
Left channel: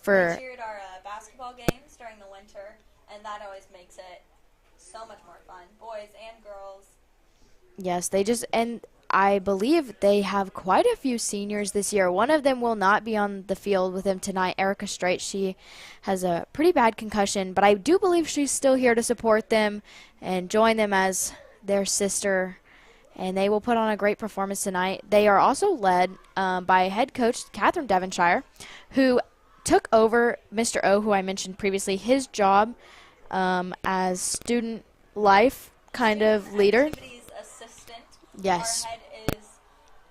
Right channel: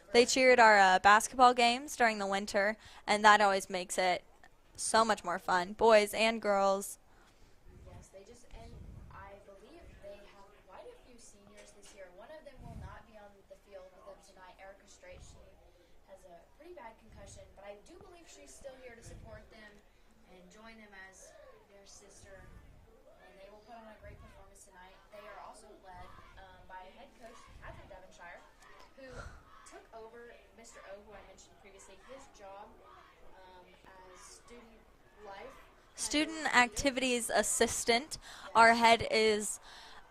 for... They cheer at our basketball games during the winter, and that always makes it so much more fun. Boys and girls. Yes, and I believe they have quite a few seniors this year. One of them will not be on the field with them tonight, Erica Straight. She has a pretty bad concussion, but I do believe she's still here to support them and join them as their sister. And they will put on a great performance tonight. They are also led by head coach Catherine Devonshire, who took over Mr. O, who I mentioned previously, his job as student life leader. Student activities assistant. Yes. Our head is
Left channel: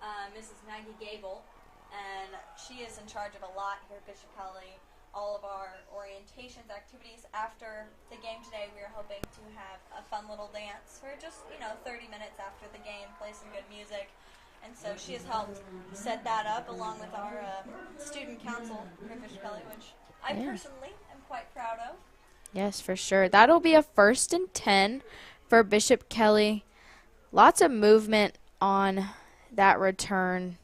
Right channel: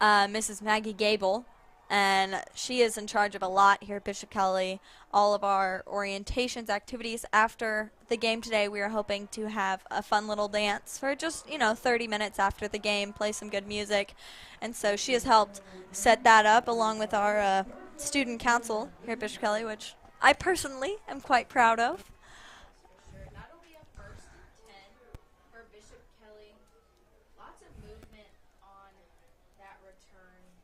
Mrs. Maggie Gable, and she is in charge of a lot here at Bishop Kelly. All of our orientations, activities. After the game today, we are hoping to have a fun little dance for just, 30 minutes after the game, play some good music. And so she has helped set that up along with our student council here at Bishop Kelly, which I personally am quite proud of. Yes, for sure. That'll be a 1st and 10 for Bishop Kelly. Lots of movement on that return.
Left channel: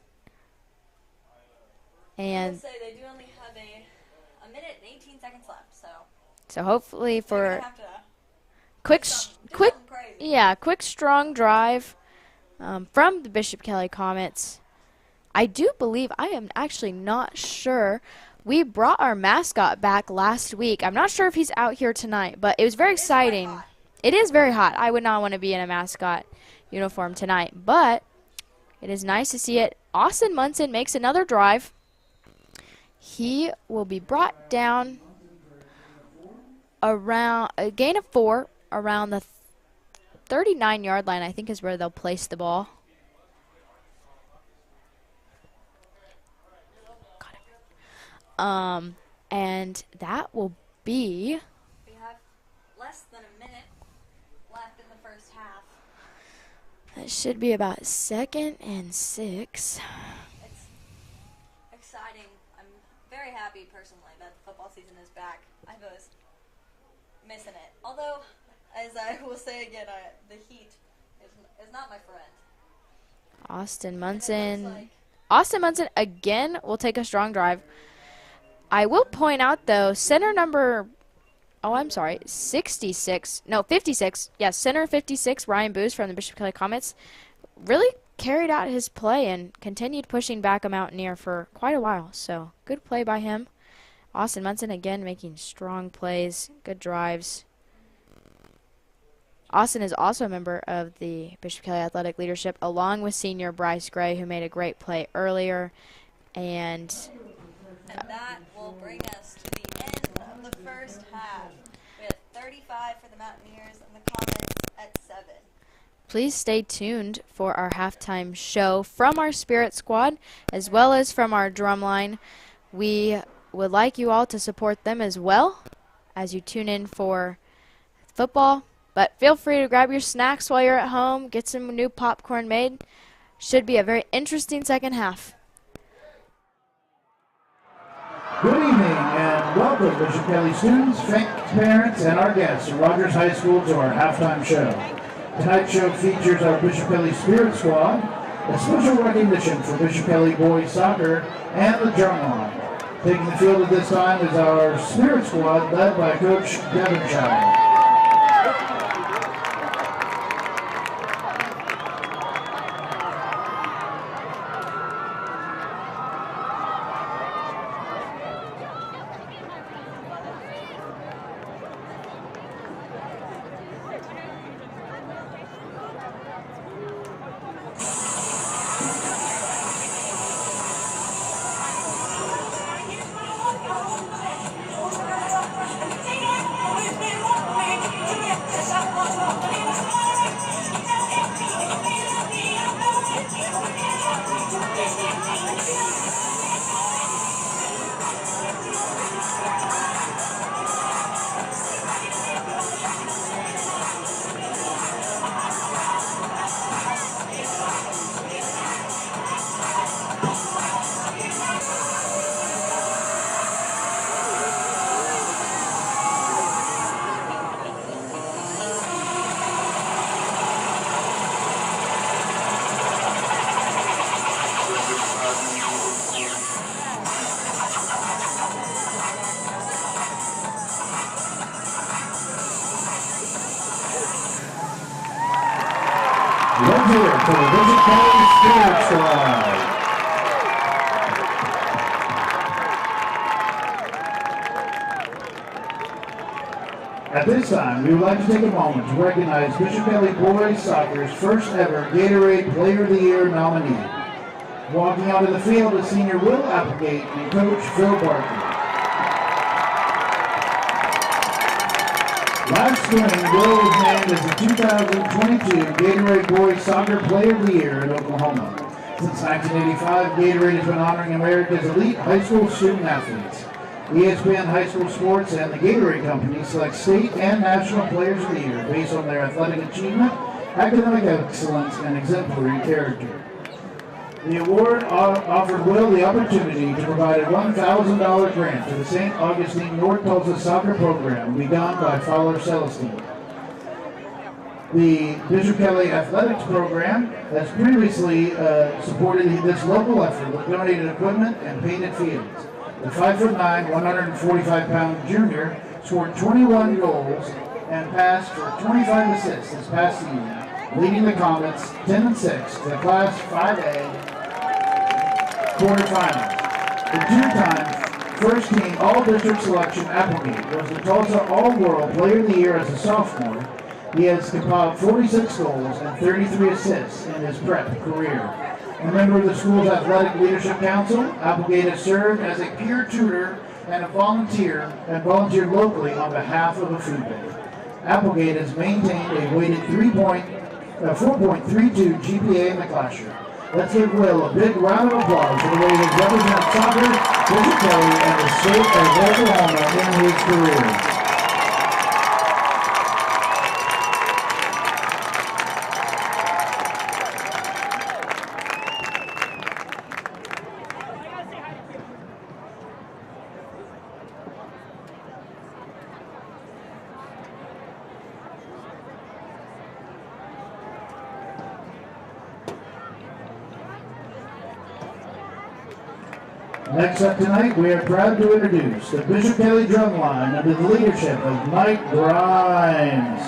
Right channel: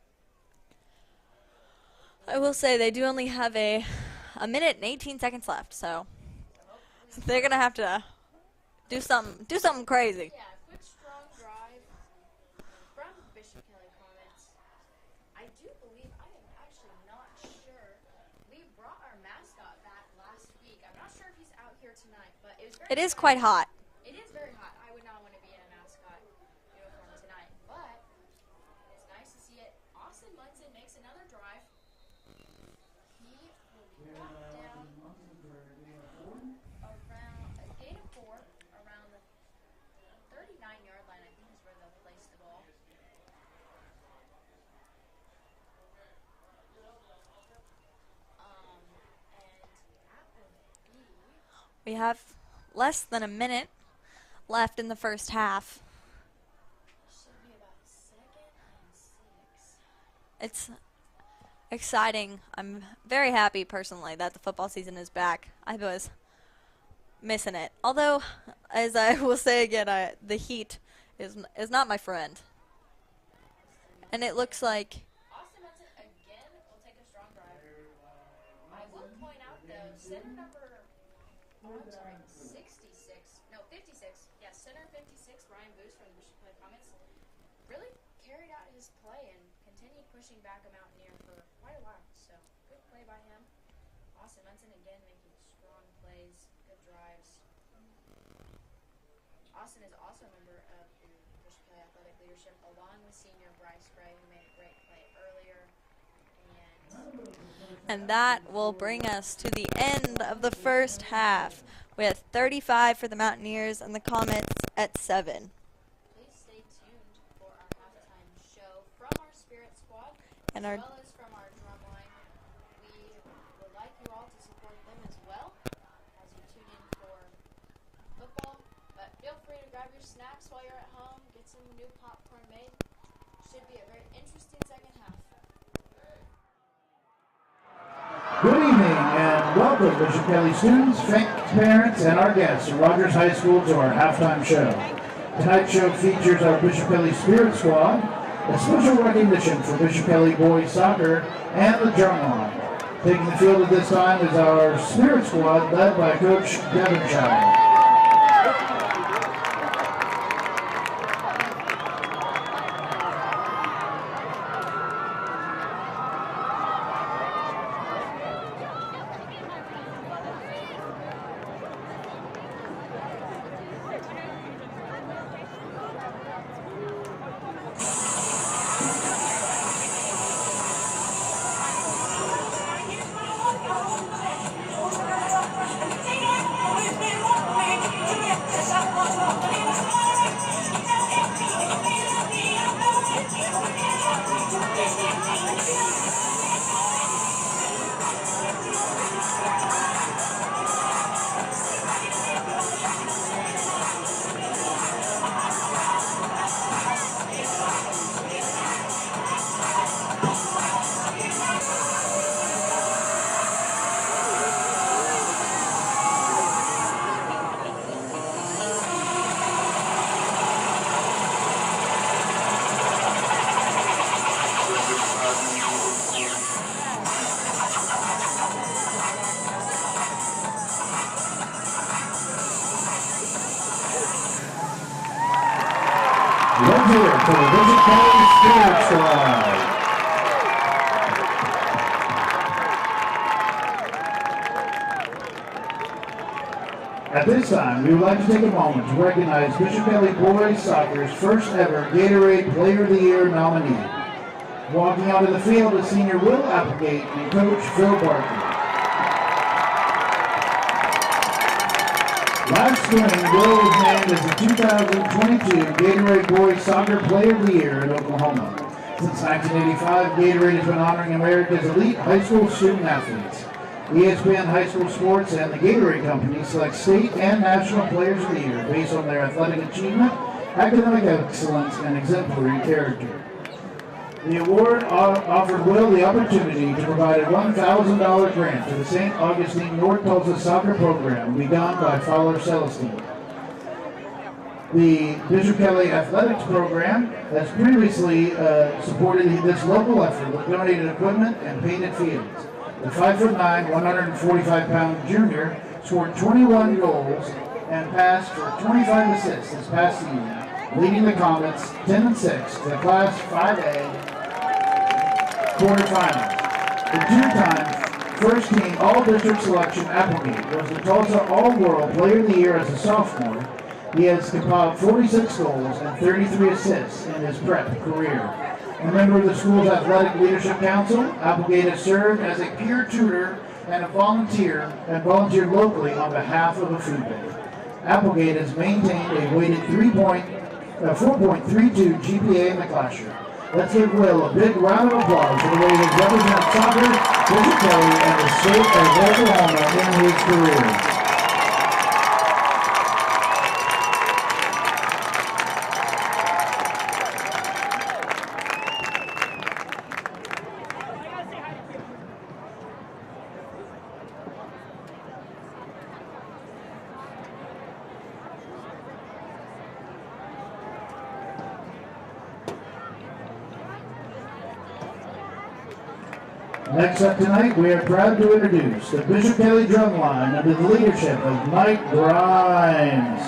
And I will say they do only have a minute and 18 seconds left, so hopefully they're going to have to quick do something crazy. Yeah, quick, strong drive from the Bishop Kelly Comets. I do believe, I am actually not sure, we brought our mascot back last week. I'm not sure if he's out here tonight, but it was very exciting. It is quite hot. It is very hot. I would not want to be in a mascot uniform tonight, but it is nice to see it. Austin Munson makes another drive. He will be brought down around a gain of 4 around the 39-yard line, I think is where they'll place the ball. And that will be... We have less than a minute left in the first half. That should be about 2nd and 6. It's exciting. I'm very happy personally that the football season is back. I was missing it. Although, as I will say again, the heat is not my friend. Austin Munson. And it looks like Austin Munson again will take a strong drive. I will point out though, center number 56. Yes, center 56, Ryan Booz from the Bishop Kelly Comets, really carried out his play and continued pushing back a Mountaineer for quite a while. So good play by him. Austin Munson again making strong plays, good drives. Austin is also a member of the Bishop Kelly Athletic Leadership, along with senior Bryce Gray, who made a great play earlier. And that will bring us to the end of the first half with 35 for the Mountaineers and the Comets at 7. Please stay tuned for our halftime show from our Spirit Squad as well as from our drumline. We would like you all to support them as well as you tune in for football. But feel free to grab your snacks while you're at home, get some new popcorn made. Should be a very interesting second half. Good evening and welcome, Bishop Kelly students, parents, and our guests at Rogers High School to our halftime show. Tonight's show features our Bishop Kelly Spirit Squad, a special recognition for Bishop Kelly boys soccer, and the drumline. Taking the field at this time is our Spirit Squad led by Coach Devonshire. volunteer for the Bishop Kelly Spirit Squad. At this time, we would like to take a moment to recognize Bishop Kelly Boys Soccer's first ever Gatorade Player of the Year nominee. Walking onto the field is senior Will Applegate and coach Phil Barker. Last spring, Will was named as the 2022 Gatorade Boys Soccer Player of the Year in Oklahoma. Since 1985, Gatorade has been honoring America's elite high school student athletes. ESPN High School Sports and the Gatorade Company select state and national players of the year based on their athletic achievement, academic excellence, and exemplary character. The award offered Will the opportunity to provide a $1,000 grant to the St. Augustine North Tulsa soccer program begun by Fowler Celestine. The Bishop Kelly Athletics program has previously supported this local effort with donated equipment and painted fields. The 5'9", 145-pound junior scored 21 goals and passed for 25 assists this past season, leading the Comets 10-6 to the Class 5A quarterfinals. The two-time first-team All-District selection Applegate was the Tulsa All-World Player of the Year as a sophomore. He has compiled 46 goals and 33 assists in his prep career. A member of the school's Athletic Leadership Council, Applegate has served as a peer tutor and volunteered locally on behalf of a food bank. Applegate has maintained a weighted 4.32 GPA in the classroom. Let's give Will a big round of applause for the way he has represented soccer, Bishop Kelly, and the state of Oklahoma in his career. Next up tonight, we are proud to introduce the Bishop Kelly Drumline under the leadership of Mike Grimes.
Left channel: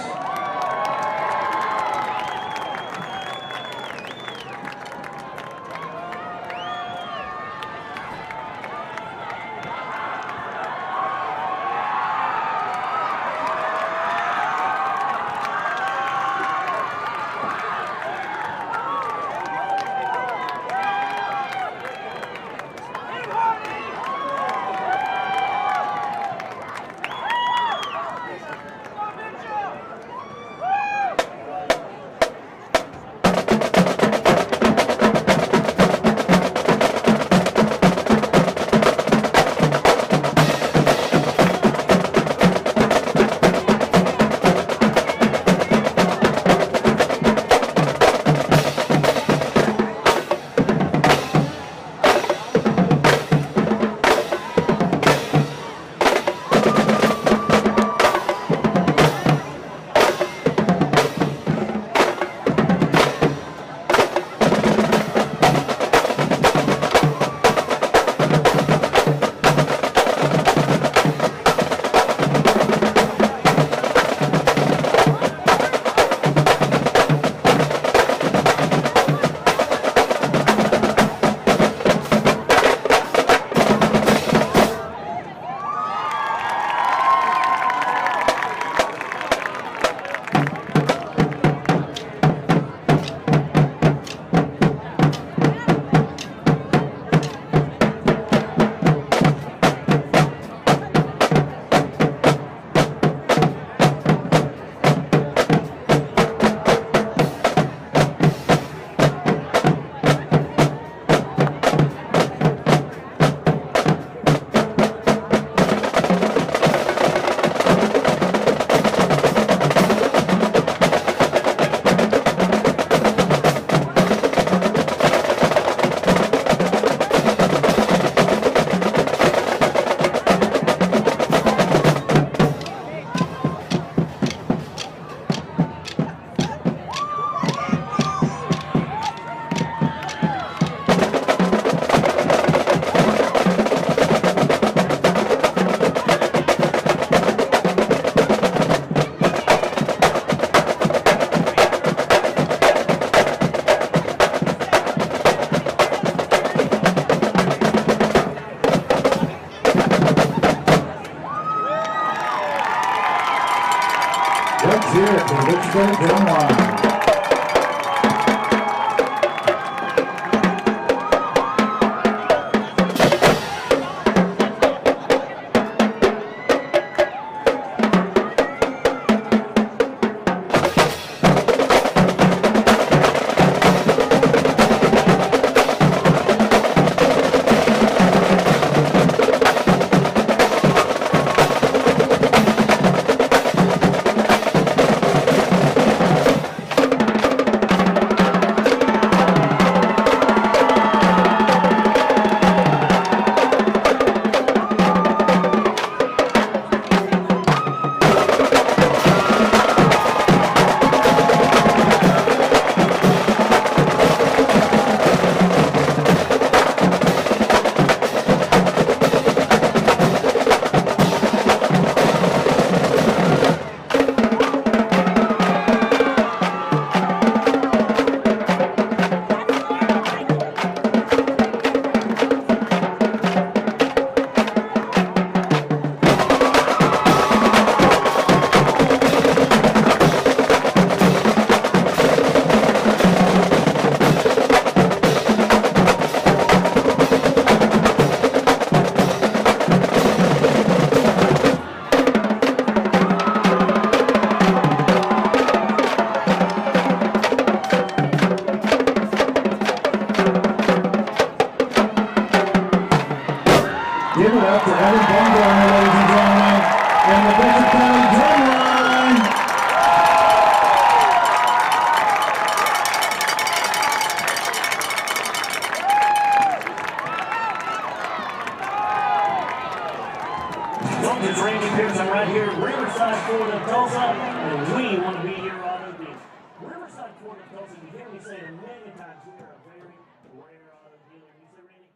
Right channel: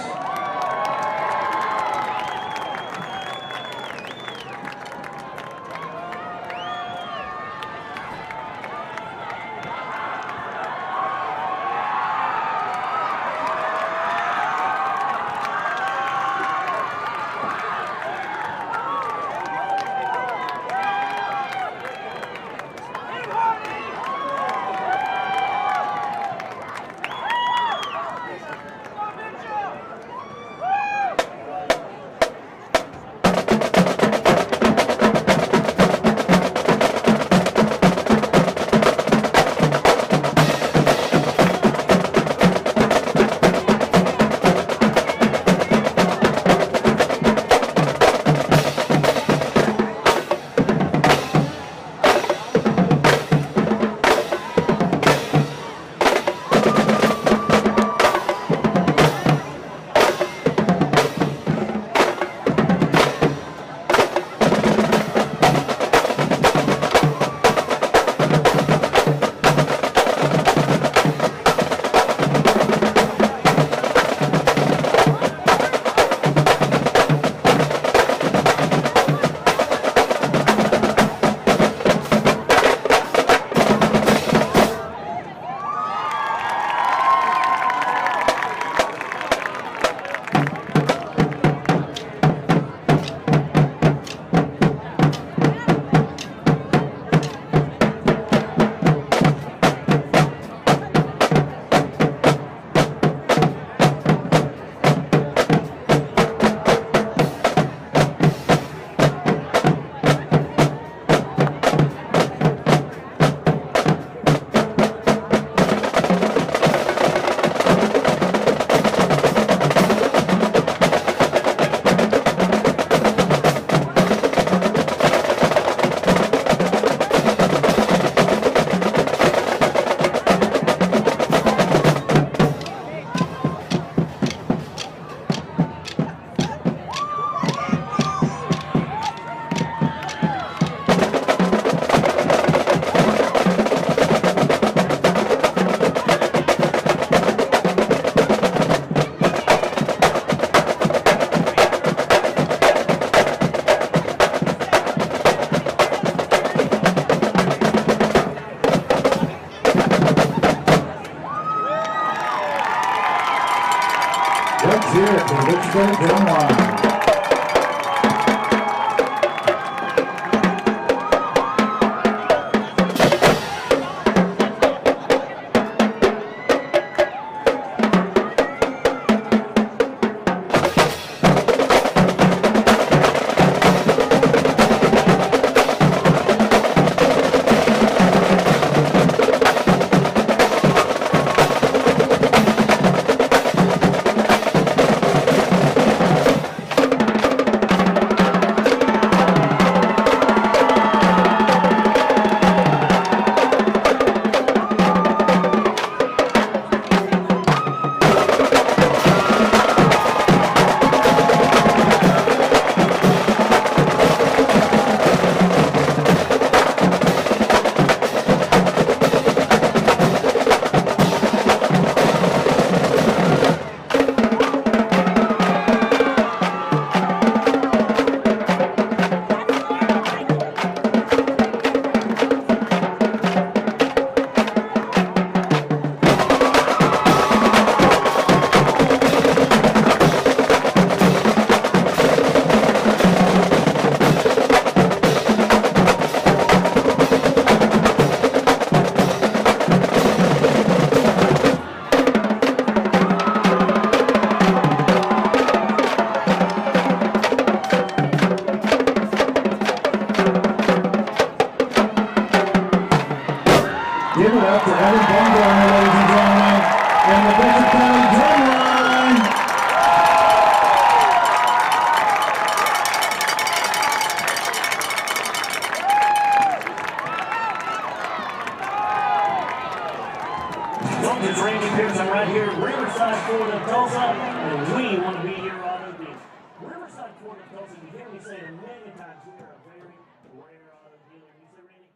Let's hear it for Richmond Drumline. Give it up for Evan Bumgarner, ladies and gentlemen, and the Bishop County Drumline. Welcome to Randy Pearson right here at Riverside, Florida, Tulsa, and we want to be your auto dealer. Riverside, Florida, Tulsa, you hear me say it a million times, we are a very rare auto dealer. You say, Randy?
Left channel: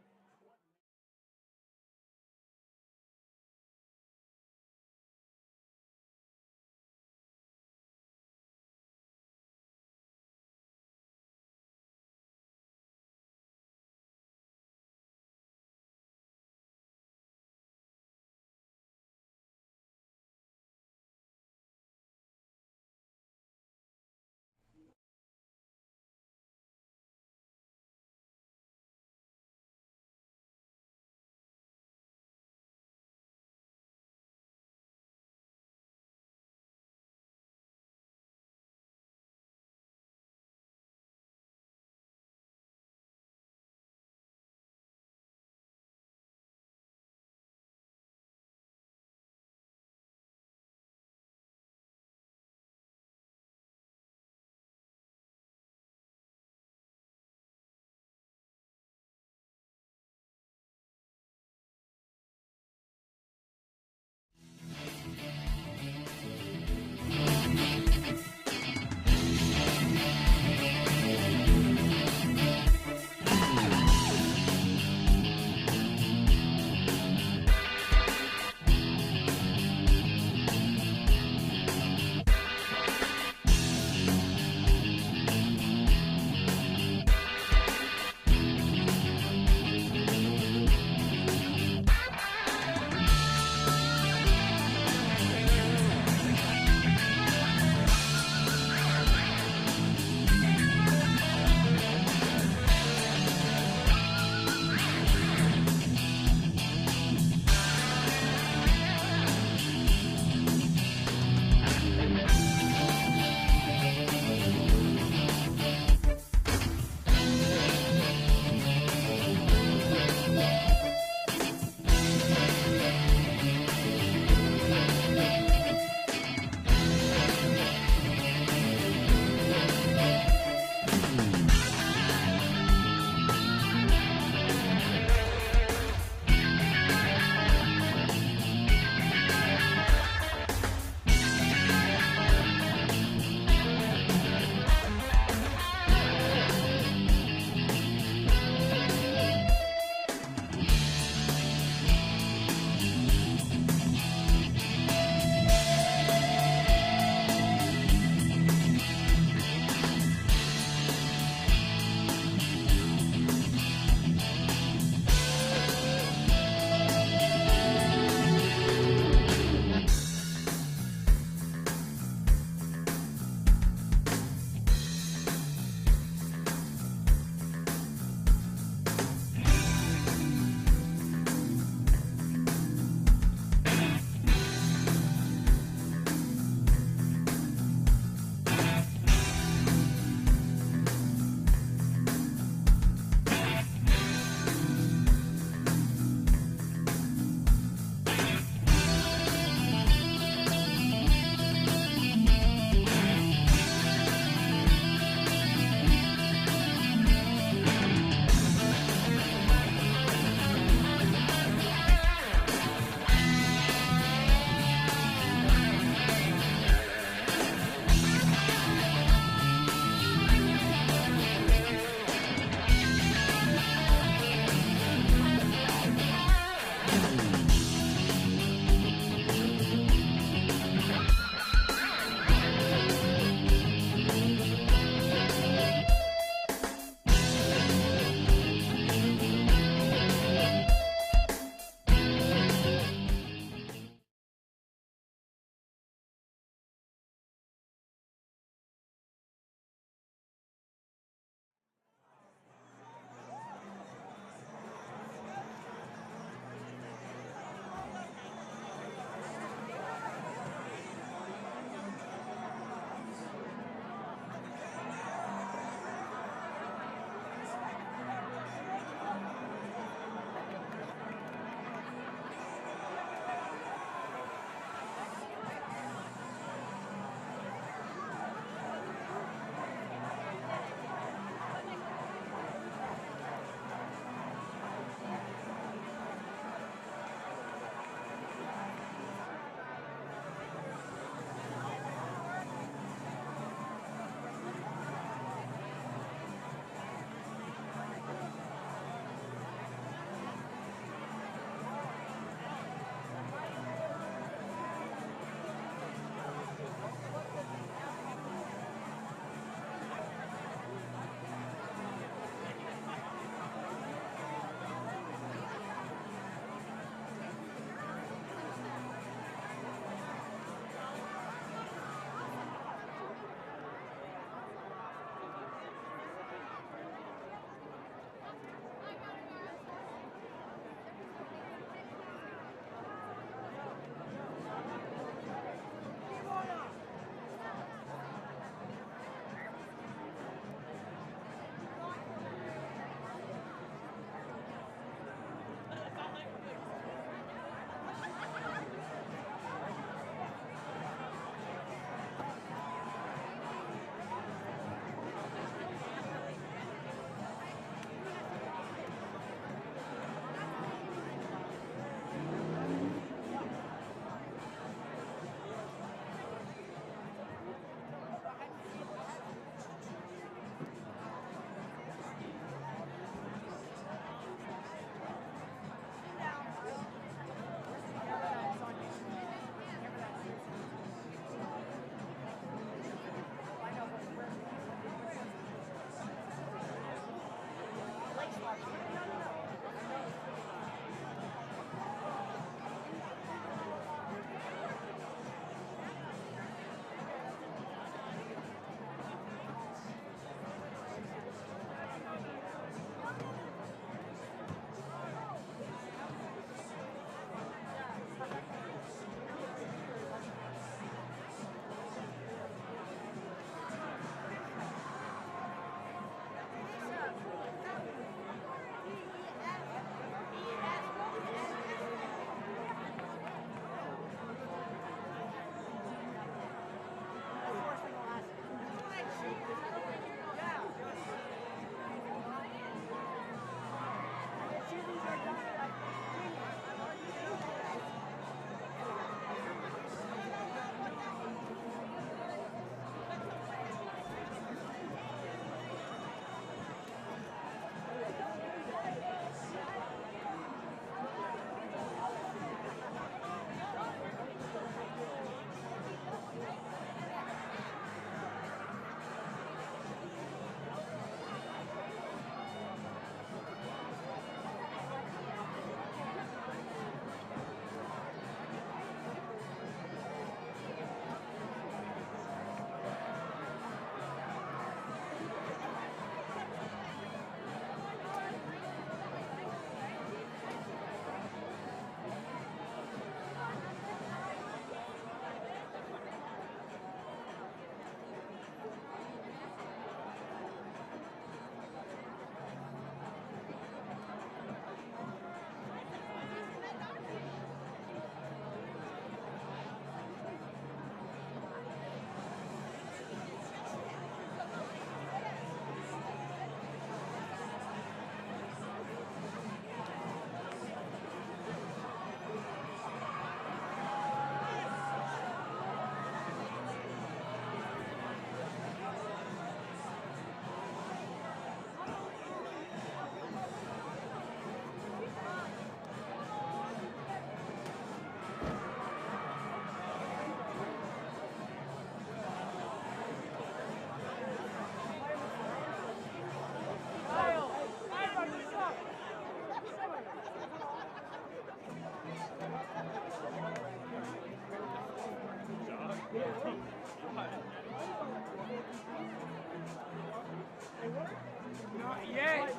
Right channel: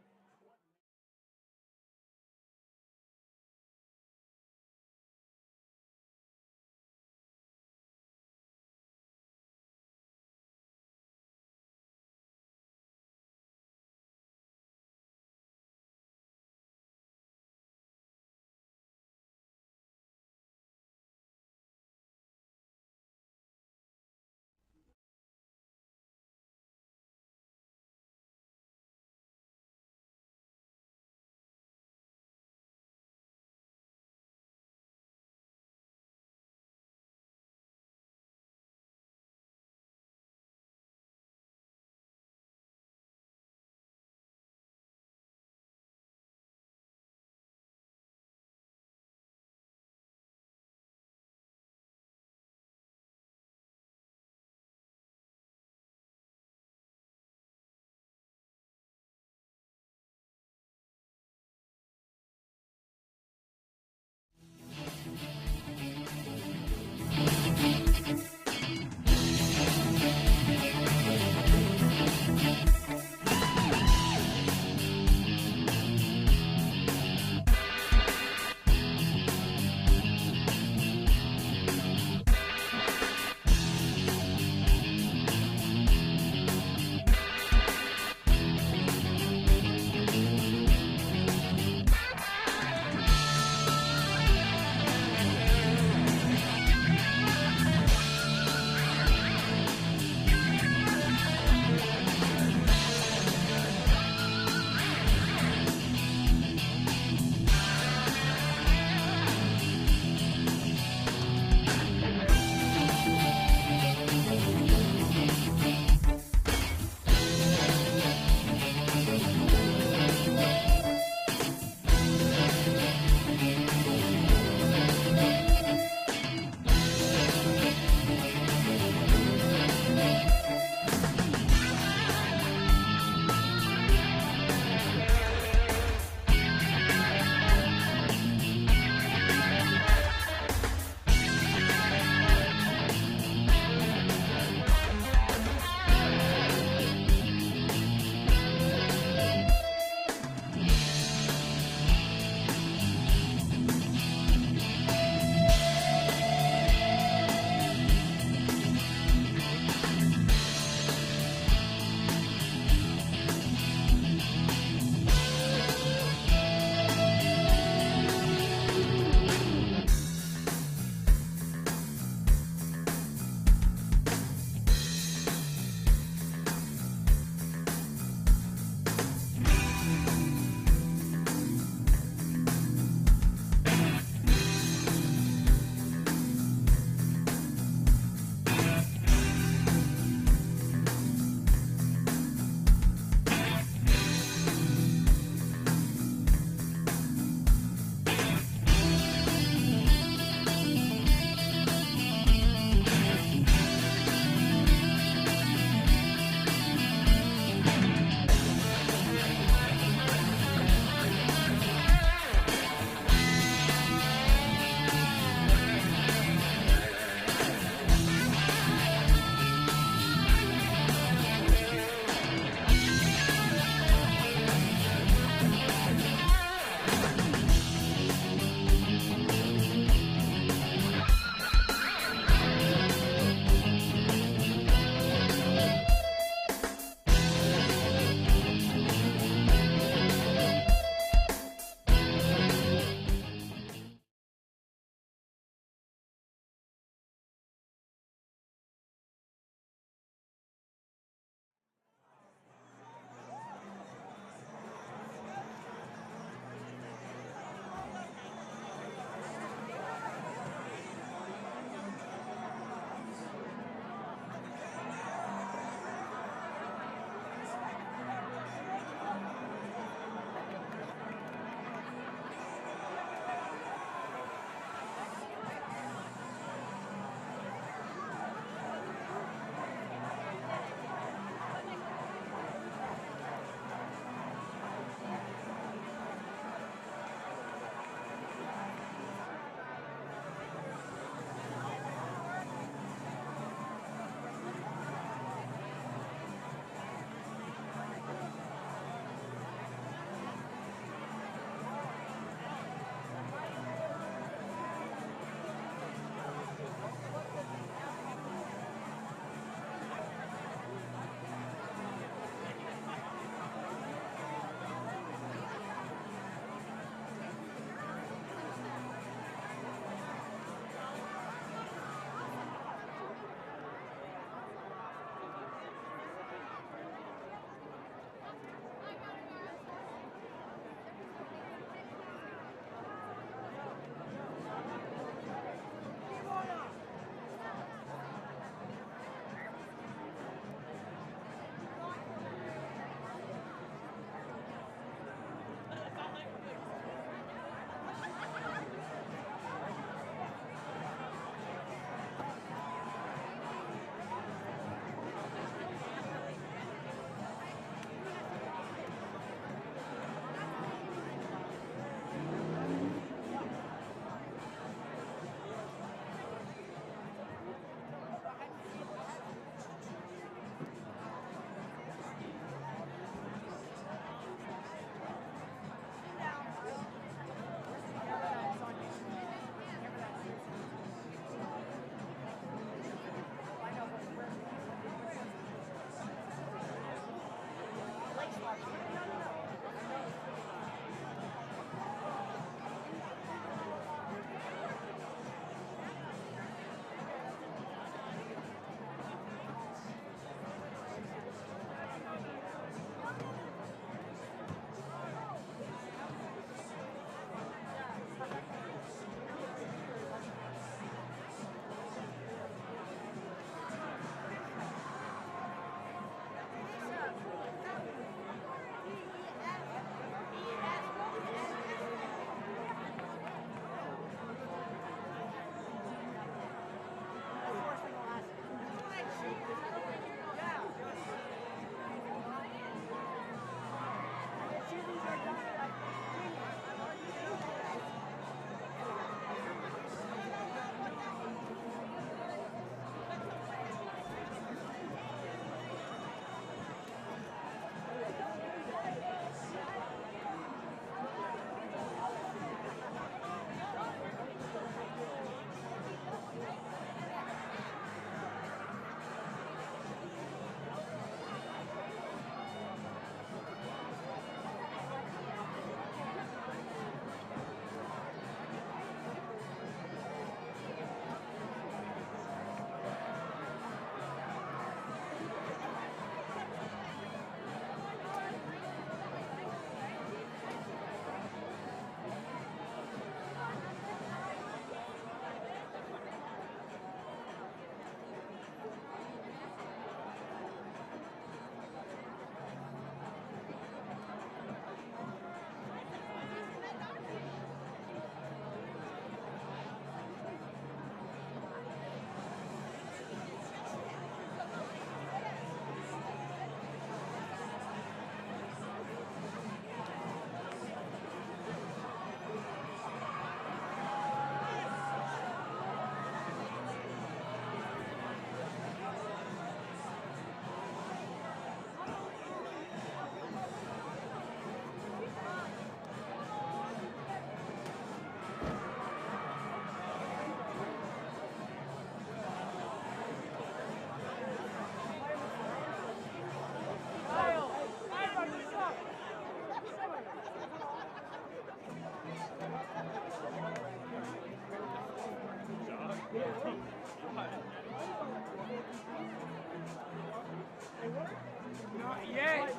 Not yet.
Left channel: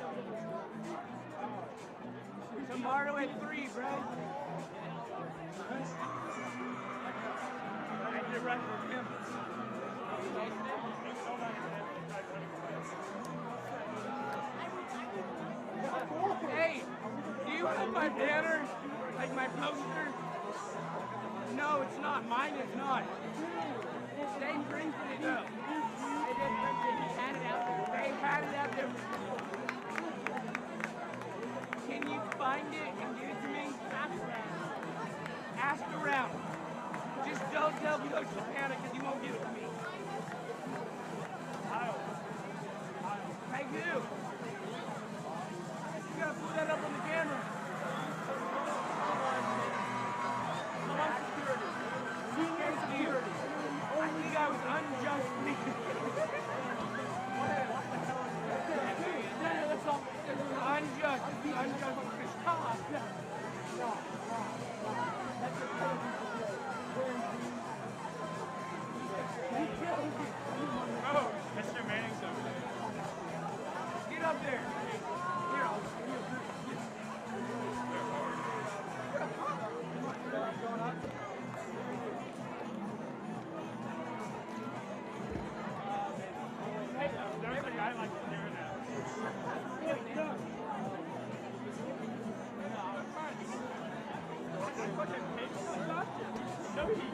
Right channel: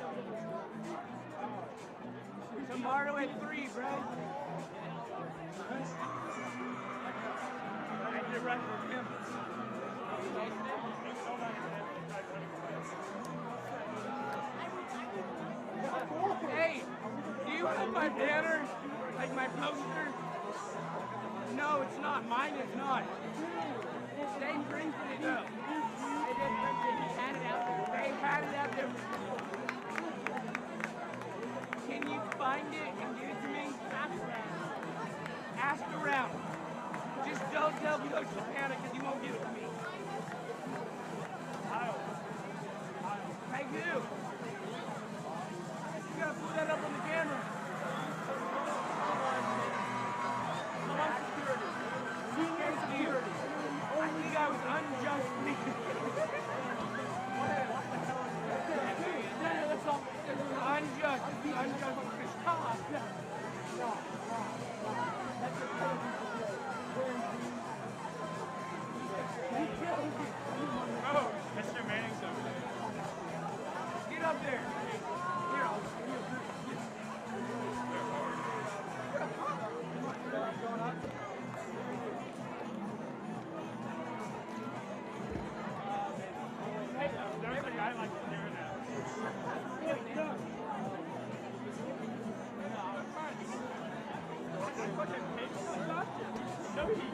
Tomorrow at 3, bro. I did run for him. Hey, do you have my banner? Like my poster? No, it's not. Mine is not. They printed it up. They did print it. He had it out there. They had it out there. Can you find it and give it to me? Ask around. Just don't tell Coach Lapana because he won't give it to me. Hey, you. You gotta pull that up on the camera. Security. I think I was unjustly. Unjust. Oh, Mr. Manning's over there. Get up there. Here, I'll Hey, there's a guy like doing that. No, he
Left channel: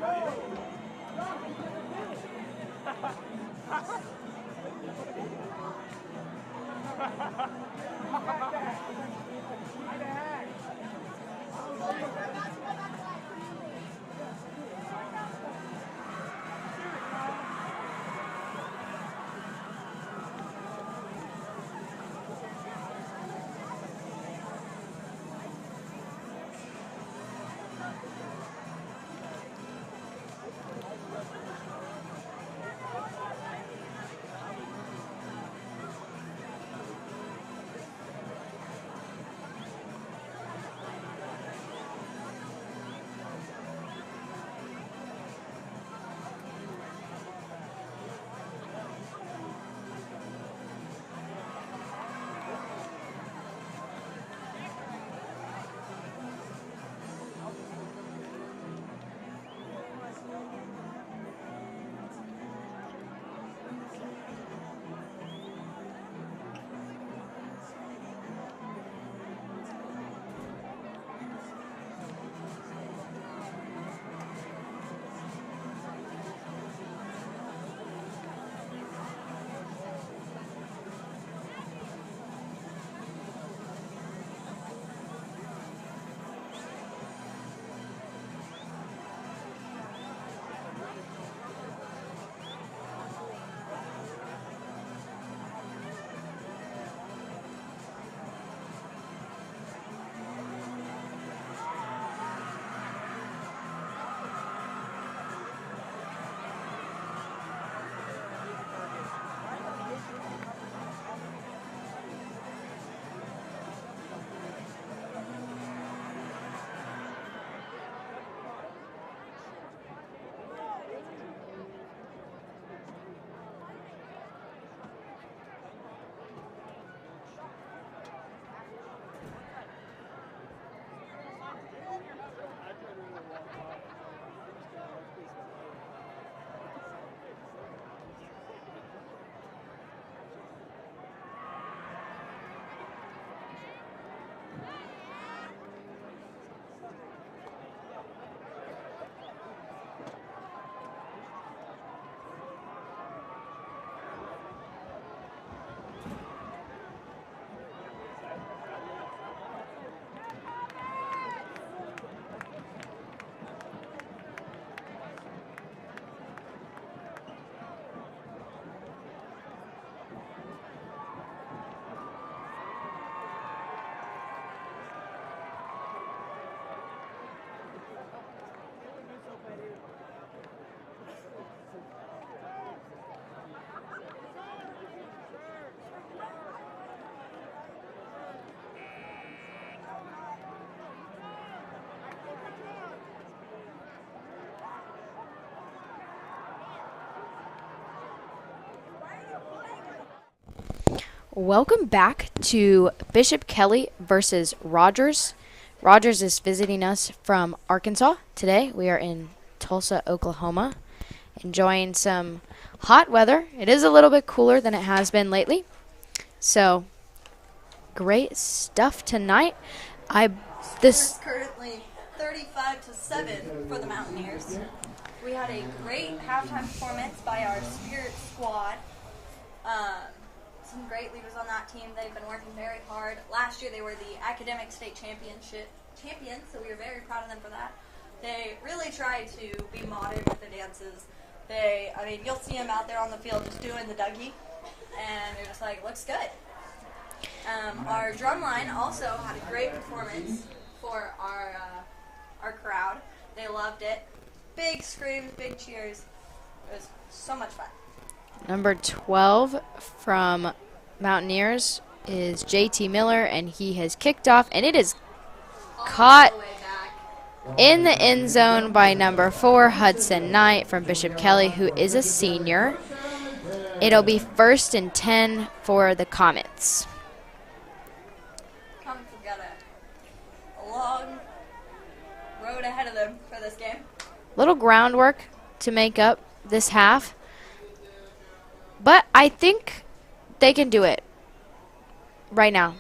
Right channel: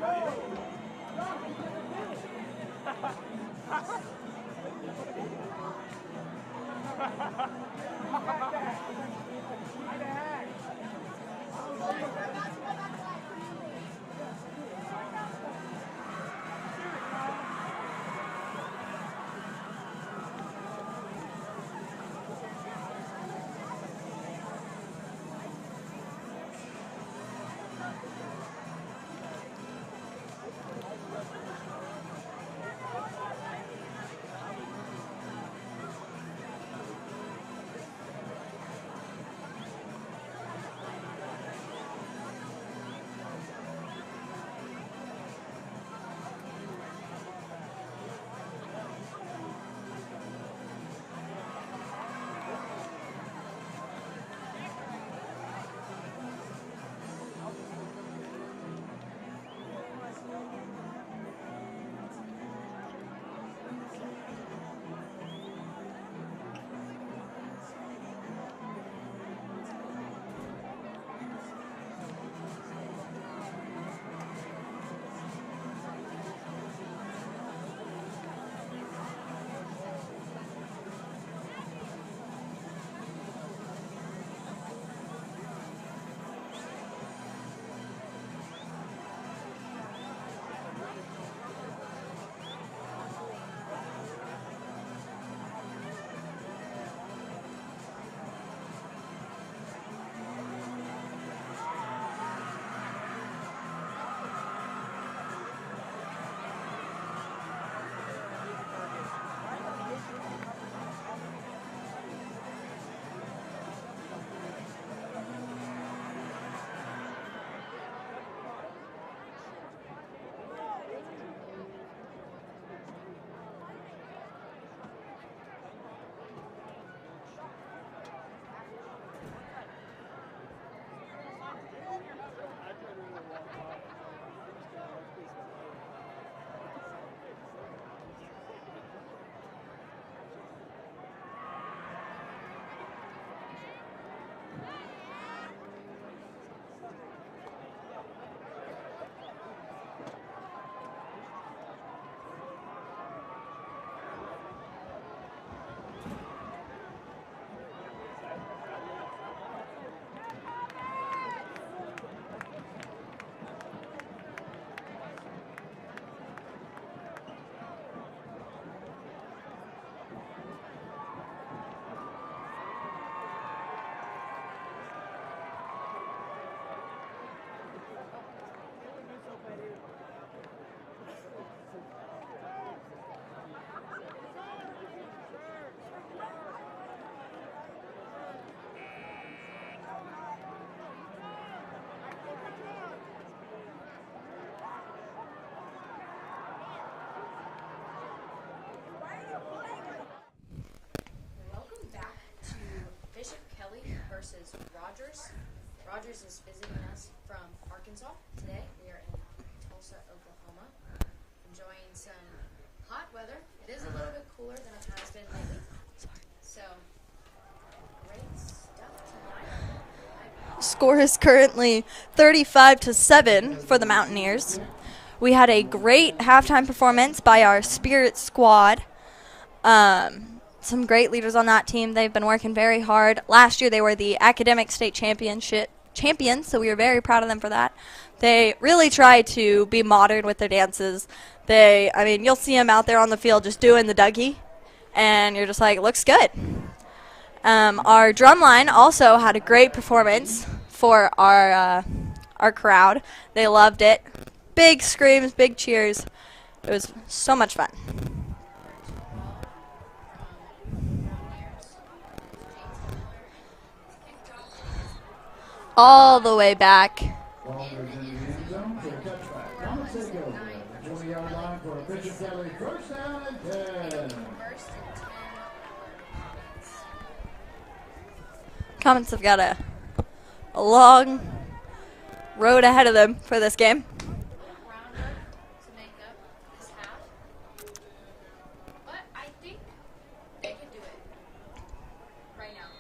Welcome back to Bishop Kelly versus Rogers. Rogers is visiting us from Arkansas today. We are in Tulsa, Oklahoma, enjoying some hot weather. It is a little bit cooler than it has been lately. So, great stuff tonight. Score is currently 35-7 for the Mountaineers. We had a great halftime performance by our Spirit squad. Some great leaders on that team. They've been working very hard. Last year they were the academic state champions, so we are very proud of them for that. They really try to be modern with their dances. You'll see them out there on the field just doing the Dougie, and you're just like, looks good. Our drum line also had a great performance for our crowd. They loved it. Big screams, big cheers. It was so much fun. Number 12 from Mountaineers is JT Miller, and he has kicked off, and it is all the way back in the end zone by number 4, Hudson Knight from Bishop Kelly, who is a senior. It'll be 1st and 10 for the Comets. Comets have got a long road ahead of them for this game. Little groundwork to make up this half, but I think they can do it right now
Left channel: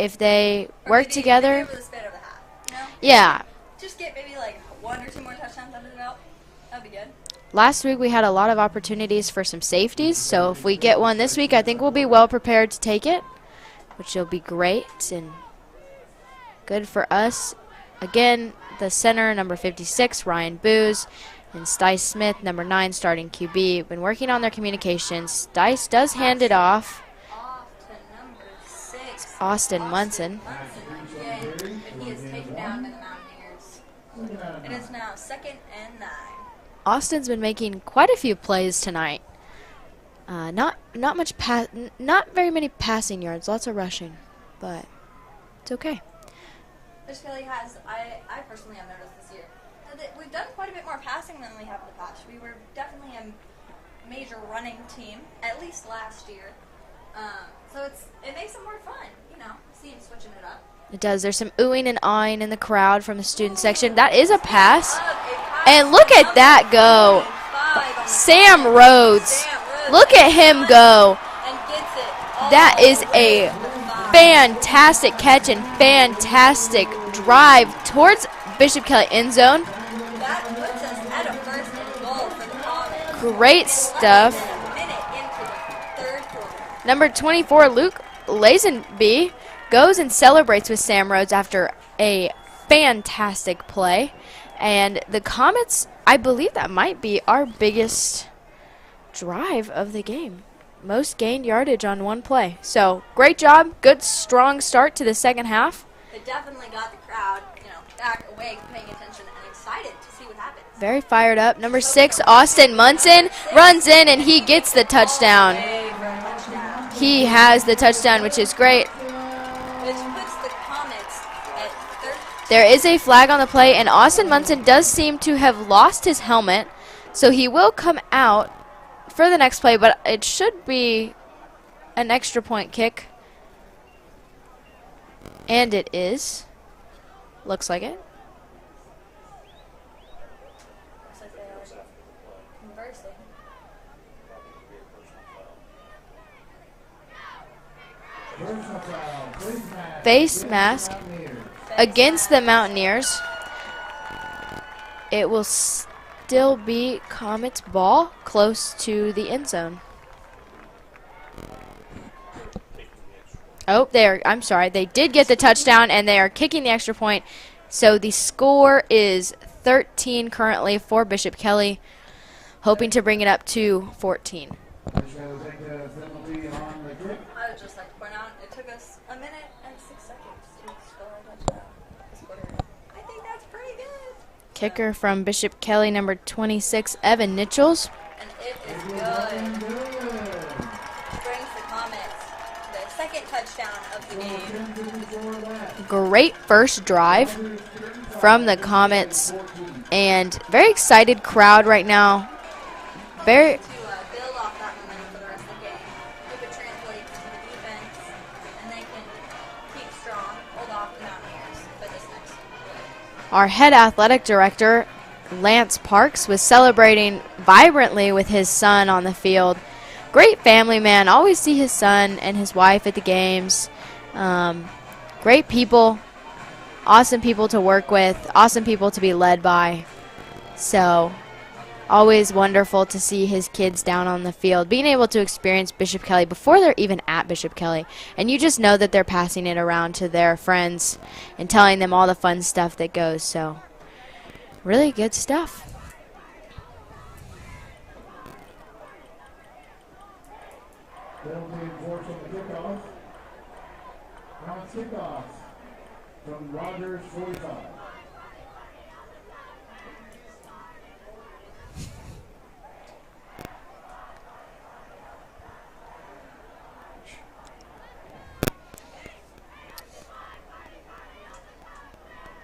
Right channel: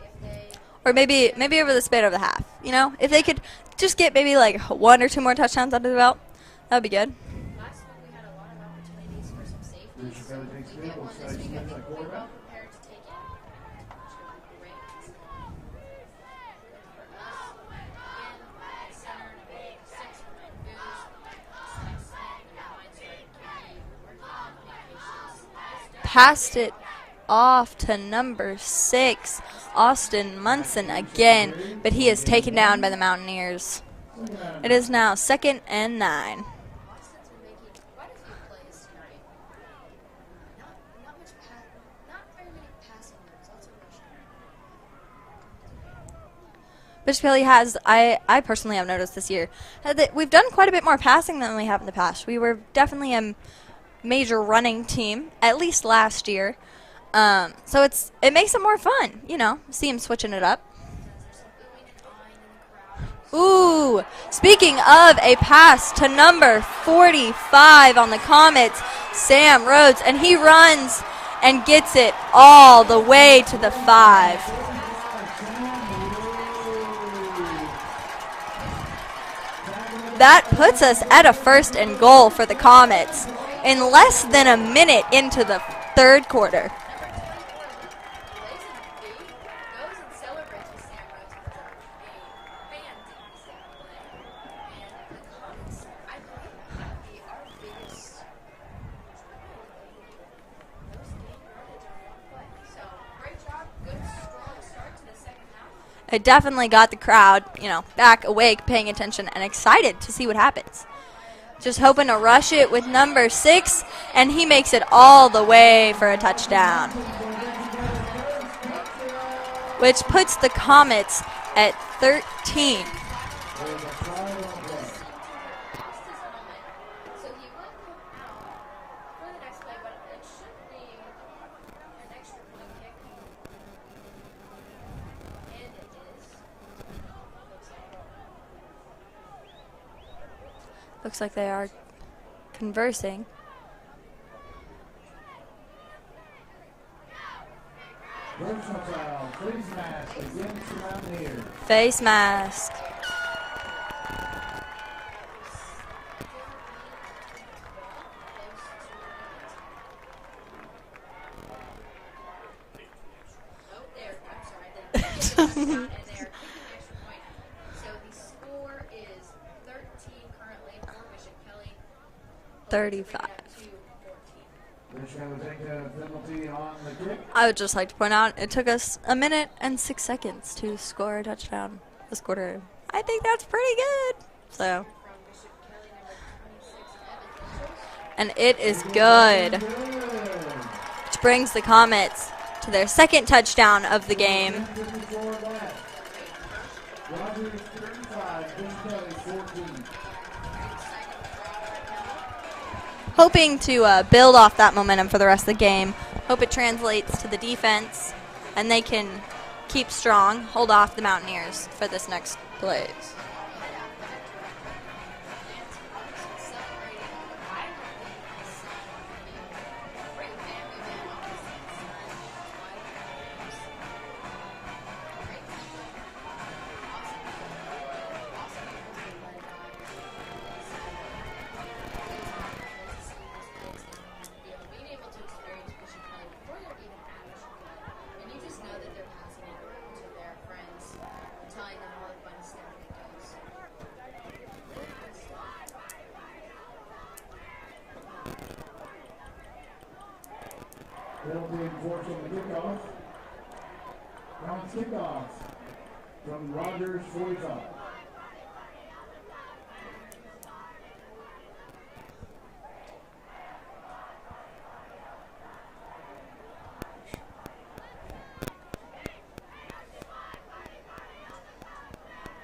if they work together. Maybe over the span of the half, you know? If yeah. they could just get maybe like 1 or 2 more touchdowns under the belt, that would be good. Last week we had a lot of opportunities for some safeties, so if we get one this week, I think we'll be well prepared to take it, which will be great and good for us. Again, the center, number 56, Ryan Booz, and Stice Smith, number 9, starting QB. Been working on their communications. Stice does hand it off to number 6, Austin Munson again, but he is taken down by the Mountaineers. It is now 2nd and 9. Austin's been making quite a few plays tonight. Not very many passing yards, lots of rushing, but it's okay. Bishop Kelly has, I personally have noticed this year, that we've done quite a bit more passing than we have in the past. We were definitely a major running team, at least last year. So it makes it more fun, you know, see him switching it up. It does. There's some oohing and eyeing in the crowd from the student section. That is a speaking pass. Speaking of a pass, and look at that go. 45 on the Sam Rhodes. Sam Rhodes. Look at him go. And gets it all the way to the 5. Fantastic catch and fantastic drive towards Bishop Kelly end zone. That puts us at a 1st and goal for the Comets. Great in stuff. Less than a minute into the 3rd quarter. Number 24, Luke Lazenby, goes and celebrates with Sam Rhodes after a fantastic play. And the Comets, I believe that might be our biggest drive of the game. Most gained yardage on one play. So great job. Good, strong start to the second half. It definitely got the crowd, you know, back awake, paying attention, and excited to see what happens. Very fired up. Number Just 6, Austin Munson, runs in, and he gets the touchdown. All the way for a touchdown. He has the touchdown, which is great. Which puts the Comets at 13. There is a flag on the play, and Austin Munson does seem to have lost his helmet, so he will come out for the next play, but it should be an extra point kick. And it is. Looks like it. Looks like they are conversing. Face mask against the Mountaineers. It will still be Comets ball close to the end zone. Oh, I'm sorry. They did get the touchdown, and they are kicking the extra point. So the score is 13 currently for Bishop Kelly, hoping to bring it up to 14. I would just like to point out it took us 1 minute and 6 seconds to score a touchdown this quarter. I think that's pretty good. Kicker from Bishop Kelly, number 26, Evan Nichols. And it is good. Which brings the Comets to their 2nd touchdown of the game. Great first drive from the Comets, and very excited crowd right now. Hoping to build off that momentum for the rest of the game. Hope it translates to the defense, and they can keep strong, hold off the Mountaineers for this next play. Our head athletic director, Lance Parks, was celebrating vibrantly with his son on the field. Great family man. Always see his son and his wife at the games. Great people. Awesome people to work with. Awesome people to be led by. So always wonderful to see his kids down on the field, being able to experience Bishop Kelly before they're even at Bishop Kelly. And you just know that they're passing it around to their friends and telling them all the fun stuff that goes. So really good stuff. Penalty enforced on the kickoff. Comets kickoff from Rogers 45.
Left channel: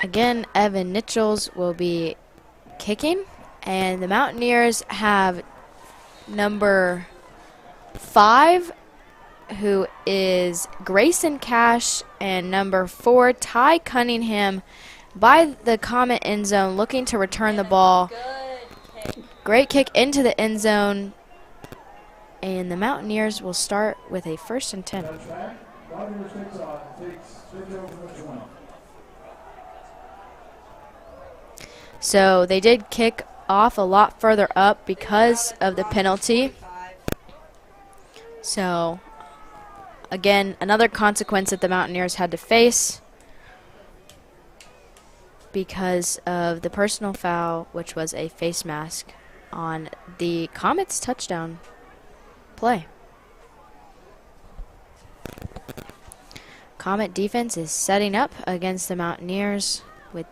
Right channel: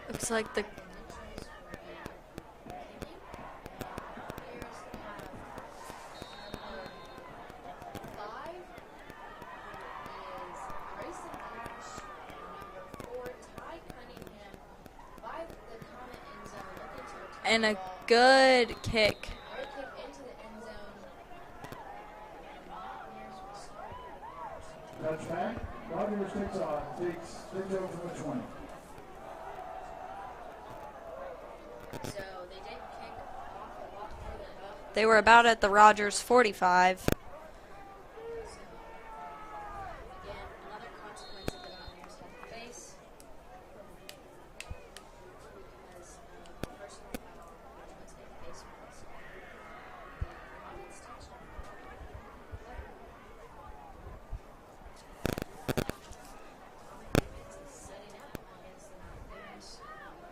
Again, Evan Nichols will be kicking, and the Mountaineers have number 5, who is Grayson Cash, and number 4, Ty Cunningham, by the Comet end zone, looking to return the ball. Good kick. Great kick into the end zone, and the Mountaineers will start with a 1st and 10. Touchback. Rogers takes off. Takes over from the 20. So they did kick off a lot further up They were about because at the of the Rogers penalty. 45. So, again, another consequence that the Mountaineers had to face because of the personal foul, which was a face mask on the Comets touchdown play. Comet defense is setting up against the Mountaineers with.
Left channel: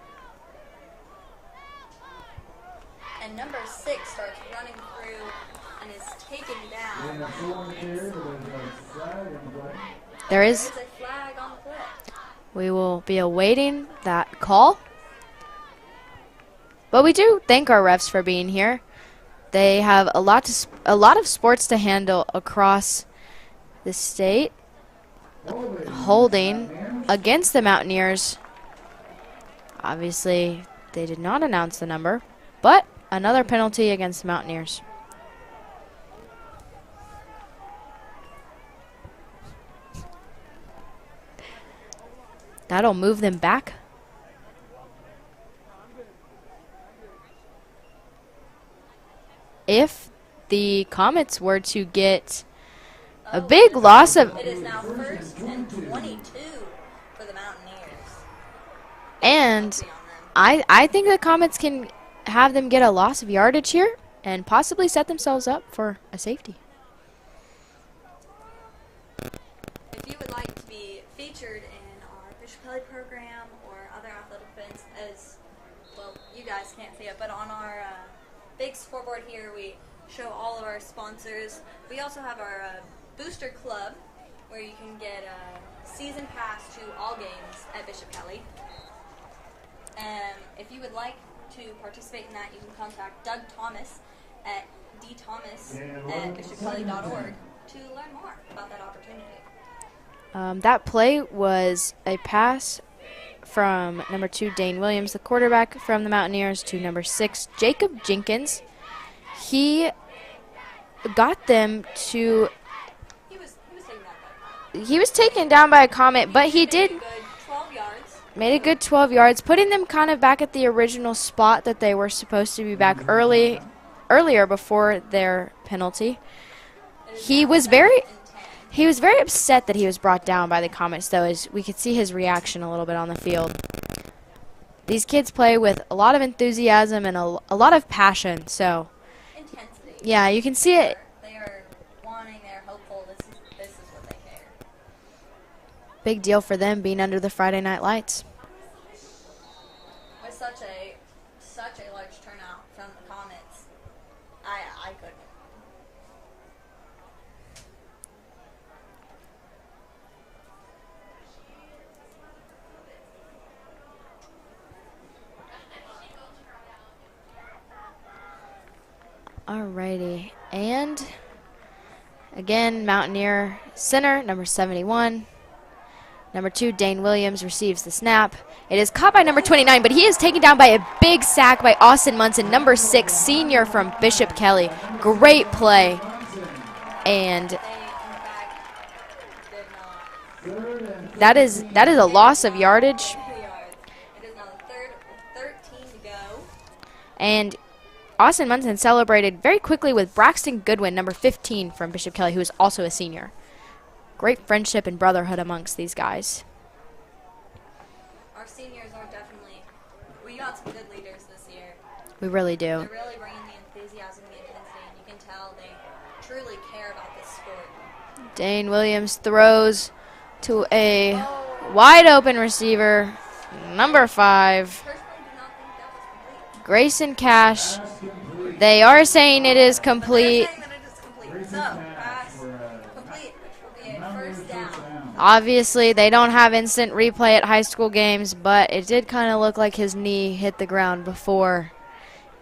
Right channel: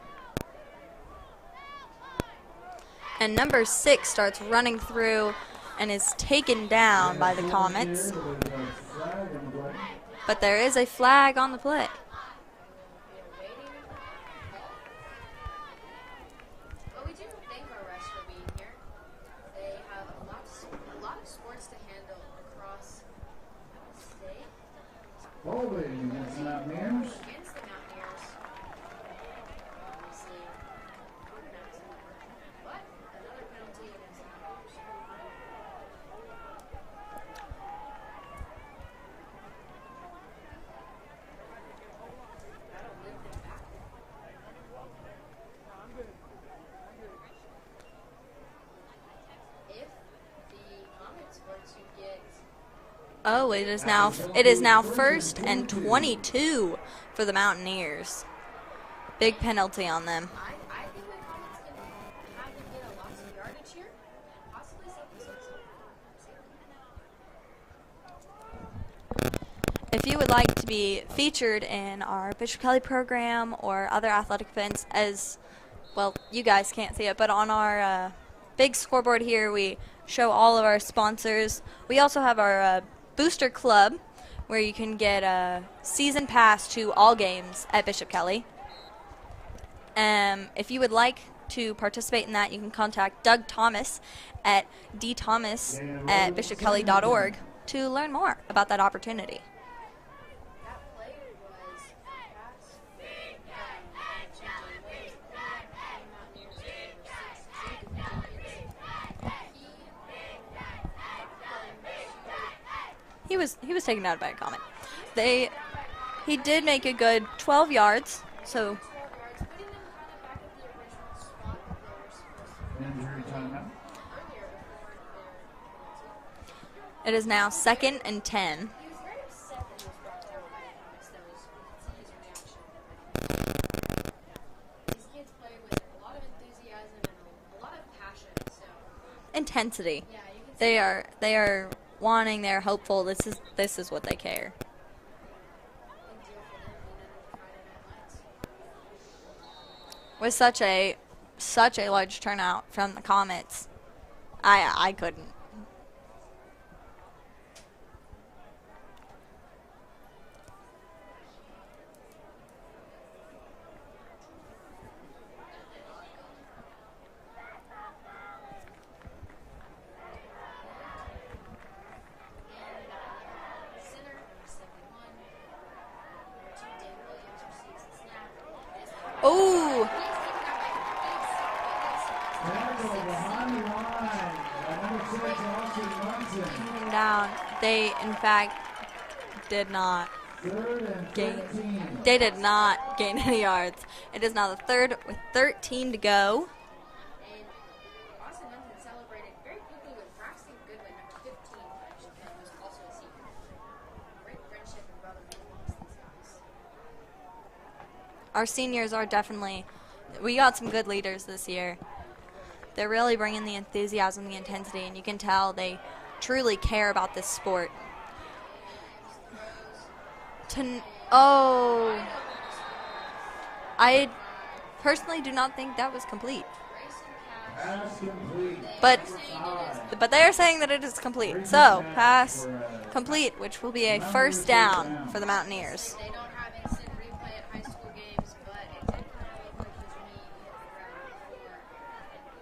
And number 6 starts running through and is taken down by the Comets. But there is a flag on the play. We will be awaiting that call. But we do thank our refs for being here. They have a lot of sports to handle across the state. Holding against the Mountaineers. Obviously, they did not announce the number, but another penalty against the Mountaineers. That'll move them back. If the Comets were to get a big loss of... It is now 1st and 22 for the Mountaineers. Big And penalty on them. I think the Comets can have them get a loss of yardage here and possibly set themselves up for a safety. If you would like to be featured in our Bishop Kelly program or other athletic events, as well, you guys can't see it, but on our big scoreboard here, we show all of our sponsors. We also have our Booster Club, where you can get a season pass to all games at Bishop Kelly. If you would like to participate in that, you can contact Doug Thomas at dthomas@bishopkelly.org to learn more about that opportunity. That play was a pass from number 2, Dane Williams, the quarterback from the Mountaineers, to number 6, Jacob Jenkins. He got them to... He was taken down by a Comet. He was taken down by a Comet, but he did make a good 12 yards. Made a good 12 yards, putting them kind of back at the original spot that they were supposed to be back earlier before their penalty. It is now 2nd and 10. He was very upset that he was brought down by the Comets, though, as we could see his reaction a little bit on the field. These kids play with a lot of enthusiasm and a lot of passion, so... Intensity. Yeah, you can see it. They are wanting, they're hopeful. This is what they care. Big deal for them being under the Friday night lights. With such a large turnout from the Comets, I couldn't. Alrighty, and Again, Mountaineer center, number 71. Number 2, Dane Williams receives the snap. It is caught by number 29, but he is taken down by a big sack by Austin Munson, number 6, senior from Bishop Kelly. Great play. And they, in fact, did not. That is a loss of yardage. Gain any yards. It is now the third with 13 to go. And Austin Munson celebrated very quickly with Braxton Goodwin, number 15 from Bishop Kelly, who is also a senior. Great friendship and brotherhood amongst these guys. Our seniors are definitely, we got some good leaders this year. We really do. They're really bringing the enthusiasm, the intensity, and you can tell they truly care about this sport. Dane Williams throws to a wide open receiver, number 5. Personally do not think that was complete. Grayson Cash. They are saying it is complete. But they're saying that it is complete. So, pass complete, which will be a first down. For the Obviously, they don't have instant replay at high school games, but it did kind of look like his knee hit the ground before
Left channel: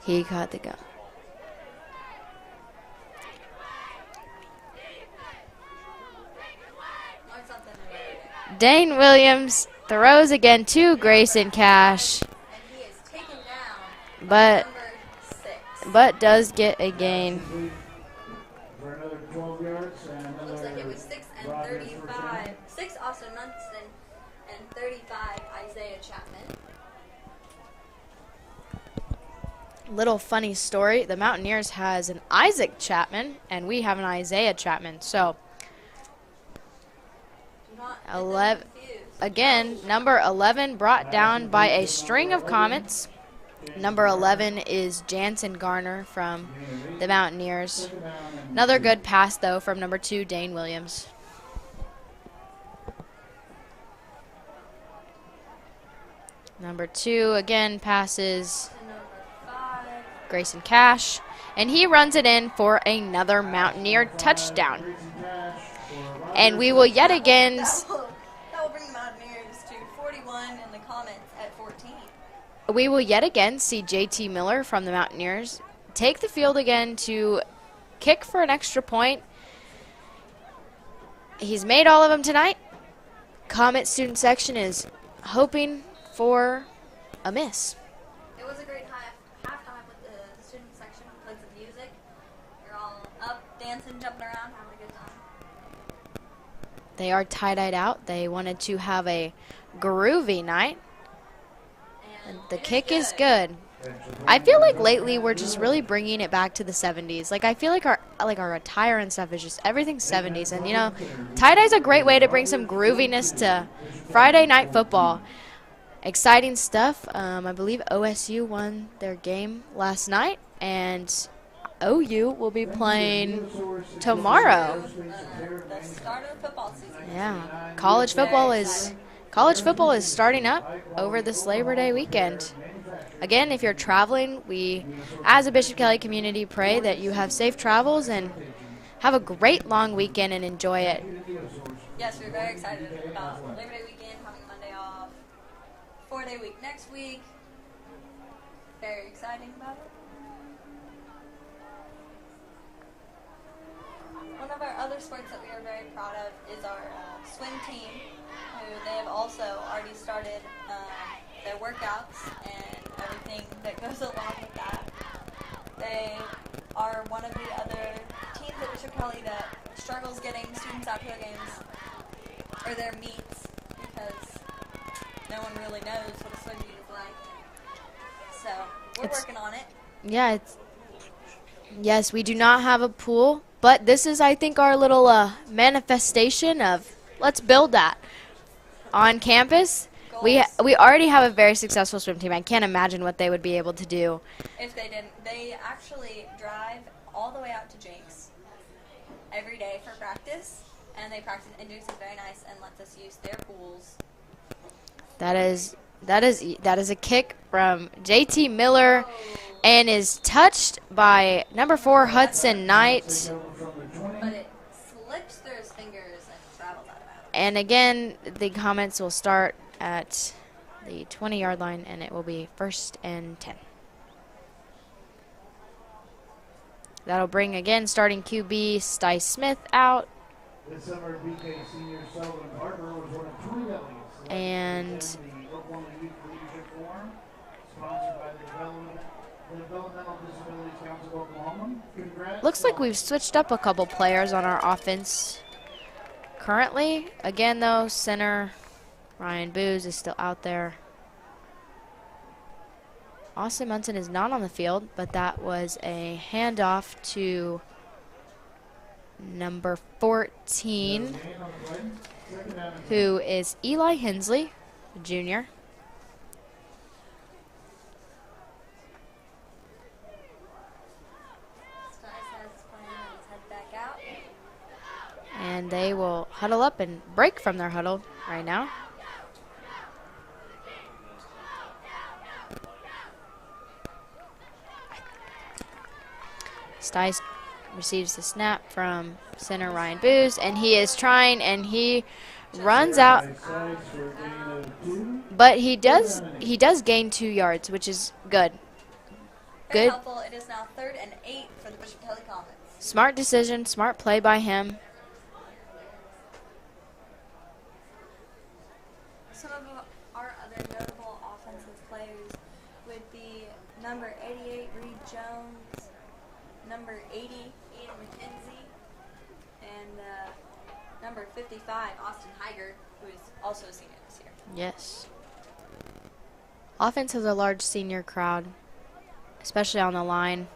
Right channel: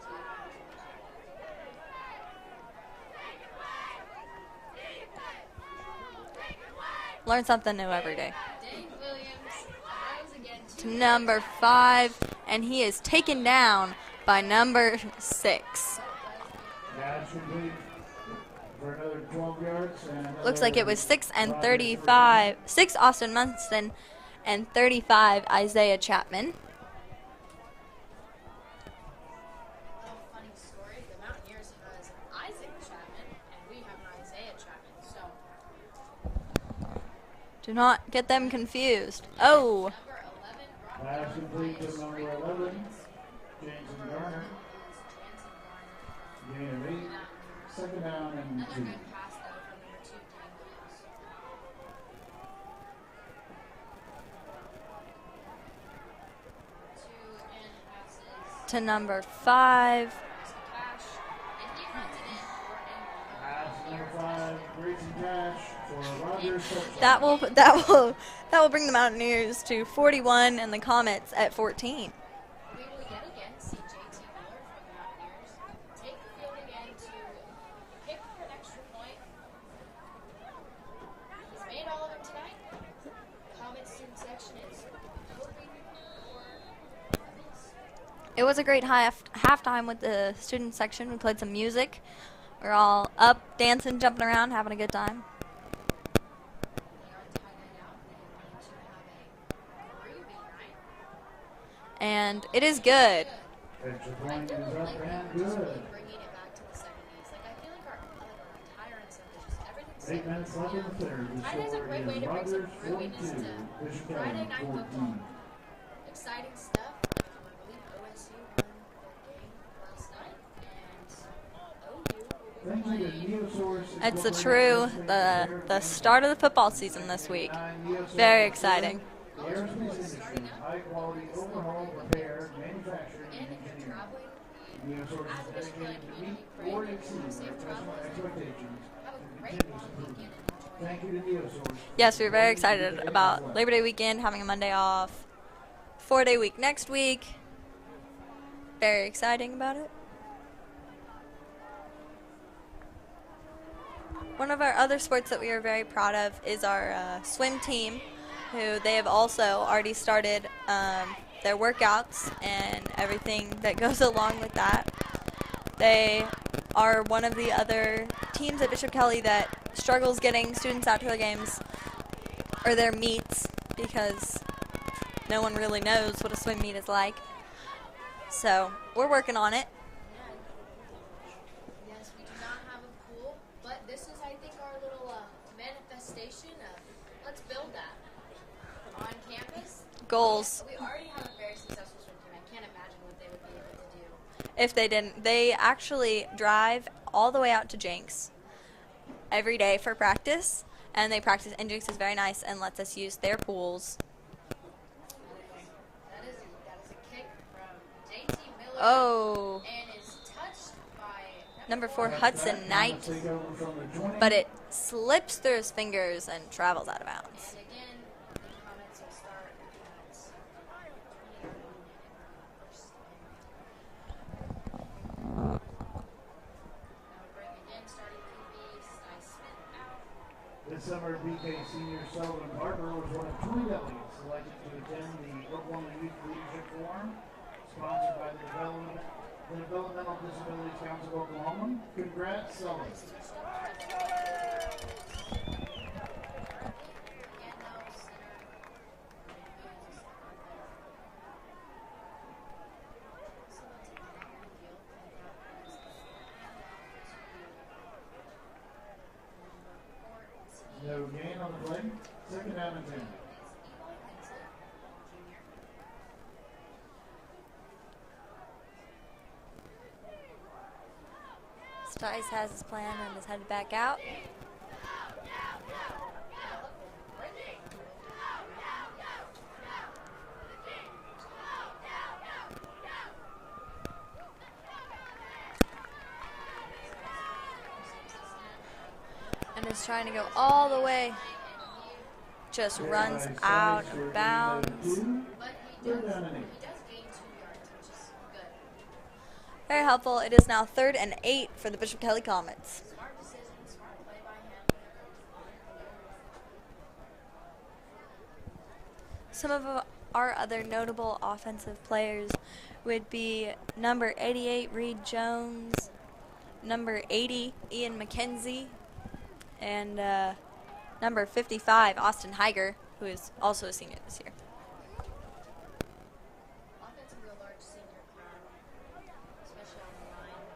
he caught the gun. Learn something new every day. Dane Williams throws again to Grayson Cash. 5, and he is taken down by number 6. But does get a gain. For another 12 yards. Looks like it was 6 and 35. 6 Austin Munson and 35 Isaiah Chapman. Little funny story. The Mountaineers has an Isaac Chapman, and we have an Isaiah Chapman. So do not get them confused. Again, number 11 brought down by a string of Comets. Number 11 is Jansen Garner from the Mountaineers. Another good pass, though, from number 2, Dane Williams. Number 2 again passes to number 5, Grayson Cash, and he runs it in for another Mountaineer touchdown. And we will yet again. That will bring the Mountaineers to 41 and the Comets at 14. We will yet again see JT Miller from the Mountaineers take the field again to kick for an extra point. He's made all of them tonight. Comet student section is hoping for a miss. It was a great halftime with the student section. We played some music. We're all up, dancing, jumping around, having a good time. They are tie-dyed out. They wanted to have a groovy night. And the kick is good. I feel like lately we're just really bringing it back to the 70s. Like I feel like our attire and stuff is just everything 70s. And you know, tie-dye is a great way to bring some grooviness to Friday night football. Exciting stuff. I believe OSU won their game last night, and OU will be playing tomorrow. The start of the football season this week. College football is starting up over this Labor Day weekend. Again, if you're traveling, we, as a Bishop Kelly community, pray that you have safe travels and have a great long weekend and enjoy it. Yes, we're very excited about Labor Day weekend, having a Monday off, 4-day week next week. Very exciting about it. One of our other sports that we are very proud of is our swim team, who they have also already started their workouts and everything that goes along with that. They are one of the other teams at Bishop Kelly that struggles getting students out to their games or their meets because no one really knows what a swim meet is like. So we're working on it. Yeah, yes, we do not have a pool, but this is, I think, our little manifestation of let's build that on campus. Goals. We already have a very successful swim team. I can't imagine what they would be able to do if they didn't. They actually drive all the way out to Jenks every day for practice, and they practice. And Jenks is very nice and lets us use their pools. That is a kick from JT Miller, and is touched by number 4 Hudson Knight. But it slips through his fingers and travels out of bounds. And again, the Comets will start at the 20-yard line, and it will be 1st and 10. That'll bring, again, starting QB Sty Smith out. This summer, BK senior Sullivan Barber was one of 3 delegates And the Oklahoma Youth Leadership Forum, sponsored by the Developmental Disabilities Council of Oklahoma. Congrats. looks like we've switched up a couple players on our offense currently. Again, though, center Ryan Booz is still out there. Austin Munson is not on the field, but that was a handoff to number 14, who is Eli Hensley, junior. Stice has his plan and is headed back out. And they will huddle up and break from their huddle right now. Stice receives the snap from center He's Ryan trying to go Booz, and all he the is way. trying, and he Just runs out, of bounds. but he does gain 2 yards, which is good. Very Good. helpful. It is now 3rd and 8 for the Bishop Kelly Comets. Smart decision, smart play by him. Some of our other notable offensive players would be number 88, Reed Jones, number 80, Ian McKenzie, and number 55, Austin Heiger, who is also a senior this year. Yes. Offense has a large senior crowd, especially on the line.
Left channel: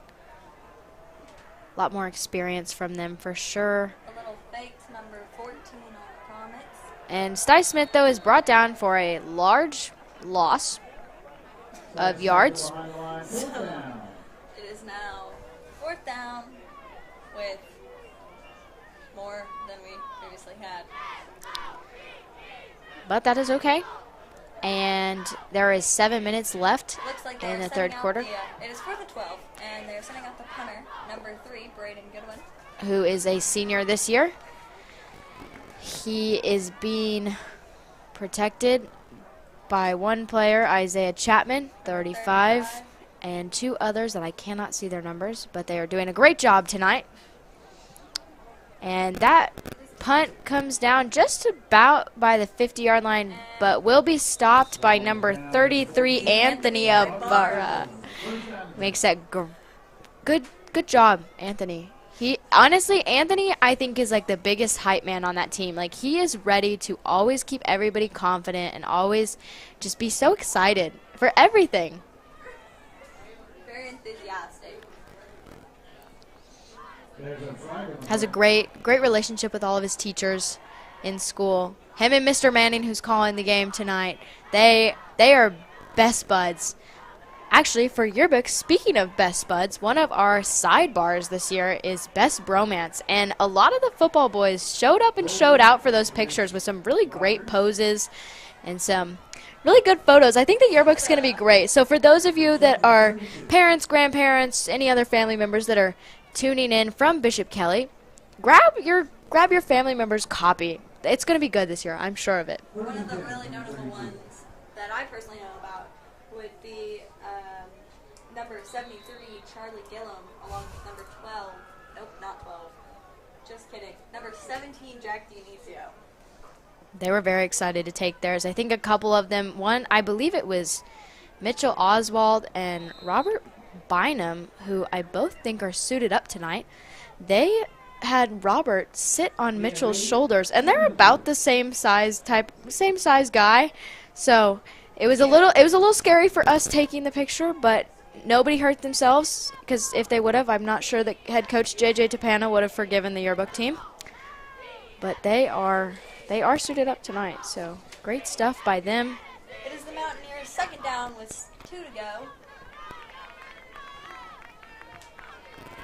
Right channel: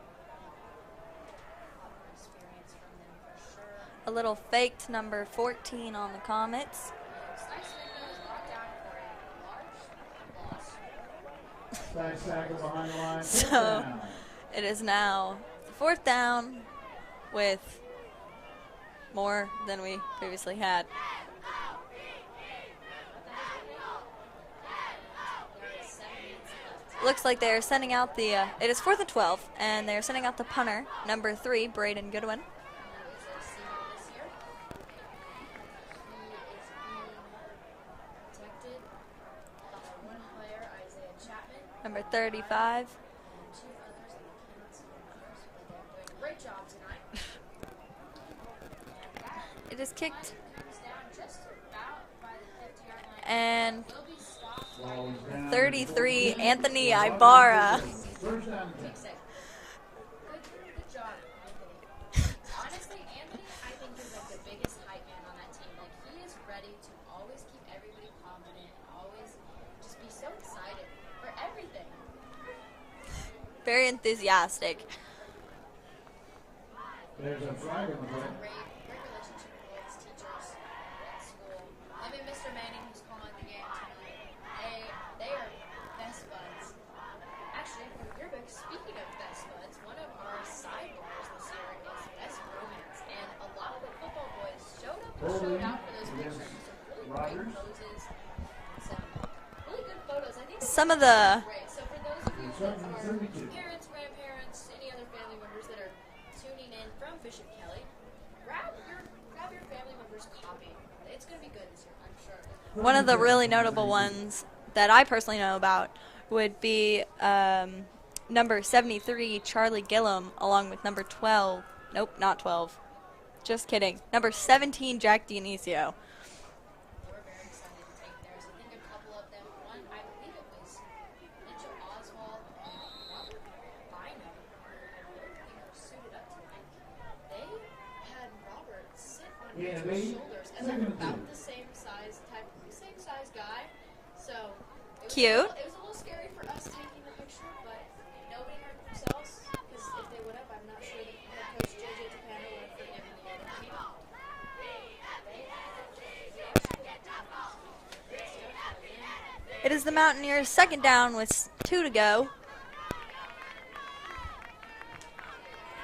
A lot more experience from them for sure. A little faked number 14 on the Comets. And Sty Smith, though, is brought down for a large loss of yards. So it is now 4th down with more than we previously had. But that is okay. And there is 7 minutes left. Looks like they in are the sending third out quarter. it is 4th and 12, and they're sending out the punter, number 3, Braden Goodwin. Who is a senior this year. He is being protected by one player, Isaiah Chapman, Number 35, and 2 others that I cannot see their numbers, but they are doing a great job tonight. And that It is kicked. punt comes down just about by the 50-yard line, And but will be stopped by number 33, Anthony Ibarra. Makes that good job, Anthony. Anthony, I think, is like the biggest hype man on that team. Like, he is ready to always keep everybody confident and always just be so excited for everything. Very enthusiastic. Has a great relationship with all of his teachers in school. Him and Mr. Manning, who's calling the game tonight, they are best buds. Actually, for yearbook, speaking of best buds, one of our sidebars this year is best bromance. And a lot of the football boys showed up and showed out for those pictures with some really great poses and some really good photos. I think the yearbook's going to be great. So for those of you that are parents, grandparents, any other family members that are tuning in from Bishop Kelly, grab your family member's copy. It's going to be good this year. I'm sure of it. One of the really notable ones that I personally know about would be number 73, Charlie Gillum, along with number 12. Nope, not 12. Just kidding. Number 17, Jack Dionisio. They were very excited to take theirs. I think a couple of them, I believe it was Mitchell Oswald and Robert Bynum, who I both think are suited up tonight. They had Robert sit on Mitchell's shoulders, and they're about the same size guy. So it was a little scary for us taking the picture, but nobody hurt themselves, because if they would have, I'm not sure that head coach JJ Tapana would have forgiven the yearbook team. But they are suited up tonight, so great stuff by them. It is the Mountaineers' 2nd down with 2 to go.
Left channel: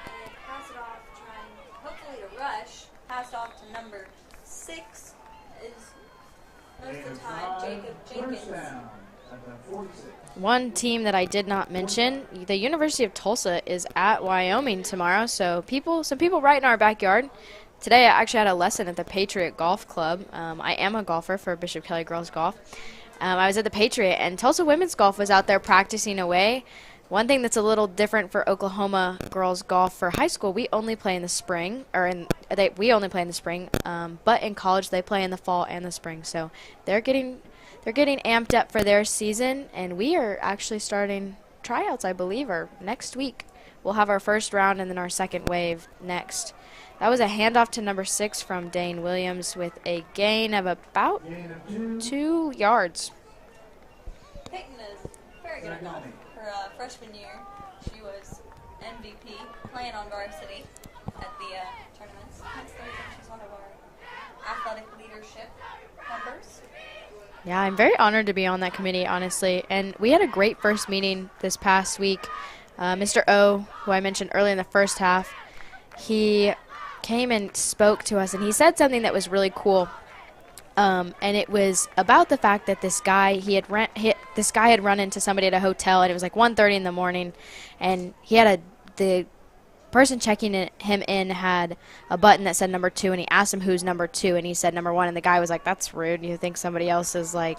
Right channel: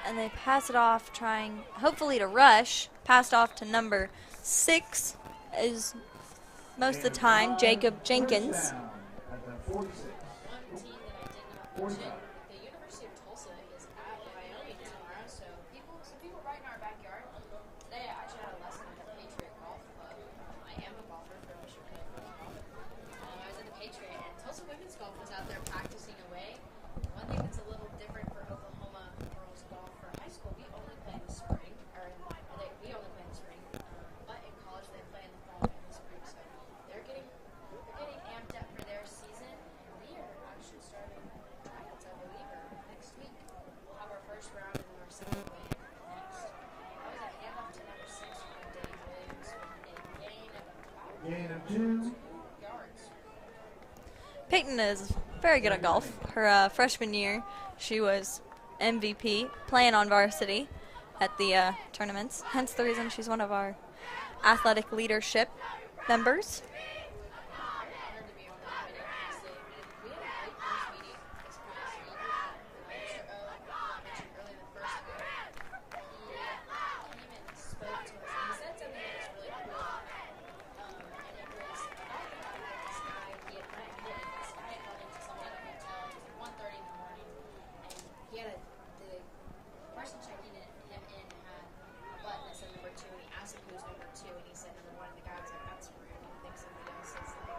And they pass it off, trying hopefully to rush. Passed off to number 6 is most of the time Jacob Jenkins. One team that I did not mention, the University of Tulsa is at Wyoming tomorrow, so some people right in our backyard. Today I actually had a lesson at the Patriot Golf Club. I am a golfer for Bishop Kelly Girls Golf. I was at the Patriot, and Tulsa Women's Golf was out there practicing away. One thing that's a little different for Oklahoma girls golf for high school, we only play in the spring, we only play in the spring, but in college they play in the fall and the spring. So they're getting amped up for their season, and we are actually starting tryouts, I believe, or next week. We'll have our first round and then our second wave next. That was a handoff to number 6 from Dane Williams with a gain of about 2 yards. Peyton is very good at golf. Her freshman year, she was MVP, playing on varsity at the tournaments. Hence the reason she's one of our athletic leadership members. Yeah, I'm very honored to be on that committee, honestly. And we had a great first meeting this past week. Mr. O, who I mentioned earlier in the first half, he came and spoke to us, and he said something that was really cool. And it was about the fact that this guy had run into somebody at a hotel, and it was like 1:30 in the morning, and he had the person checking him in had a button that said number 2, and he asked him who's number 2, and he said number 1, and the guy was like, "That's rude. You think somebody else is like,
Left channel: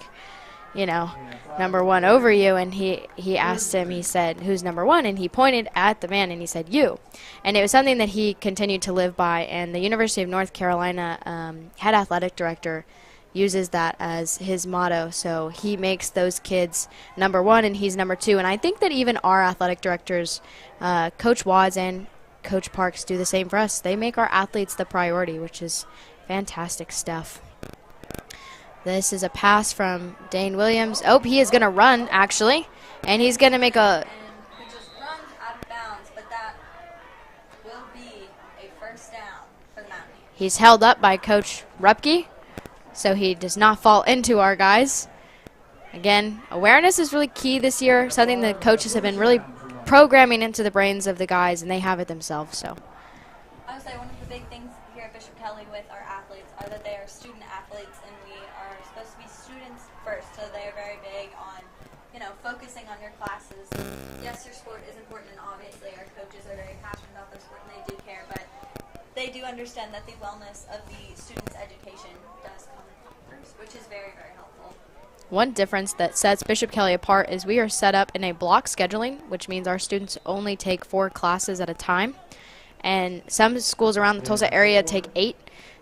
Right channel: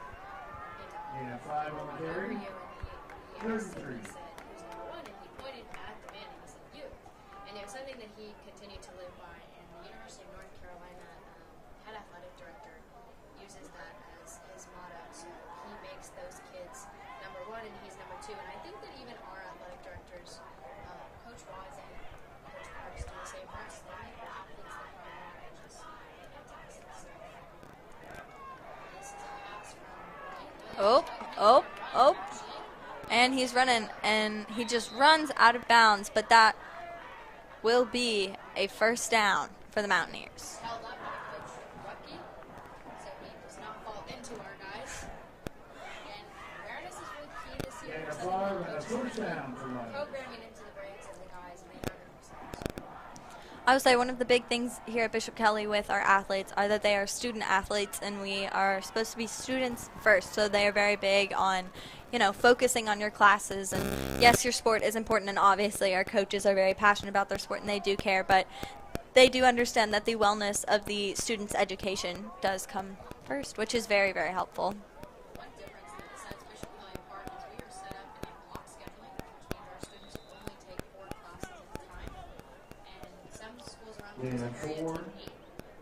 number 1 over you?" And he asked him, he said, "Who's number 1?" And he pointed at the man and he said, "You." And it was something that he continued to live by, and the University of North Carolina head athletic director uses that as his motto. So he makes those kids number 1 and he's number 2. And I think that even our athletic directors, Coach Wads and Coach Parks, do the same for us. They make our athletes the priority, which is fantastic stuff. This is a pass from Dane Williams. He is going to run, actually. And he's going to make And he just runs out of bounds, but that will be a first down for the Mountaineers. He's held up by Coach Rupke, so he does not fall into our guys. Again, awareness is really key this year, something that coaches have been really programming into the brains of the guys, and they have it themselves. So I would say one of the big things here at Bishop Kelly with our athletes are that they are student athletes, and we are supposed to be students first. So they are very big on, focusing on your classes. And yes, your sport is important, and obviously our coaches are very passionate about their sport, and they do care, but they do understand that the wellness of the students' education does come first, which is very, very helpful. One difference that sets Bishop Kelly apart is we are set up in a block scheduling, which means our students only take 4 classes at a time. And some schools around the Tulsa area take 8.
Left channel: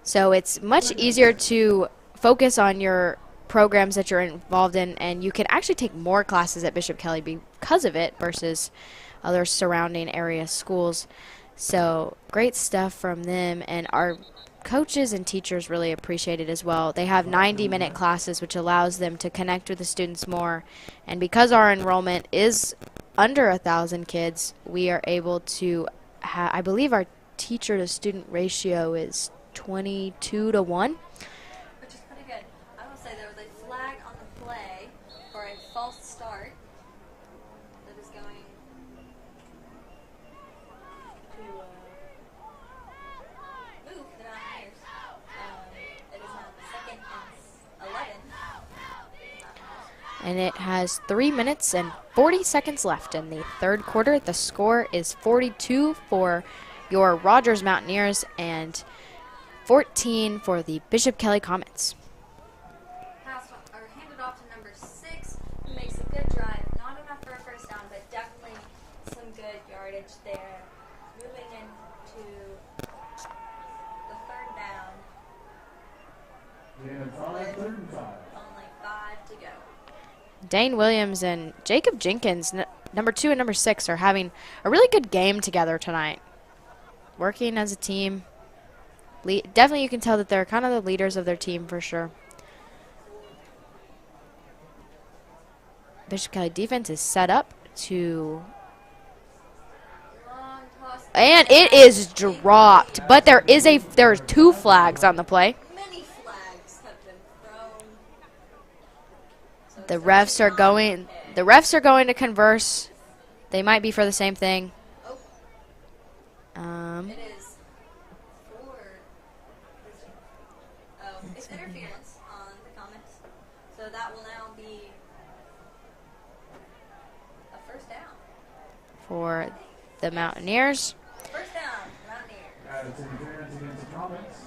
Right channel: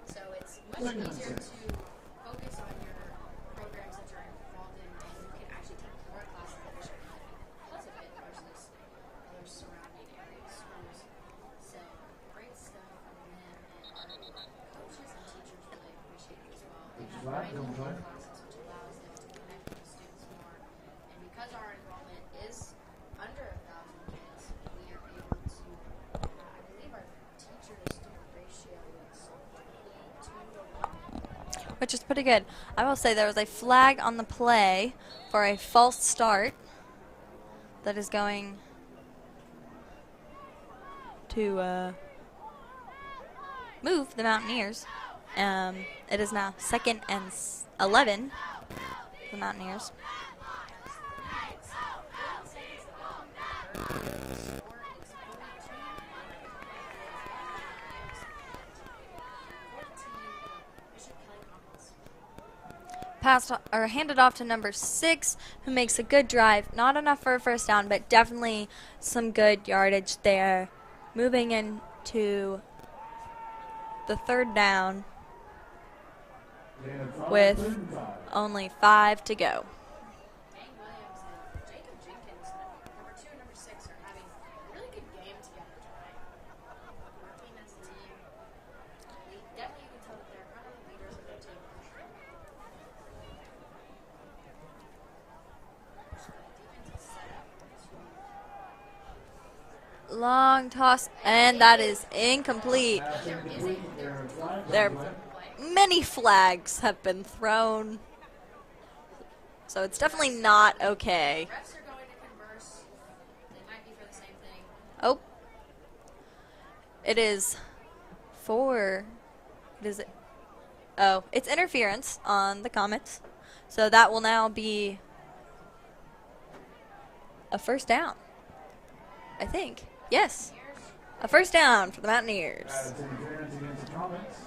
So it's much easier to focus on your programs that you're involved in, and you can actually take more classes at Bishop Kelly because of it versus other surrounding area schools. So great stuff from them, and our coaches and teachers really appreciate it as well. They have 90-minute classes, which allows them to connect with the students more. And because our enrollment is under 1,000 kids, we are able to I believe our teacher-to-student ratio is 22-1. Which is pretty good. I will say there was a flag on the play for a false start that is going to move the Mountaineers. It is now 2nd and 11 for the Mountaineers. And it has 3 minutes and 40 seconds left in the third quarter. The score is 42 for your Rogers Mountaineers and 14 for the Bishop Kelly Comets. Passed or handed off to number 6, who makes a good drive. Not enough for a first down, but definitely some good yardage there. Moving into the third down with only 5 to go. Dane Williams and Jacob Jenkins, number 2 and number 6, are having a really good game together tonight. Working as a team. Definitely you can tell that they're kind of the leaders of their team for sure. Bishop Kelly defense is set up to... Long toss. And it is dropped. But there are 2 flags on the play. Many flags have been thrown. So it's The refs are going to converse. They might be for the same thing. Oh. It is for. It's interference on the Comets. So that will now be a first down. For I think the Mountaineers. A first down for the Mountaineers. It's interference against the Comets.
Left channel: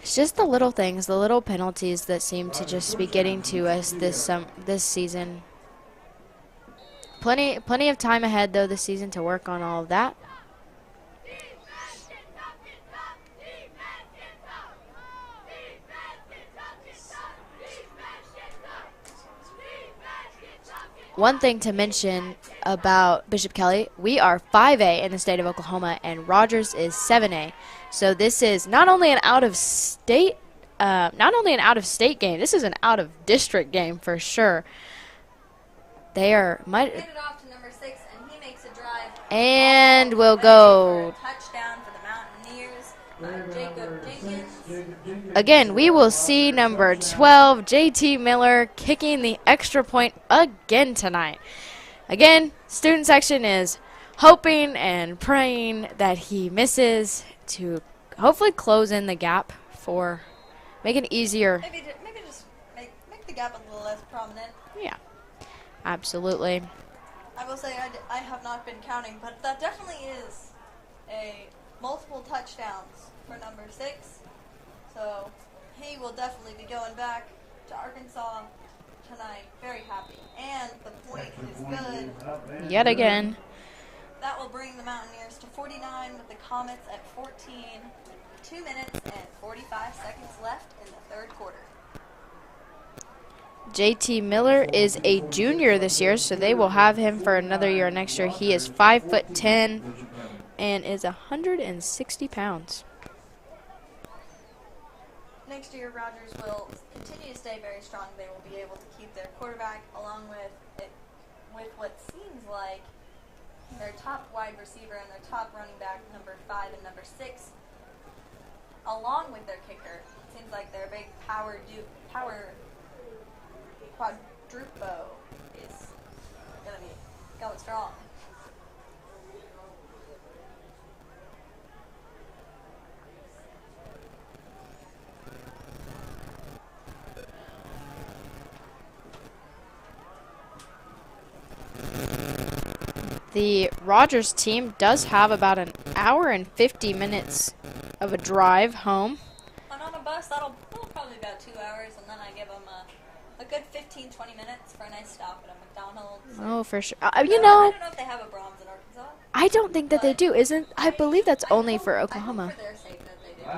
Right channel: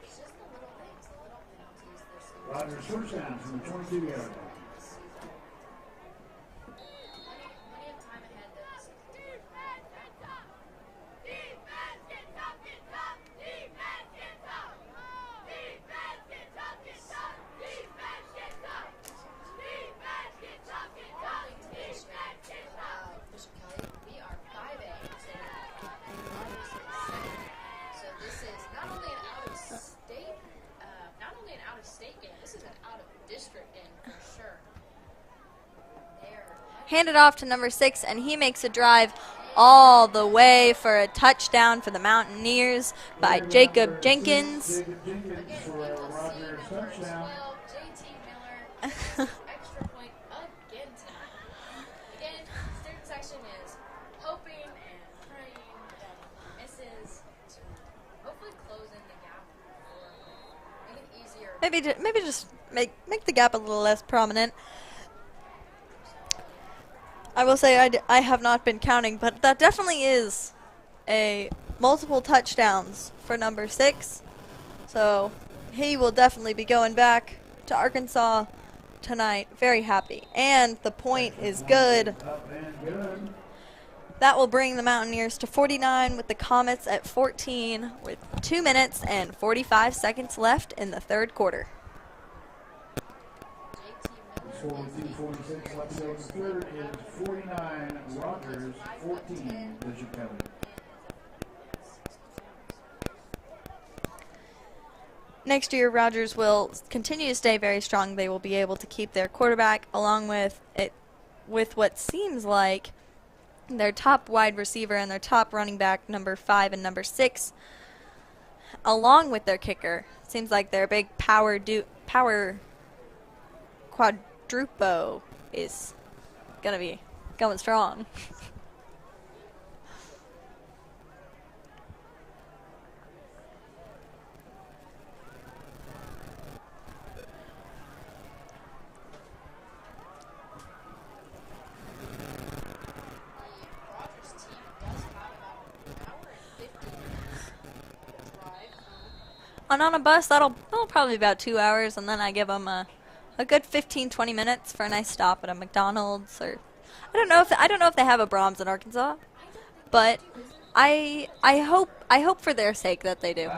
It's just the little things, the little penalties that seem to just be getting to us this season. Plenty of time ahead, though, this season to work on all of that. One thing to mention about Bishop Kelly, we are 5A in the state of Oklahoma, and Rogers is 7A. So this is not only an out-of-state game, this is an out-of-district game for sure. They are handed off to number 6, and he makes a drive and all the way for a touchdown for the Mountaineers by Jacob Jenkins. Again, we will see number 12, JT Miller, kicking the extra point again tonight. Again, student section is hoping and praying that he misses to hopefully close in the gap for make it easier. Maybe just make the gap a little less prominent. Yeah. Absolutely. I will say I have not been counting, but that definitely is a multiple touchdowns for number 6. So he will definitely be going back to Arkansas tonight. Very happy. And the point is good. Yet again. That will bring the Mountaineers to 49 with the Comets at 14 with 2 minutes and 45 seconds left in the third quarter. JT Miller is a junior this year, so they will have him for another year next year. He is 5'10" and is 160 pounds. Next year, Rogers will continue to stay very strong. They will be able to keep their quarterback along with what seems like their top wide receiver and their top running back, number 5 and number 6, along with their kicker. Seems like their big power quadrupo is gonna be going strong. The Rogers team does have about an hour and 50 minutes of a drive home. And on a bus, that'll probably be about 2 hours, and then I give them a good 15-20 minutes for a nice stop at a McDonald's. Oh, for sure. I don't know if they have a Brahms in Arkansas. I don't think that they do. I believe that's only for Oklahoma. I hope for their sake that they do.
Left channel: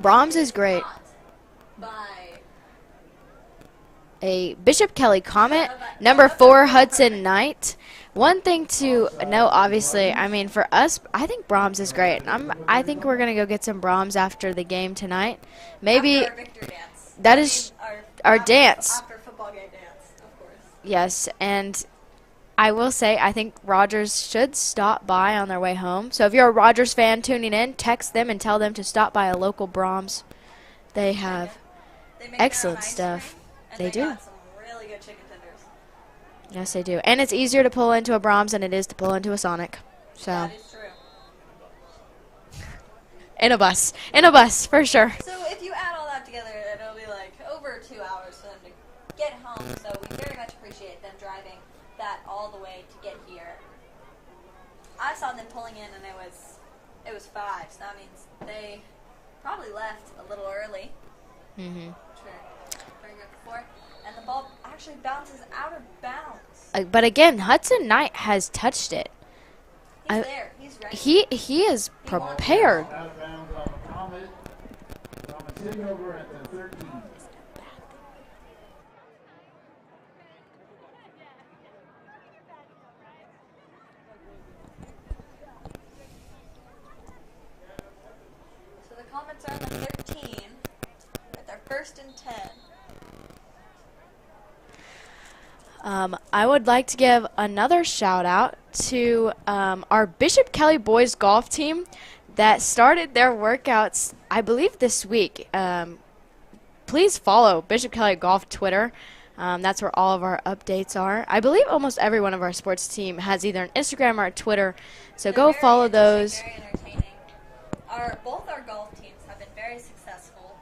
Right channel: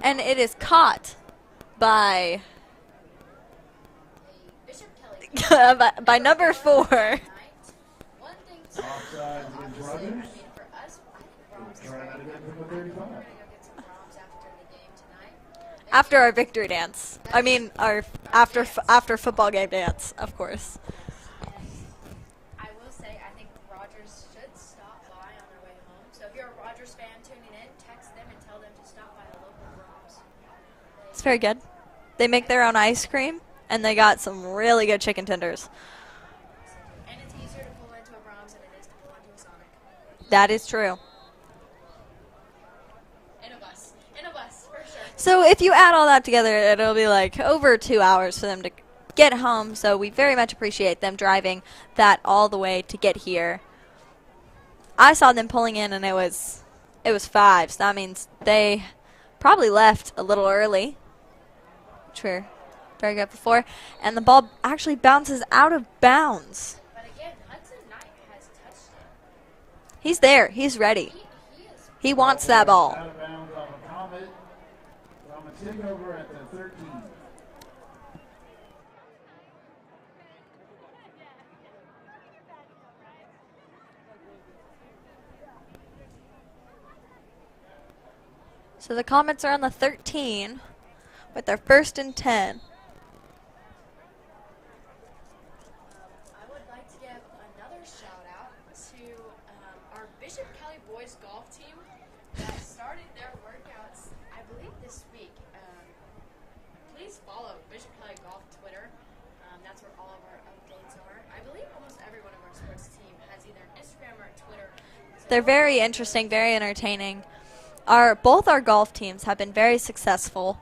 Brahms and is great. Taught by a Bishop Kelly Comet, number 4 Hudson Knight. One thing to know, obviously, I mean, for us, I think Brahms is great. I think we're going to go get some Brahms after the game tonight. Maybe after our victory dance. Our dance. After football game dance, of course. Yes, and I will say I think Rogers should stop by on their way home. So if you're a Rogers fan tuning in, text them and tell them to stop by a local Brahms. It's very good. They make their own ice stuff. cream, and they got some really good chicken tenders. Yes, they do. And it's easier to pull into a Brahms than it is to pull into a Sonic. So. That is true. In a bus, for sure. So if you add all that together, it'll be like over 2 hours for them to get home. So we very much appreciate them driving that all the way to get here. I saw them pulling in, and it was 5. So that means they probably left a little early. Which we're very good before. And the ball actually bounces out of bounds. But again, Hudson Knight has touched it. He's there. He's ready. He is He prepared. wants that ball. Out of bounds on the Comet. Comet taking over at the 13. So the Comets are on the 13 with their 1st and 10. I would like to give another shout out to our Bishop Kelly boys golf team that started their workouts, I believe, this week. Please follow Bishop Kelly Golf Twitter. That's where all of our updates are. I believe almost every one of our sports team has either an Instagram or a Twitter. So They're go very follow interesting, those. very entertaining. Both our golf teams have been very successful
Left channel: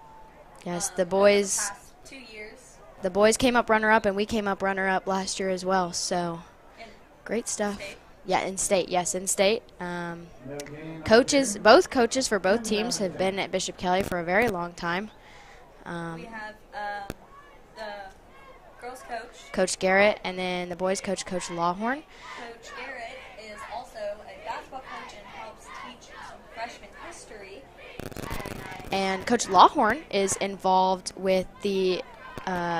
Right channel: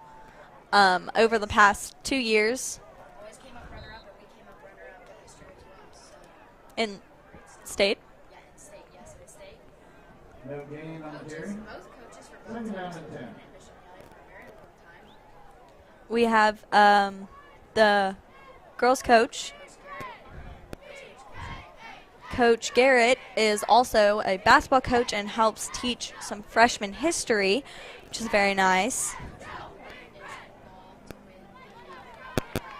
Yes, the boys, over the past 2 years. The boys came up runner-up, and we came up runner-up last year as well. So In great stuff. state? Yeah, in state. Yes, in state. No gain Coaches, both coaches for both teams have been at Bishop Kelly for a very long time. We have the girls coach. Coach Garrett, and then the boys coach, Coach Lawhorn. Coach Garrett is also a basketball coach and helps teach some freshman history, which is very nice. And Coach Lawhorn is involved with the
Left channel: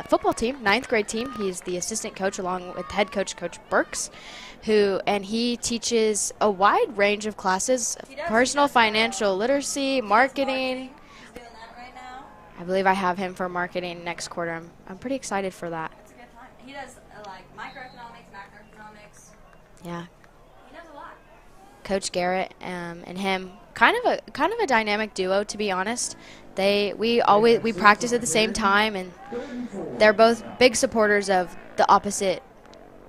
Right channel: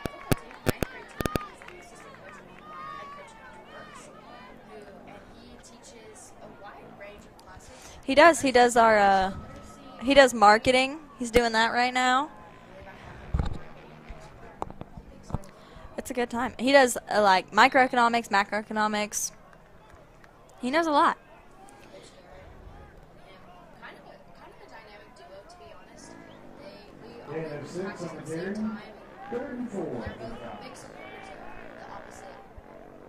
football team, 9th grade team. He's the assistant coach along with head coach, Coach Burks, and he teaches a wide range of classes. He does. Personal financial literacy, He does marketing. He's doing that right now. I believe I have him for marketing next quarter. I'm pretty excited for that. It's a good time. He does like microeconomics, macroeconomics. Yeah. He knows a lot. Coach Garrett and him, kind of a dynamic duo, to be honest. We practice at the same time, and they're both big supporters of the opposite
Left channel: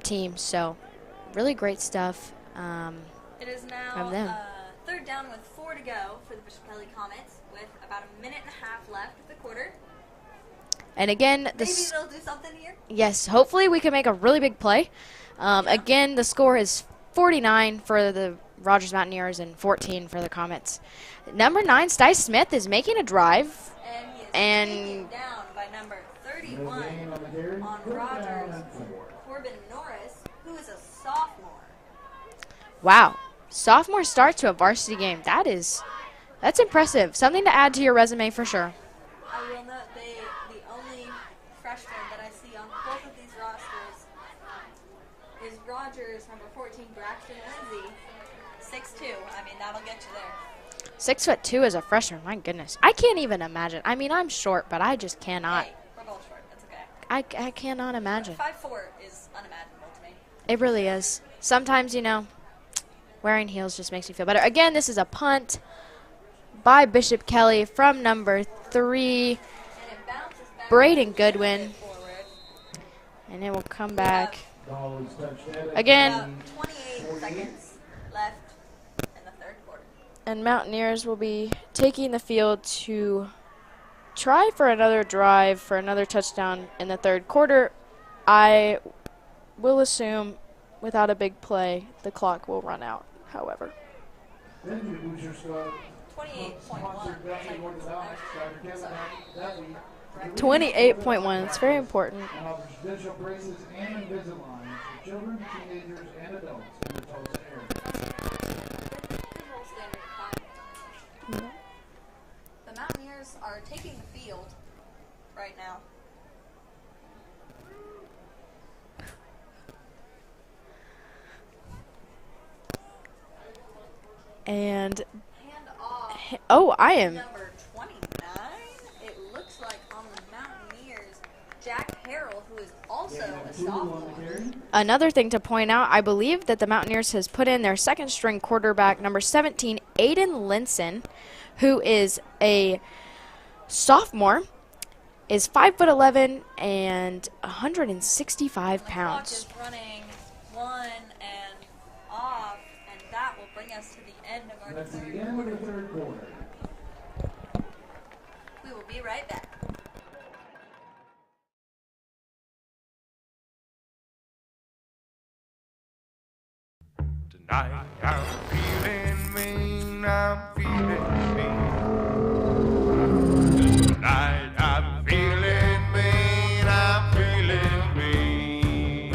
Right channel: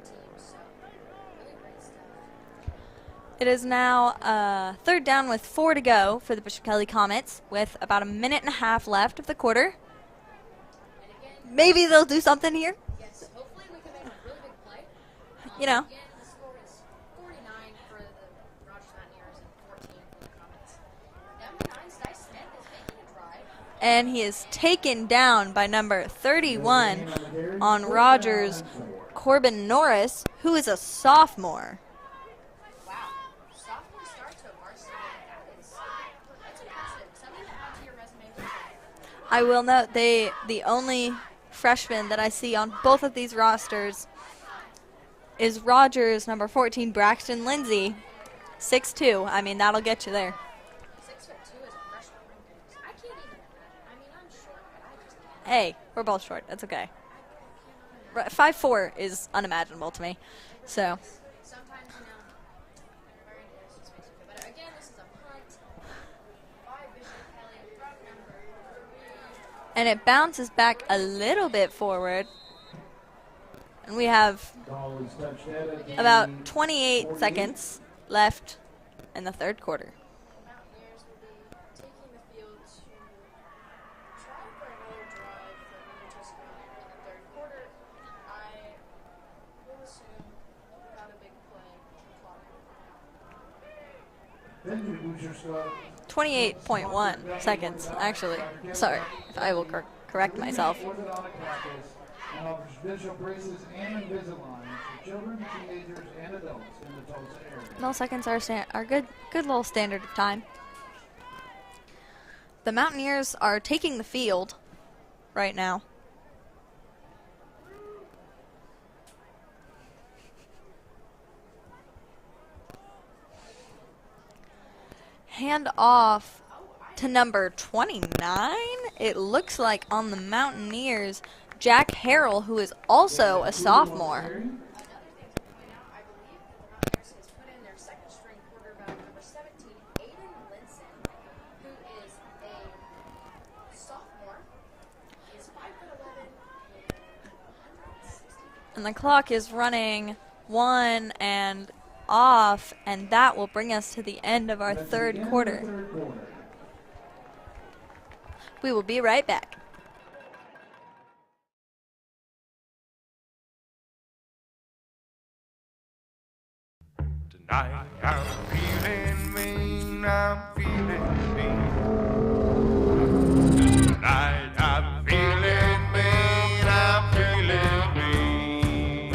team. So, really great stuff. It is now 3rd down with 4 to go for the Bishop Kelly Comets, with about a minute and a half left of the quarter. And again, maybe they'll do something here. Yes, hopefully we can make a really big play. Again, the score is 49 for the Rogers Mountaineers and 14 for the Comets. Number 9, Styce Smith, is making a drive. And he is taken down by number 31 on Rogers, Corbin Norris, who is a sophomore. Wow. Sophomore start to a varsity game. That's impressive. Something to add to your resume for sure. I will note the only freshman that I see on both of these rosters is Rogers, number 14, Braxton Lindsay, 6'2". I mean, that'll get you there. 6'2" as a freshman. My goodness. I can't even imagine. I mean, I'm short, but I just cannot. Hey, we're both short. That's okay. I cannot imagine. 5'4" is unimaginable to me. It really is. Sometimes, wearing heels just makes me feel better. Again, this is a punt by Bishop Kelly from number 3. And it bounces back Braden a Goodwin. little bit forward. And it will come We back. have again about 28 seconds left in the 3rd quarter. And Mountaineers will be taking the field to try for another drive, for another touchdown in the 3rd quarter. I will assume without a big play, the clock will run out, however. 28.1 seconds, actually. Sorry, I will correct 28.1, it's very important. And all seconds are good little standard of time. The Mountaineers are taking the field right now. And hand off to number 29. It looks like on the Mountaineers, Jack Harrell, who is also a sophomore. Another thing to point out, I believe that the Mountaineers has put in their 2nd string quarterback, number 17, Aiden Linson, who is a sophomore, is 5'11" and 165 pounds. And the clock is running 1 and off, and that will bring us to the end of our 3rd quarter. We will be right back. Tonight I'm feeling mean, I'm feeling mean. Tonight I'm feeling mean, I'm feeling mean.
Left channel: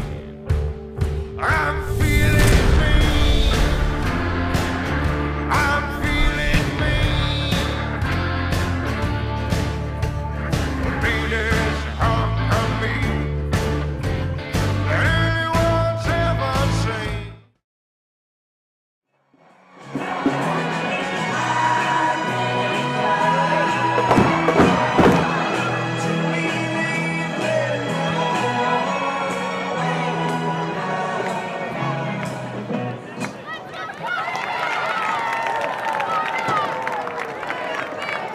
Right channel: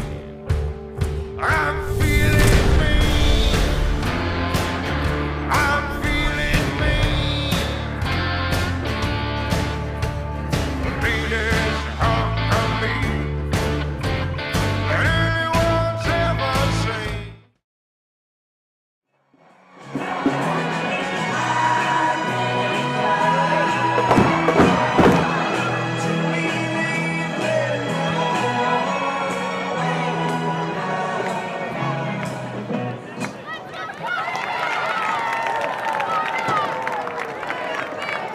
I'm feeling mean, I'm feeling mean. The meanest hunk of me that anyone's ever seen.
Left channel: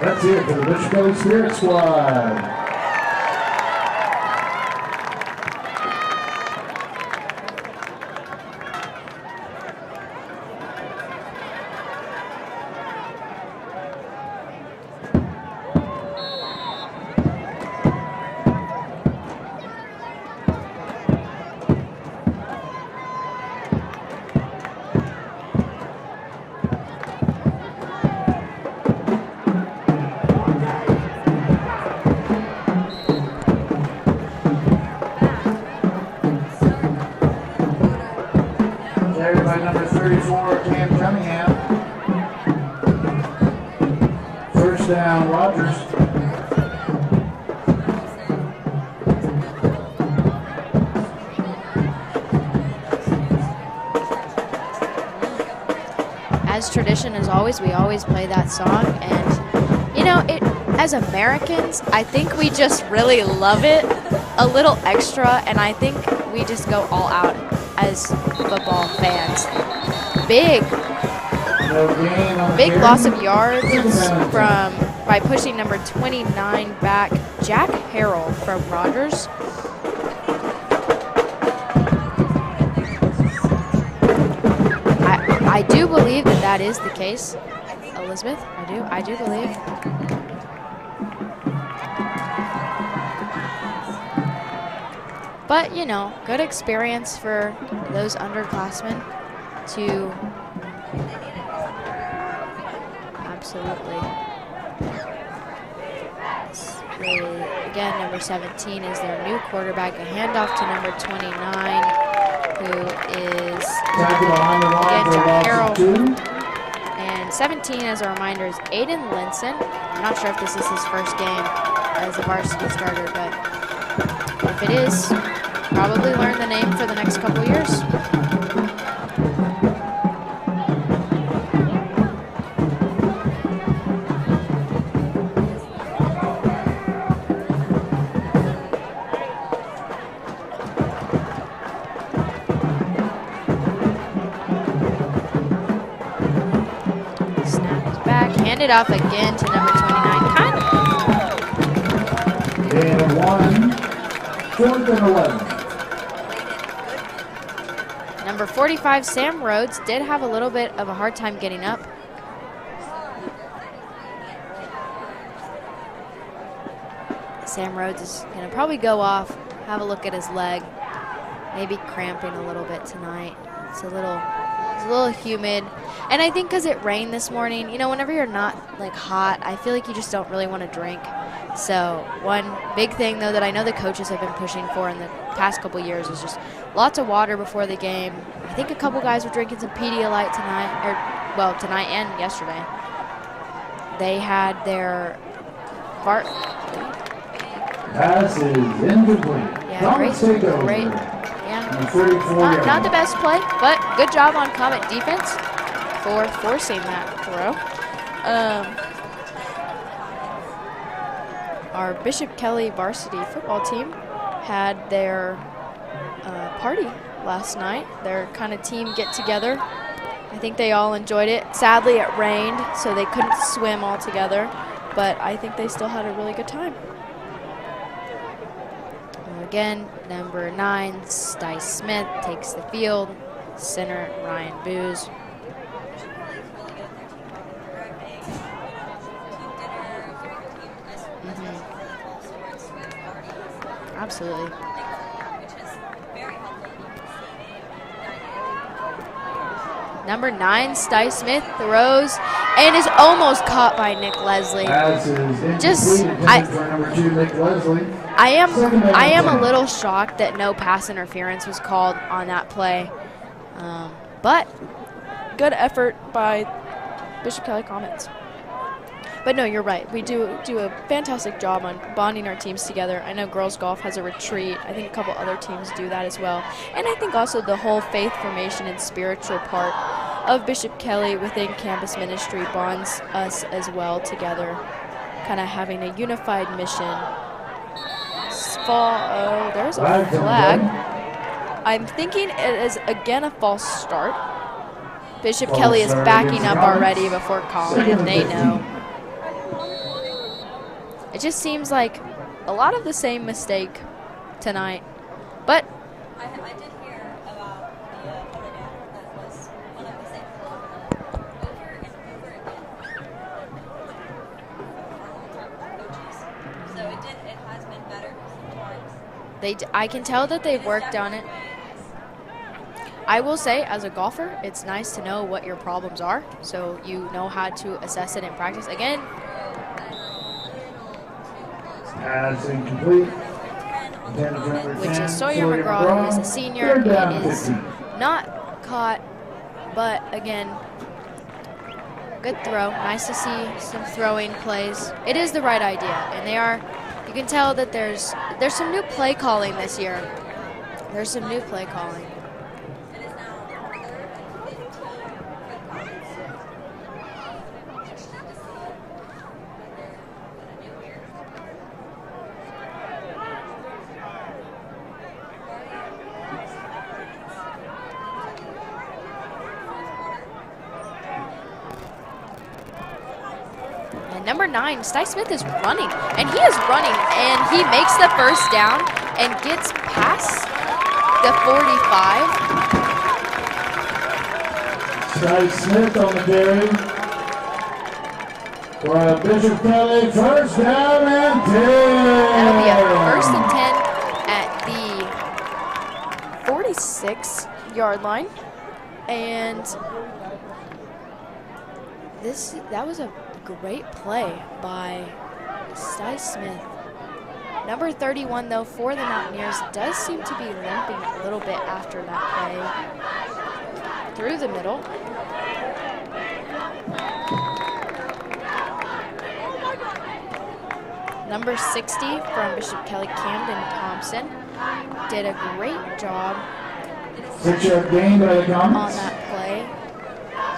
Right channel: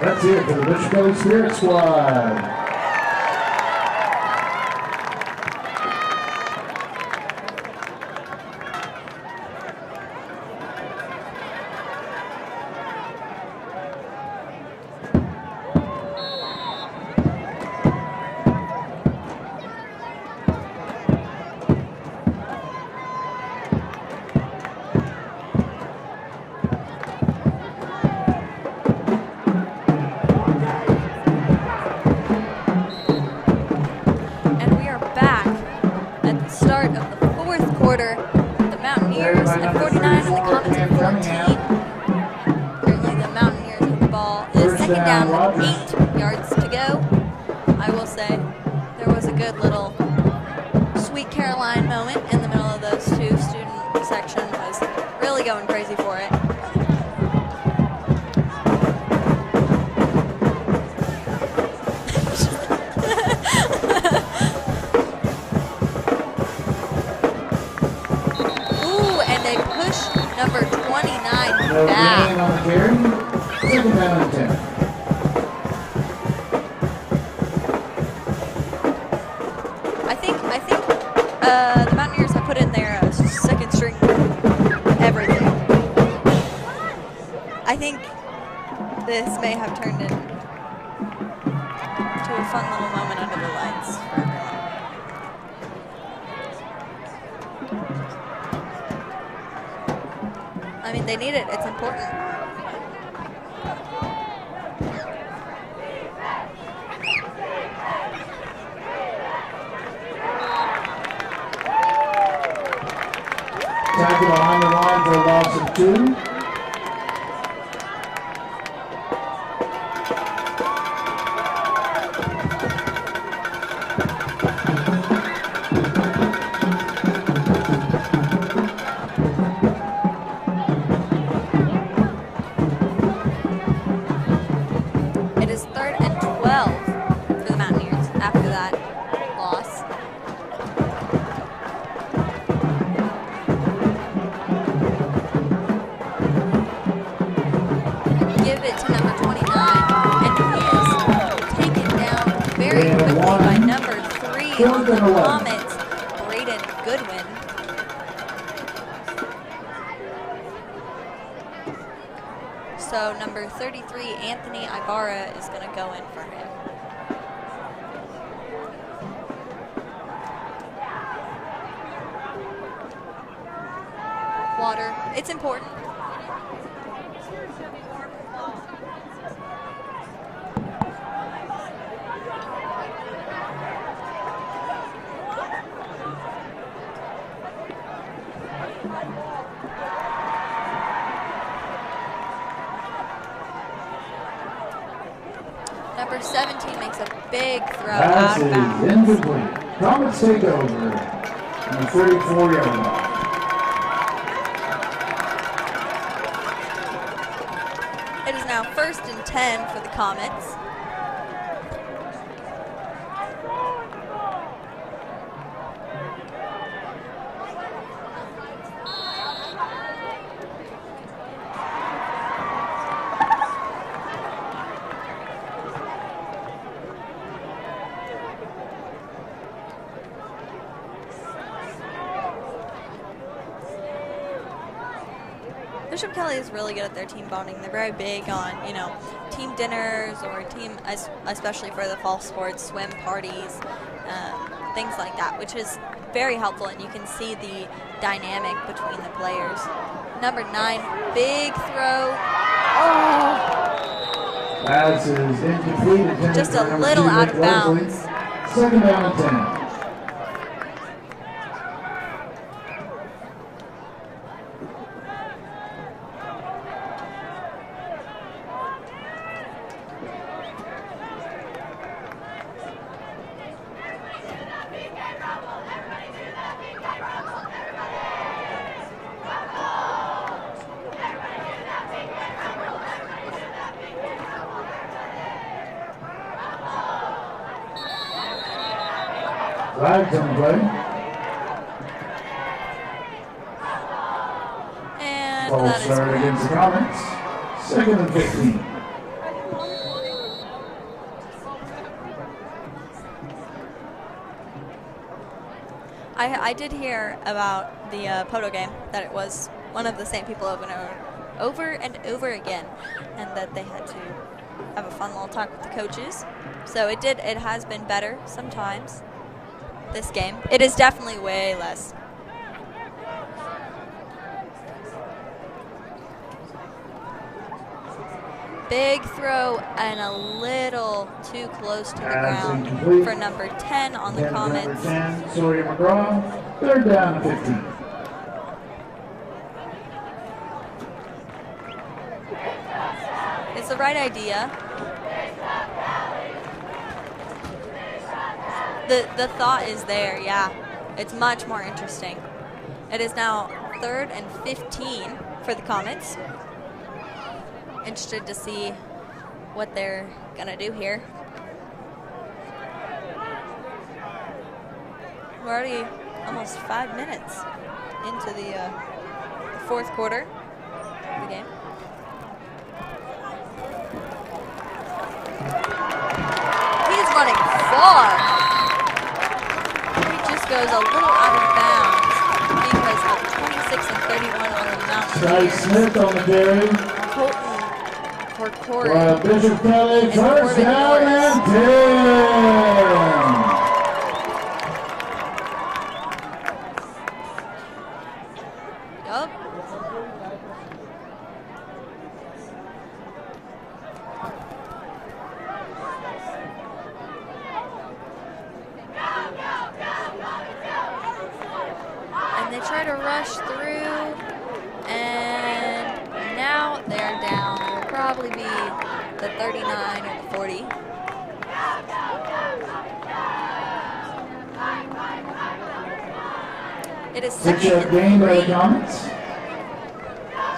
That's it for the Bishop Kelly Spirit Squad. down, Rogers. 8 yards to go. I will say there was a good little Sweet Caroline moment in the middle of those two. Student section was really going crazy for it. As tradition as always, we always play that song, and you know, as Americans, I think we just really love it a little extra, and I think we just go all out as football fans. And they pushed Big. number 29 No back. gain on the Big carry. loss of yards Second down and 10. by pushing number 29 back, Jack Harrell from Rogers. I think the Mountaineers have put in their second string. I do believe that is the case. I think Elizabeth, I do this believe. may have turned into a fun little moment in our lives. But, you know, good experience for those underclassmen to I mean, they need it. It's important. absolutely. Again, number 17 is their new quarterback. Handoff to number 29, who is Tackle behind the line for a loss of 2. And 17, as a reminder, is Aiden Linson. I'm not sure if this is his first game as a varsity starter, but if it is, probably learn the name for the next couple of years. It is 3rd and 12 for the Mountaineers after that loss. Back, ended up again to Gain of 1. Number 3, 4th and 11. Comets, Layden Goodwin. number 45, Sam Rhodes, did have a little bit of a hard time getting up. So number 33, Anthony Ibarra, is going to go in for him. Sam Rhodes is going to probably go off, have a look at his leg, maybe cramping a little bit tonight. It's a little It's humid. important. And I think because it rained this morning, you know, whenever you're not like hot, I feel like you just don't really want to drink. So one big thing though that I know the coaches have been pushing for in the past couple years is just lots of water before the game. I think a couple guys were drinking some Pedialyte tonight and yesterday. They had their Number 17 makes a big throw. Pass is incomplete. Comets take over. Yeah. On 34 Not the yards. best play, but good job on Comet defense for forcing that throw. It is now 1st and 10 for the Comets. Our Bishop Kelly varsity football team had their party last night, their kind of team get together. I think they all enjoyed it. Sadly, it rained, so they couldn't swim all together, but I think they still had a really good time. Again, number 9, Dice Smith takes the field. Center, Ryan Booz. Bishop Kelly is really good at their team bonding. They're very big on, you know, team dinners or team, especially for the fall sports, swim parties, Absolutely. things like that, which is very helpful, and you can see the dynamic between the players. Number 9, Dice big Smith throws and is almost caught by Nick Leslie. Pass is incomplete. Just Intended a for number little 2, out Nick of bounds. Leslie. I Second down am and a 10. little shocked that no pass interference was called on that play, but good effort by Bishop Kelly Comets. But no, you're right. We do a fantastic job on bonding our teams together. I know girls golf has a retreat. I think a couple other teams do that as well. And I think also the whole faith formation and spiritual part of Bishop Kelly within campus ministry bonds us as well together, kind of having a unified mission. There's a Flag on flag. play. I'm thinking it is again a false start. And Bishop False Kelly is start backing against up Comets. already before calling. Second and They 15. know. It just seems like a lot of the same mistake tonight. But I did hear about the Poto game, that it was one of the same people over and over again, and that they had to have a fun little talk with the coaches. So it has been better sometimes. I can this tell game. that they It is worked on definitely it. way less. I will say, as a golfer, it's nice to know what your problems are, so you know how to assess it in practice. Big throw and a little too close to the Pass ground incomplete. for number 10 on the Intended for number Comets. 10, Sawyer Sawyer McGraw, who's a McGraw. senior, 3rd down and is 15. not caught, but again, Good throw. Nice to see It's the some right throwing idea. plays. It is the right idea, and they are. You can tell that there's some new play The calling thought this is year. there, yeah. There's It's some much new more play calling. interesting. It is now 3rd and 15 for the Comets. Interested to see what they're gonna do here. We're already almost 5 minutes into the 4th quarter. Again. Number 9, Sty Smith is running, and he is running, and he makes the first down and gets past the 45. Sty Smith on the carry. For Bishop Kelly, first down and 10. At the 46-yard line, and that was a great play by Sty Smith. Number 31, though, for the Mountaineers, does seem to be limping a little bit after that. And they try to rush through the middle. And now they're down. Probably be the 39-40. Number 60 from Bishop Kelly, Camden Thompson, did a great job. It is 6-yard gain by the Comets.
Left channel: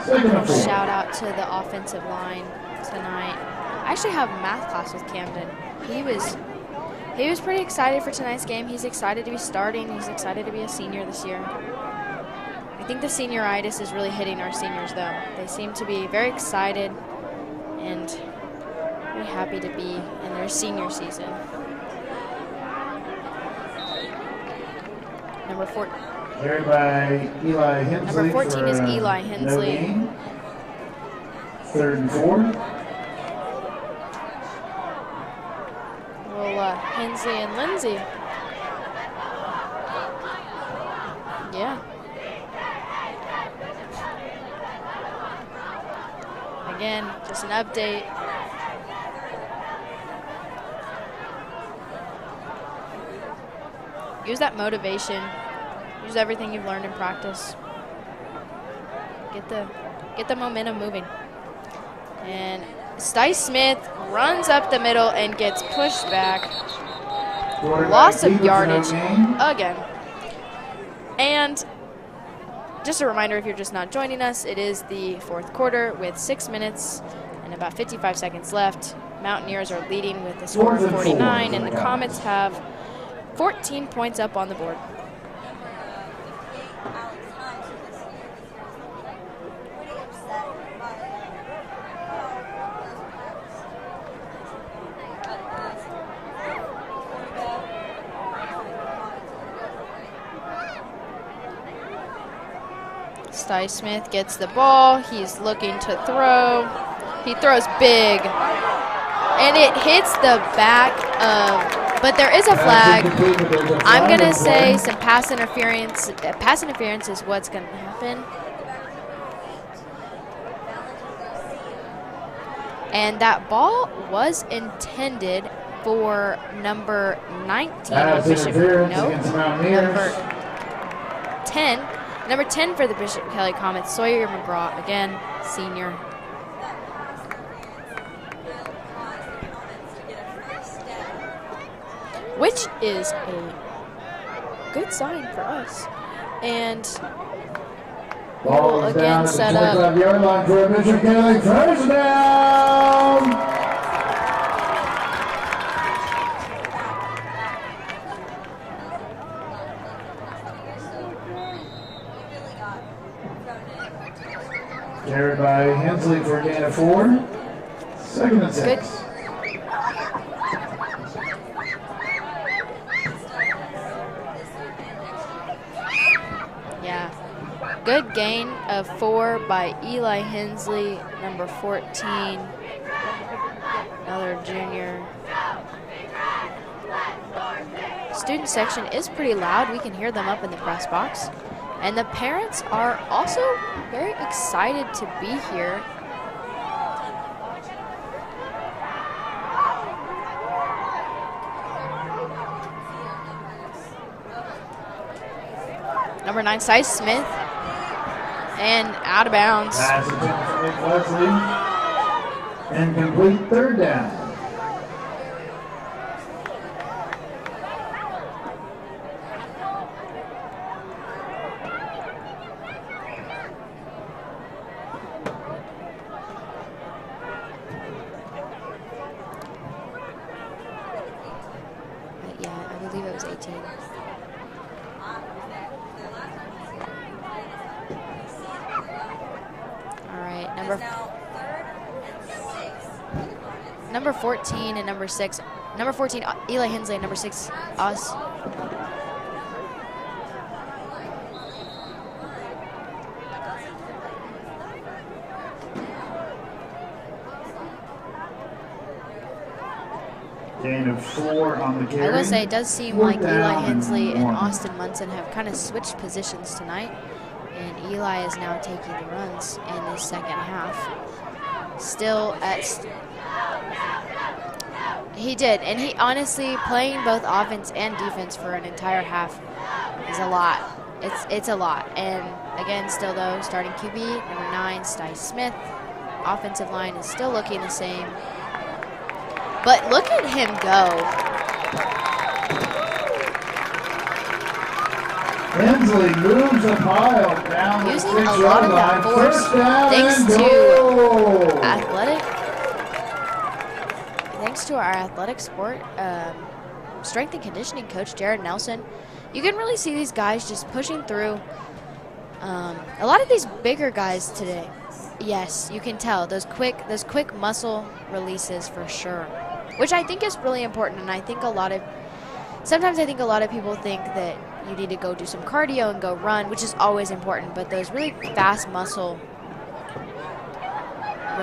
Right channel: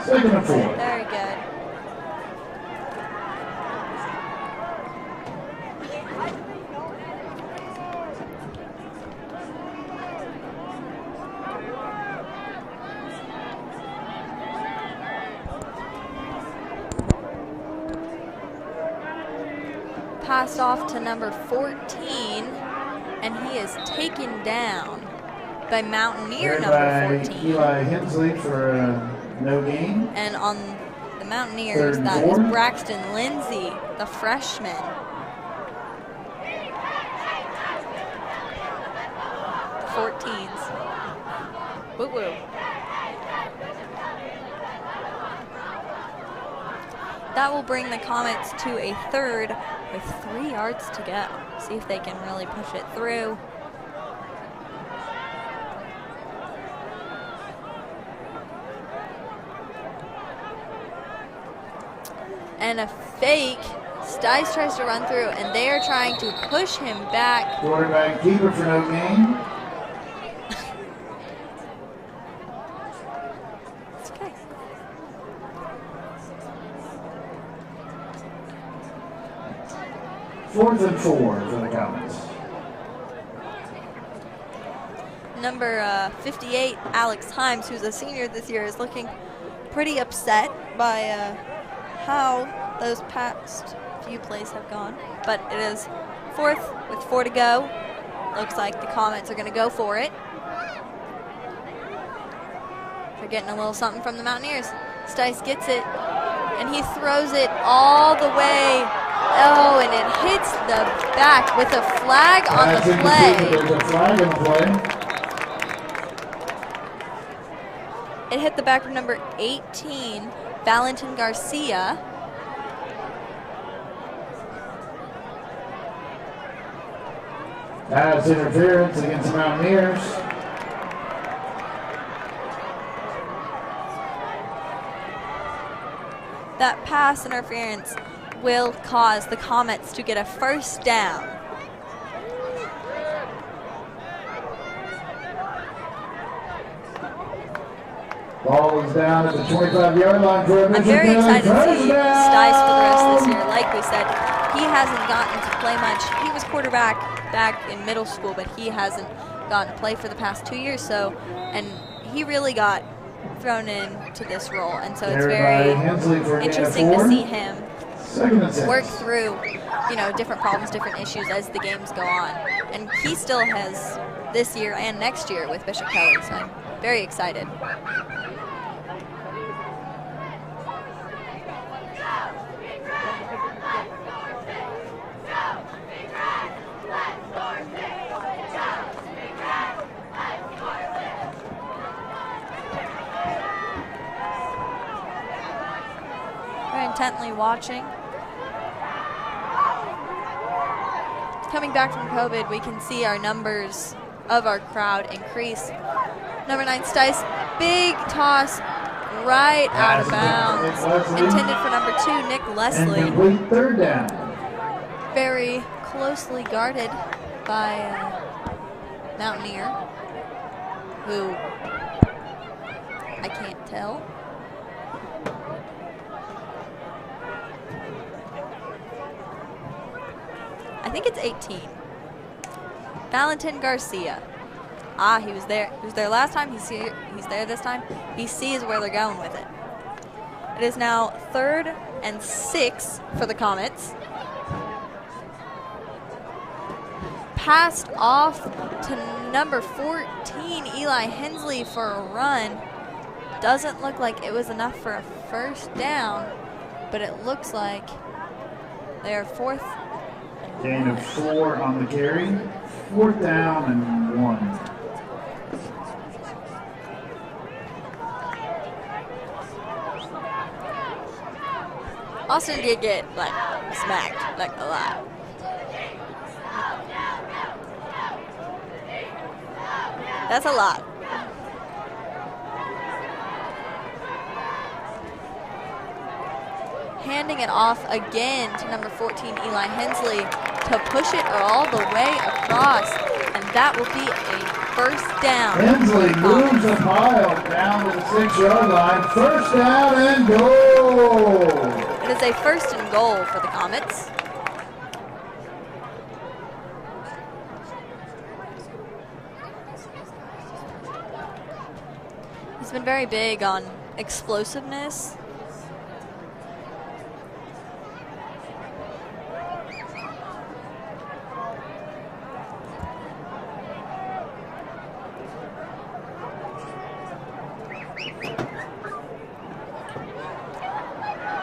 Second and 4. Shout out to the offensive line tonight. I actually have a math class with Camden. He was pretty excited for tonight's game. He's excited to be starting. He's excited to be a senior this year. I think the senioritis is really hitting our seniors, though. They seem to be very excited and really happy to be passed senior off to season. number 14, and he is taken down by Mountaineer Carried number by 14. Eli Hensley 14 for is Eli no Hensley. gain. And on the Mountaineers, 3rd and that 4. is Braxton Lindsay, the freshman. Hensley and Lindsay. 14s. Yeah. Boo-boo. Again, just That an will bring the update. Comets to a 3rd with 3 yards to go. See if they can really push it through. Use that motivation. Use everything you've learned in practice. Get the momentum moving. And Sty Smith runs up the middle and gets They're pushed trying back. to push him back. Quarterback Loss of keeper for no yardage gain. again. And just a reminder, if you're just not joining us, it is the 4th quarter with 6 minutes and about 55 seconds left. Mountaineers are leading with a score of 4th and 4 49, for and the the Comets Comets. have 14 points up on the board. Number 58, Alex Himes, who's a senior this year, is looking pretty upset by how those past few plays have gone. But it is 4th with 4 to go. Looks like the Comets are going to go for it. Sty Smith gets the ball. He's looking to throw. And he throws He it throws all big. the way. And it hits the back. With a But there is a Flag. flag. I'm I'm going to say some pass interference. Pass interference is what's going to happen. It hit the back of number 18, Valentin Garcia. And that ball was intended for number 19. Pass interference against the Mountaineers. 10. Number 10 for the Bishop Kelly Comets, Sawyer McGraw, again, senior. That pass interference will cause the Comets to get a first down. Which is a good sign for us. And Ball is down at the Set up. 25-yard line for a Bishop Very Kelly. excited to see First Sty Smith. down. Like we said, he hasn't gotten to play much. He was quarterback back in middle school, but he hasn't gotten to play for the past 2 years. And he really got thrown into this role, and so it's Carried by very Hensley for a gain of interesting 4. to see him 2nd and work 6. through, different problems, different issues as the games go on. And he still has this year and next year with Bishop Kelly, so very excited. good gain of 4 by Eli Hensley, number 14, another junior. Student section is pretty loud. We can hear them up in the press box. And the parents are also very excited to be here. Very intently watching. Coming back from COVID, we can see our numbers of our crowd increase. Number 9, Stice Smith. Big toss. And out of right bounds. out of bounds. Intended for number 2, Nick Leslie. And complete third down. Very closely guarded by Mountaineer, who I can't tell. I think it's 18. Valentin Garcia. Ah, he was there. He was there last time. He's there this time. He sees where they're going with it. All right. It is now 3rd and 6 for the Comets. Number 14 and number 6. Number 14, Eli Hensley. Number 6, Passed us. off to number 14, Eli Hensley, for a run. Doesn't look like it was enough for a first down, but it looks like they're 4th. Gain of 4 on the carry. I will say it does seem Fourth like Eli down Hensley and 1. Austin Munson have kind of switched positions tonight. And Eli is now taking the runs in the second half. Still, Austin did get smacked like a lot. He did, and he honestly, playing both offense and defense for an entire half is a That's lot. a lot. It's a lot. And again, still though, starting QB, number 9, Stice Smith. Offensive line is still Handing looking it off the same. again to number 14, Eli But Hensley. look at him to go. Push it all the way across, and that will be a first down. Hensley moves a pile down the 6-yard line. First down and Thanks to goal. That is a first and goal for the Comets. Thanks to our athletic sport strength and conditioning coach, Jared Nelson, you can really see these guys just pushing through. It's been very a lot big of these on bigger guys explosiveness. Today. Yes, you can tell those quick muscle releases for sure, which I think is really important. And I think sometimes I think a lot of people think that you need to go do some cardio and go run, which is always important. But those really fast muscle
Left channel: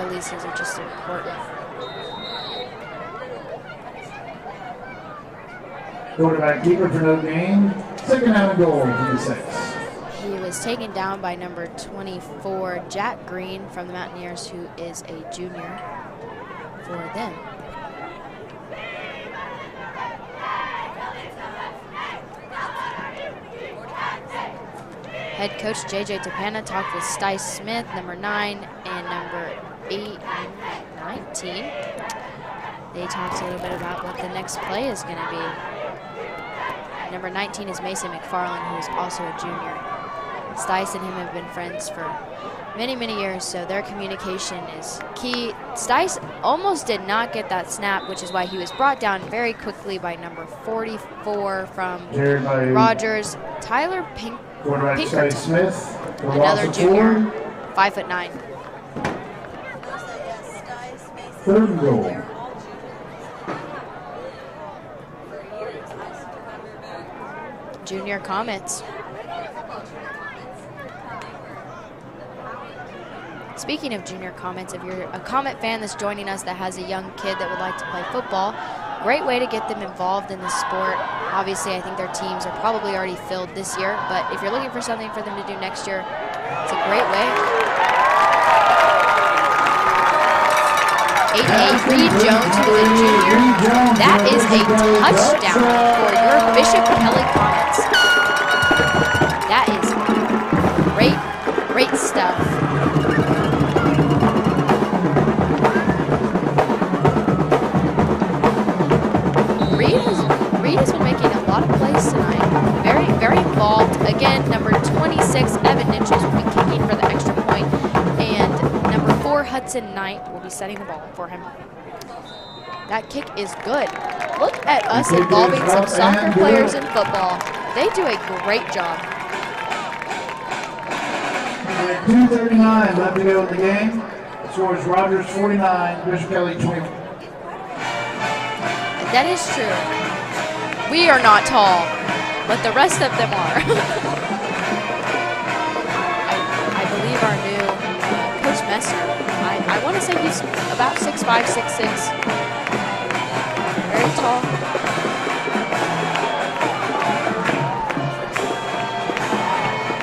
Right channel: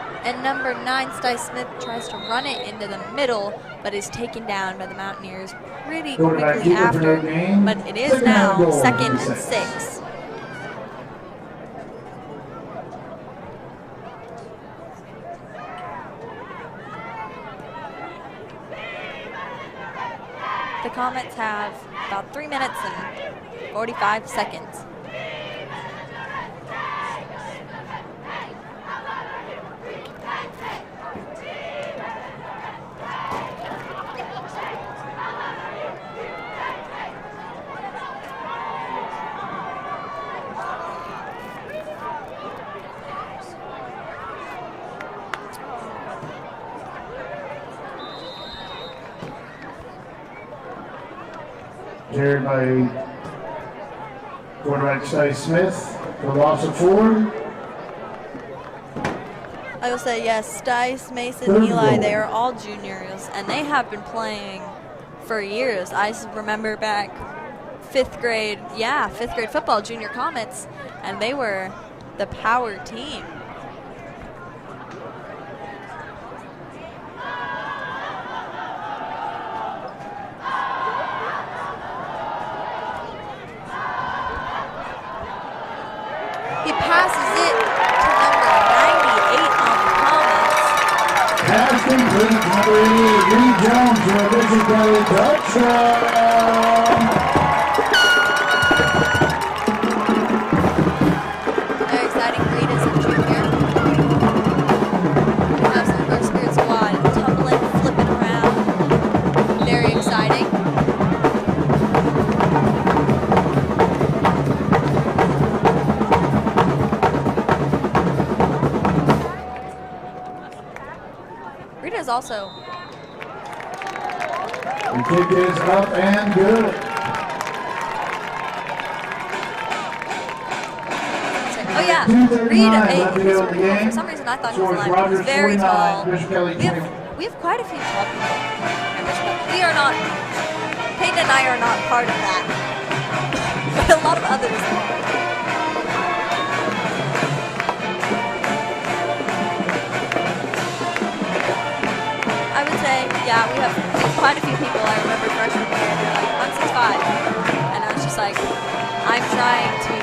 releases. And number 9, Stice Smith, tries to run it into the middle, but is taken down by the Mountaineers pretty Quarterback quickly keeper for after. the game. But it is Second now and goal. 2nd and 6. 6. Who was taken down by number 24, Jack Green from the Mountaineers, who is a junior for them. The Comets have about 3 minutes and 45 seconds. Head coach J.J. Tapana talked with Stice Smith, number 9, and number 19. They talked to him about what the next play is going to be. Number 19 is Mason McFarland, who is also a junior. Stice and him have been friends for many, many years, so their communication is key. Stice almost did not get that snap, which is why he was brought down very quickly by number 44 from Carried by Rogers, Tyler Pink. quarterback Stice Smith. The loss of 4. 5'9". I will say, yes, Stice, Mason, Third Eli, goal. they are all juniors, and they have been playing for years. I remember back Junior 5th grade. Comets. Yeah, 5th grade football, junior Comets, and they were the power team. Speaking of junior Comets, if you're a Comet fan that's joining us that has a young kid that would like to play football, great way to get them involved in the sport. Obviously, I think their teams are probably already filled this year, but if you're looking for something for them to do next year, it's a great way. Pass complete. Number 88, Reed Jones. That is a touchdown. Bishop Ellicott. That is great study. Very exciting. Reed has been making a lot of plays tonight. Very, very involved. Again, number 26, Evan Ninches will be kicking for the extra point. And number 4, Hudson Knight will be setting the ball for him. Rita's also That kick is good. Look at us kick is involving some up soccer and players good. in football. They do a great job. 2:39 left to go in the game. For some reason, I thought Scores he was Rogers very 49, tall. Bishop Kelly 20. We have quite a few. That is We true. are not. We are not tall, Part of that. but the rest of them are. A lot of others. Coach Messer, I want to say he's about 6'5", 6'6". I would say, yeah, we have quite a few people that are 165. And it's just like, I'm trying to.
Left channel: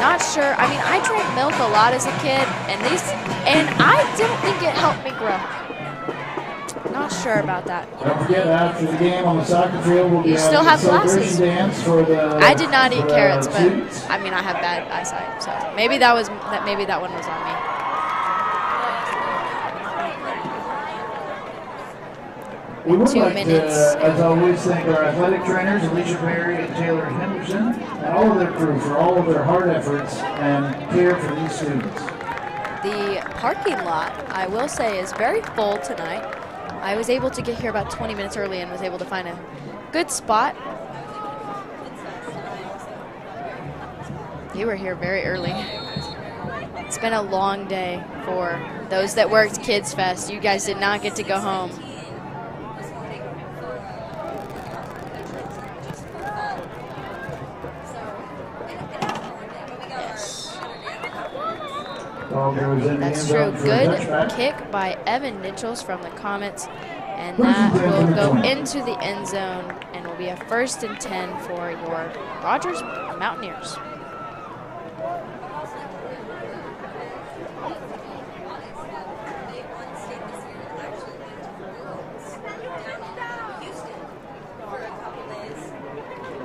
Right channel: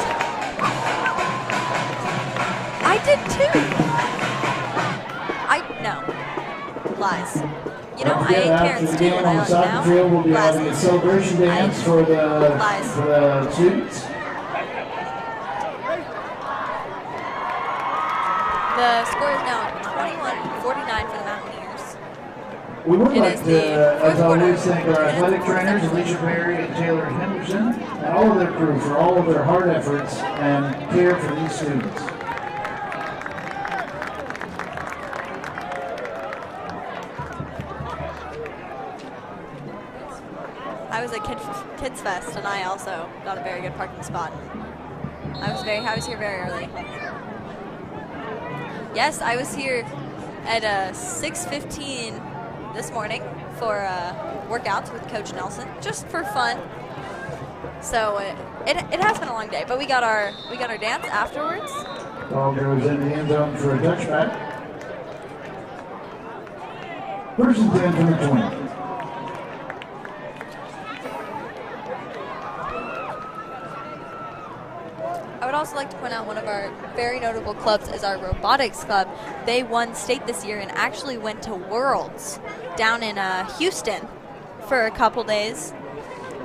Not sure. I mean, I drank milk a lot as a kid, and I did too. And I didn't think it helped me grow. No. Not sure about that. You know, forget, after the game on the soccer field, we'll be having a celebration dance for the I did not eat carrots, but students. I mean, I had that last night. So maybe that one was on me. The score is now 21-49 for the Mountaineers. We would 2 like to, minutes. as always, thank our athletic trainers, Alicia Perry and Taylor Henderson, and all of their crew for all of their hard efforts and care for these students. The parking lot, I will say, is very full tonight. I was able to get here about 20 minutes early and was able to find a good spot. I was at Kids Fest, and I also got a very good parking spot. You were here very early. I was here very early. It's been a long day for those Yes, that I worked was here Kids Fest. You guys did not get to go home. 6:15 this morning for workouts with Coach Nelson, just for fun. So it has been a long day, but we got our dance afterwards. Ball goes in the end zone for a Good touchback. kick by Evan Mitchells from the Comets, and First and 10 that from will the go 20. into the end zone, and will be a 1st and 10 for your Rogers Mountaineers. I would also like to point out one of our very notable clubs is our robotics club. They won state this year and actually went to Worlds down in Houston for a couple days.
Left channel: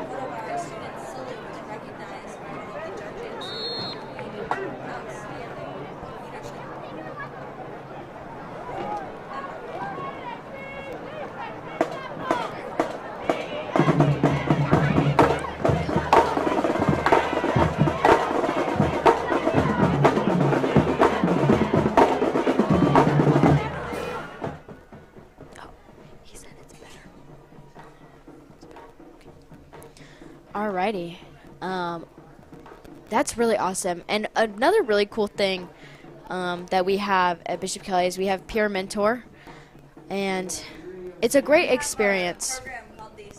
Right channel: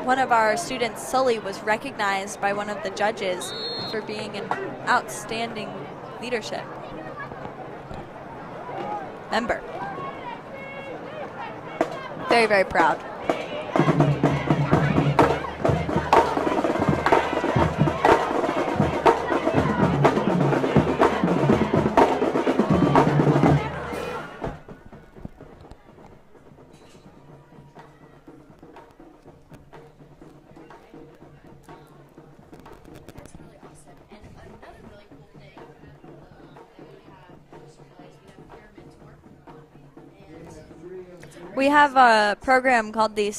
One of our students, Sully, was recognized by one of the judges for being an outstanding leadership member. Very, very proud. Alrighty. That's really awesome. And another really cool thing that we have at Bishop Kelly is we have Peer Mentor. And it's a great experience. We have a program called the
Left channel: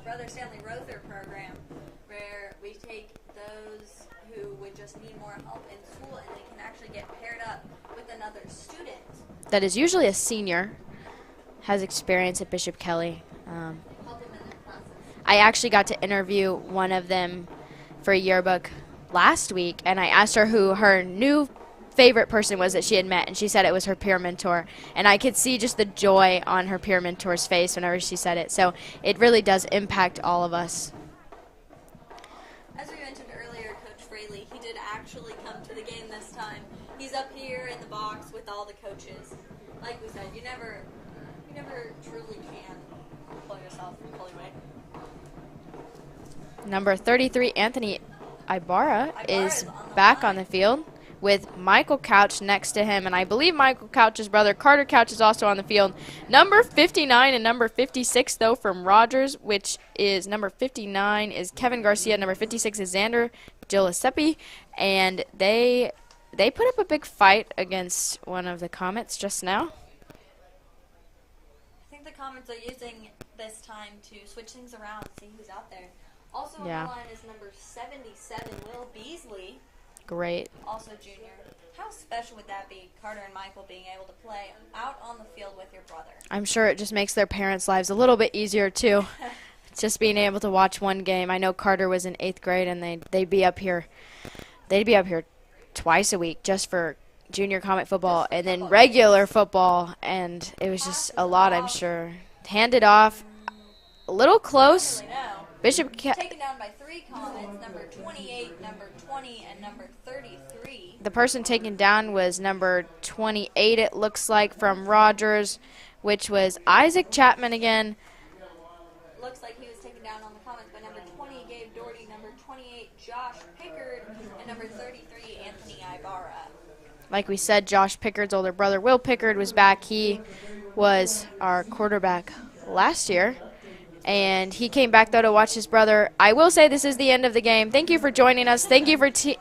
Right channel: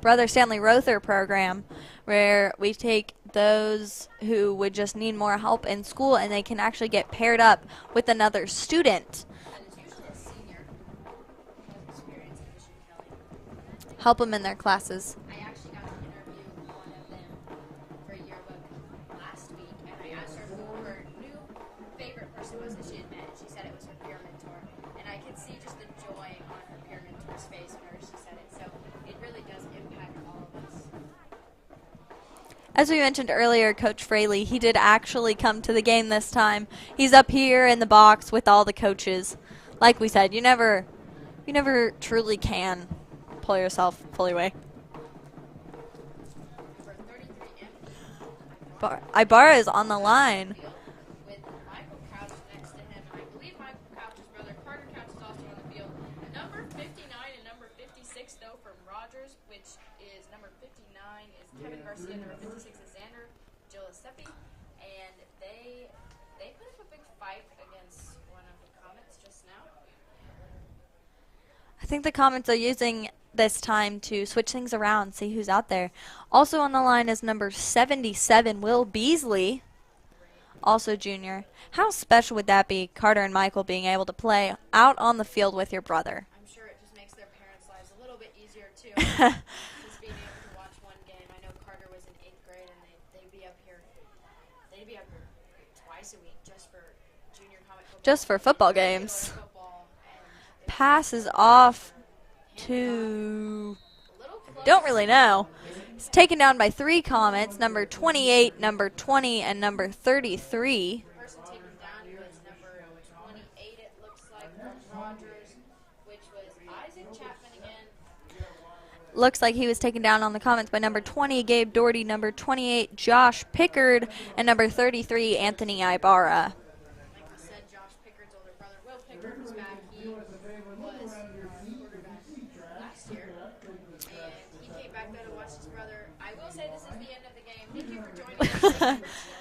Brother Stanley Rother program, where we take those who would just need more help in school and they can actually get paired up with another student. That is usually a senior, has experience at Bishop Kelly. Help them in their classes. I actually got to interview one of them for a yearbook last week, and I asked her who her new favorite person was that she had met, and she said it was her peer mentor. And I could see just the joy on her peer mentor's face whenever she said it. So it really does impact all of us. As we mentioned earlier, Coach Fraley, he did actually come to the game this time. He's up here in the box with all the coaches. Like we said, you never truly can pull yourself fully away. Number 33, Anthony Ibarra is on the back line on the field with Michael Couch next to him, and I believe Michael Couch's brother Carter Couch is also on the field. Number 59 and number 56 though from Rogers, which is number 59 is Kevin Garcia, number 56 is Xander Giuseppe, and they put up a big fight against one of the Comets just now. I think the Comets are using this time to switch things around, see who's out there. Also on the line is number 77, Will Beasley. Great. Also junior. How special would that be, Carter and Michael being able to play out on the field with your brother? I'm sure it just makes their parents' lives a little bit easier, too. Just being able to watch one game. I know Carter was in 8th grade, and they'd be up here twice a week just for junior Comet football, just for and football then regular games. Football, and it was just a Passes lot, off I'm sure. Handed off. A little close. Don't really know. Bishop taken down by 3 Comets, number 28, number 20, and number 33. The person taken down was number 28, it looks like, from Rogers, which was Isaac Chapman again. Looks like he was taken down on the Comets by number 20, Gabe Doherty, number 28, Josh Pickard, and number 33, Anthony Ibarra. Like we said, Josh Pickard's older brother, Will Pickard, was back. He was our quarterback last year, and he came back, though, to watch his brother. I will say this is the end of the game. Thank you for joining us. Thank you for tuning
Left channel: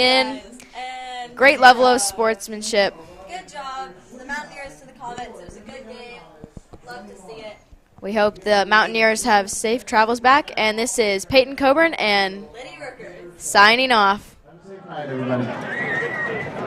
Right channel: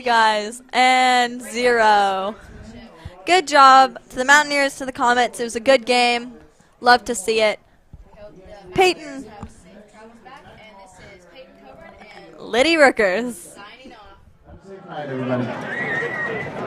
in. Guys. And great 0. level of sportsmanship. Good job to the Mountaineers, to the Comets. It was a good game. Love to see it. We hope the Mountaineers have safe travels back. And this is Peyton Coburn and Liddy Rookers signing off. Good night, everybody.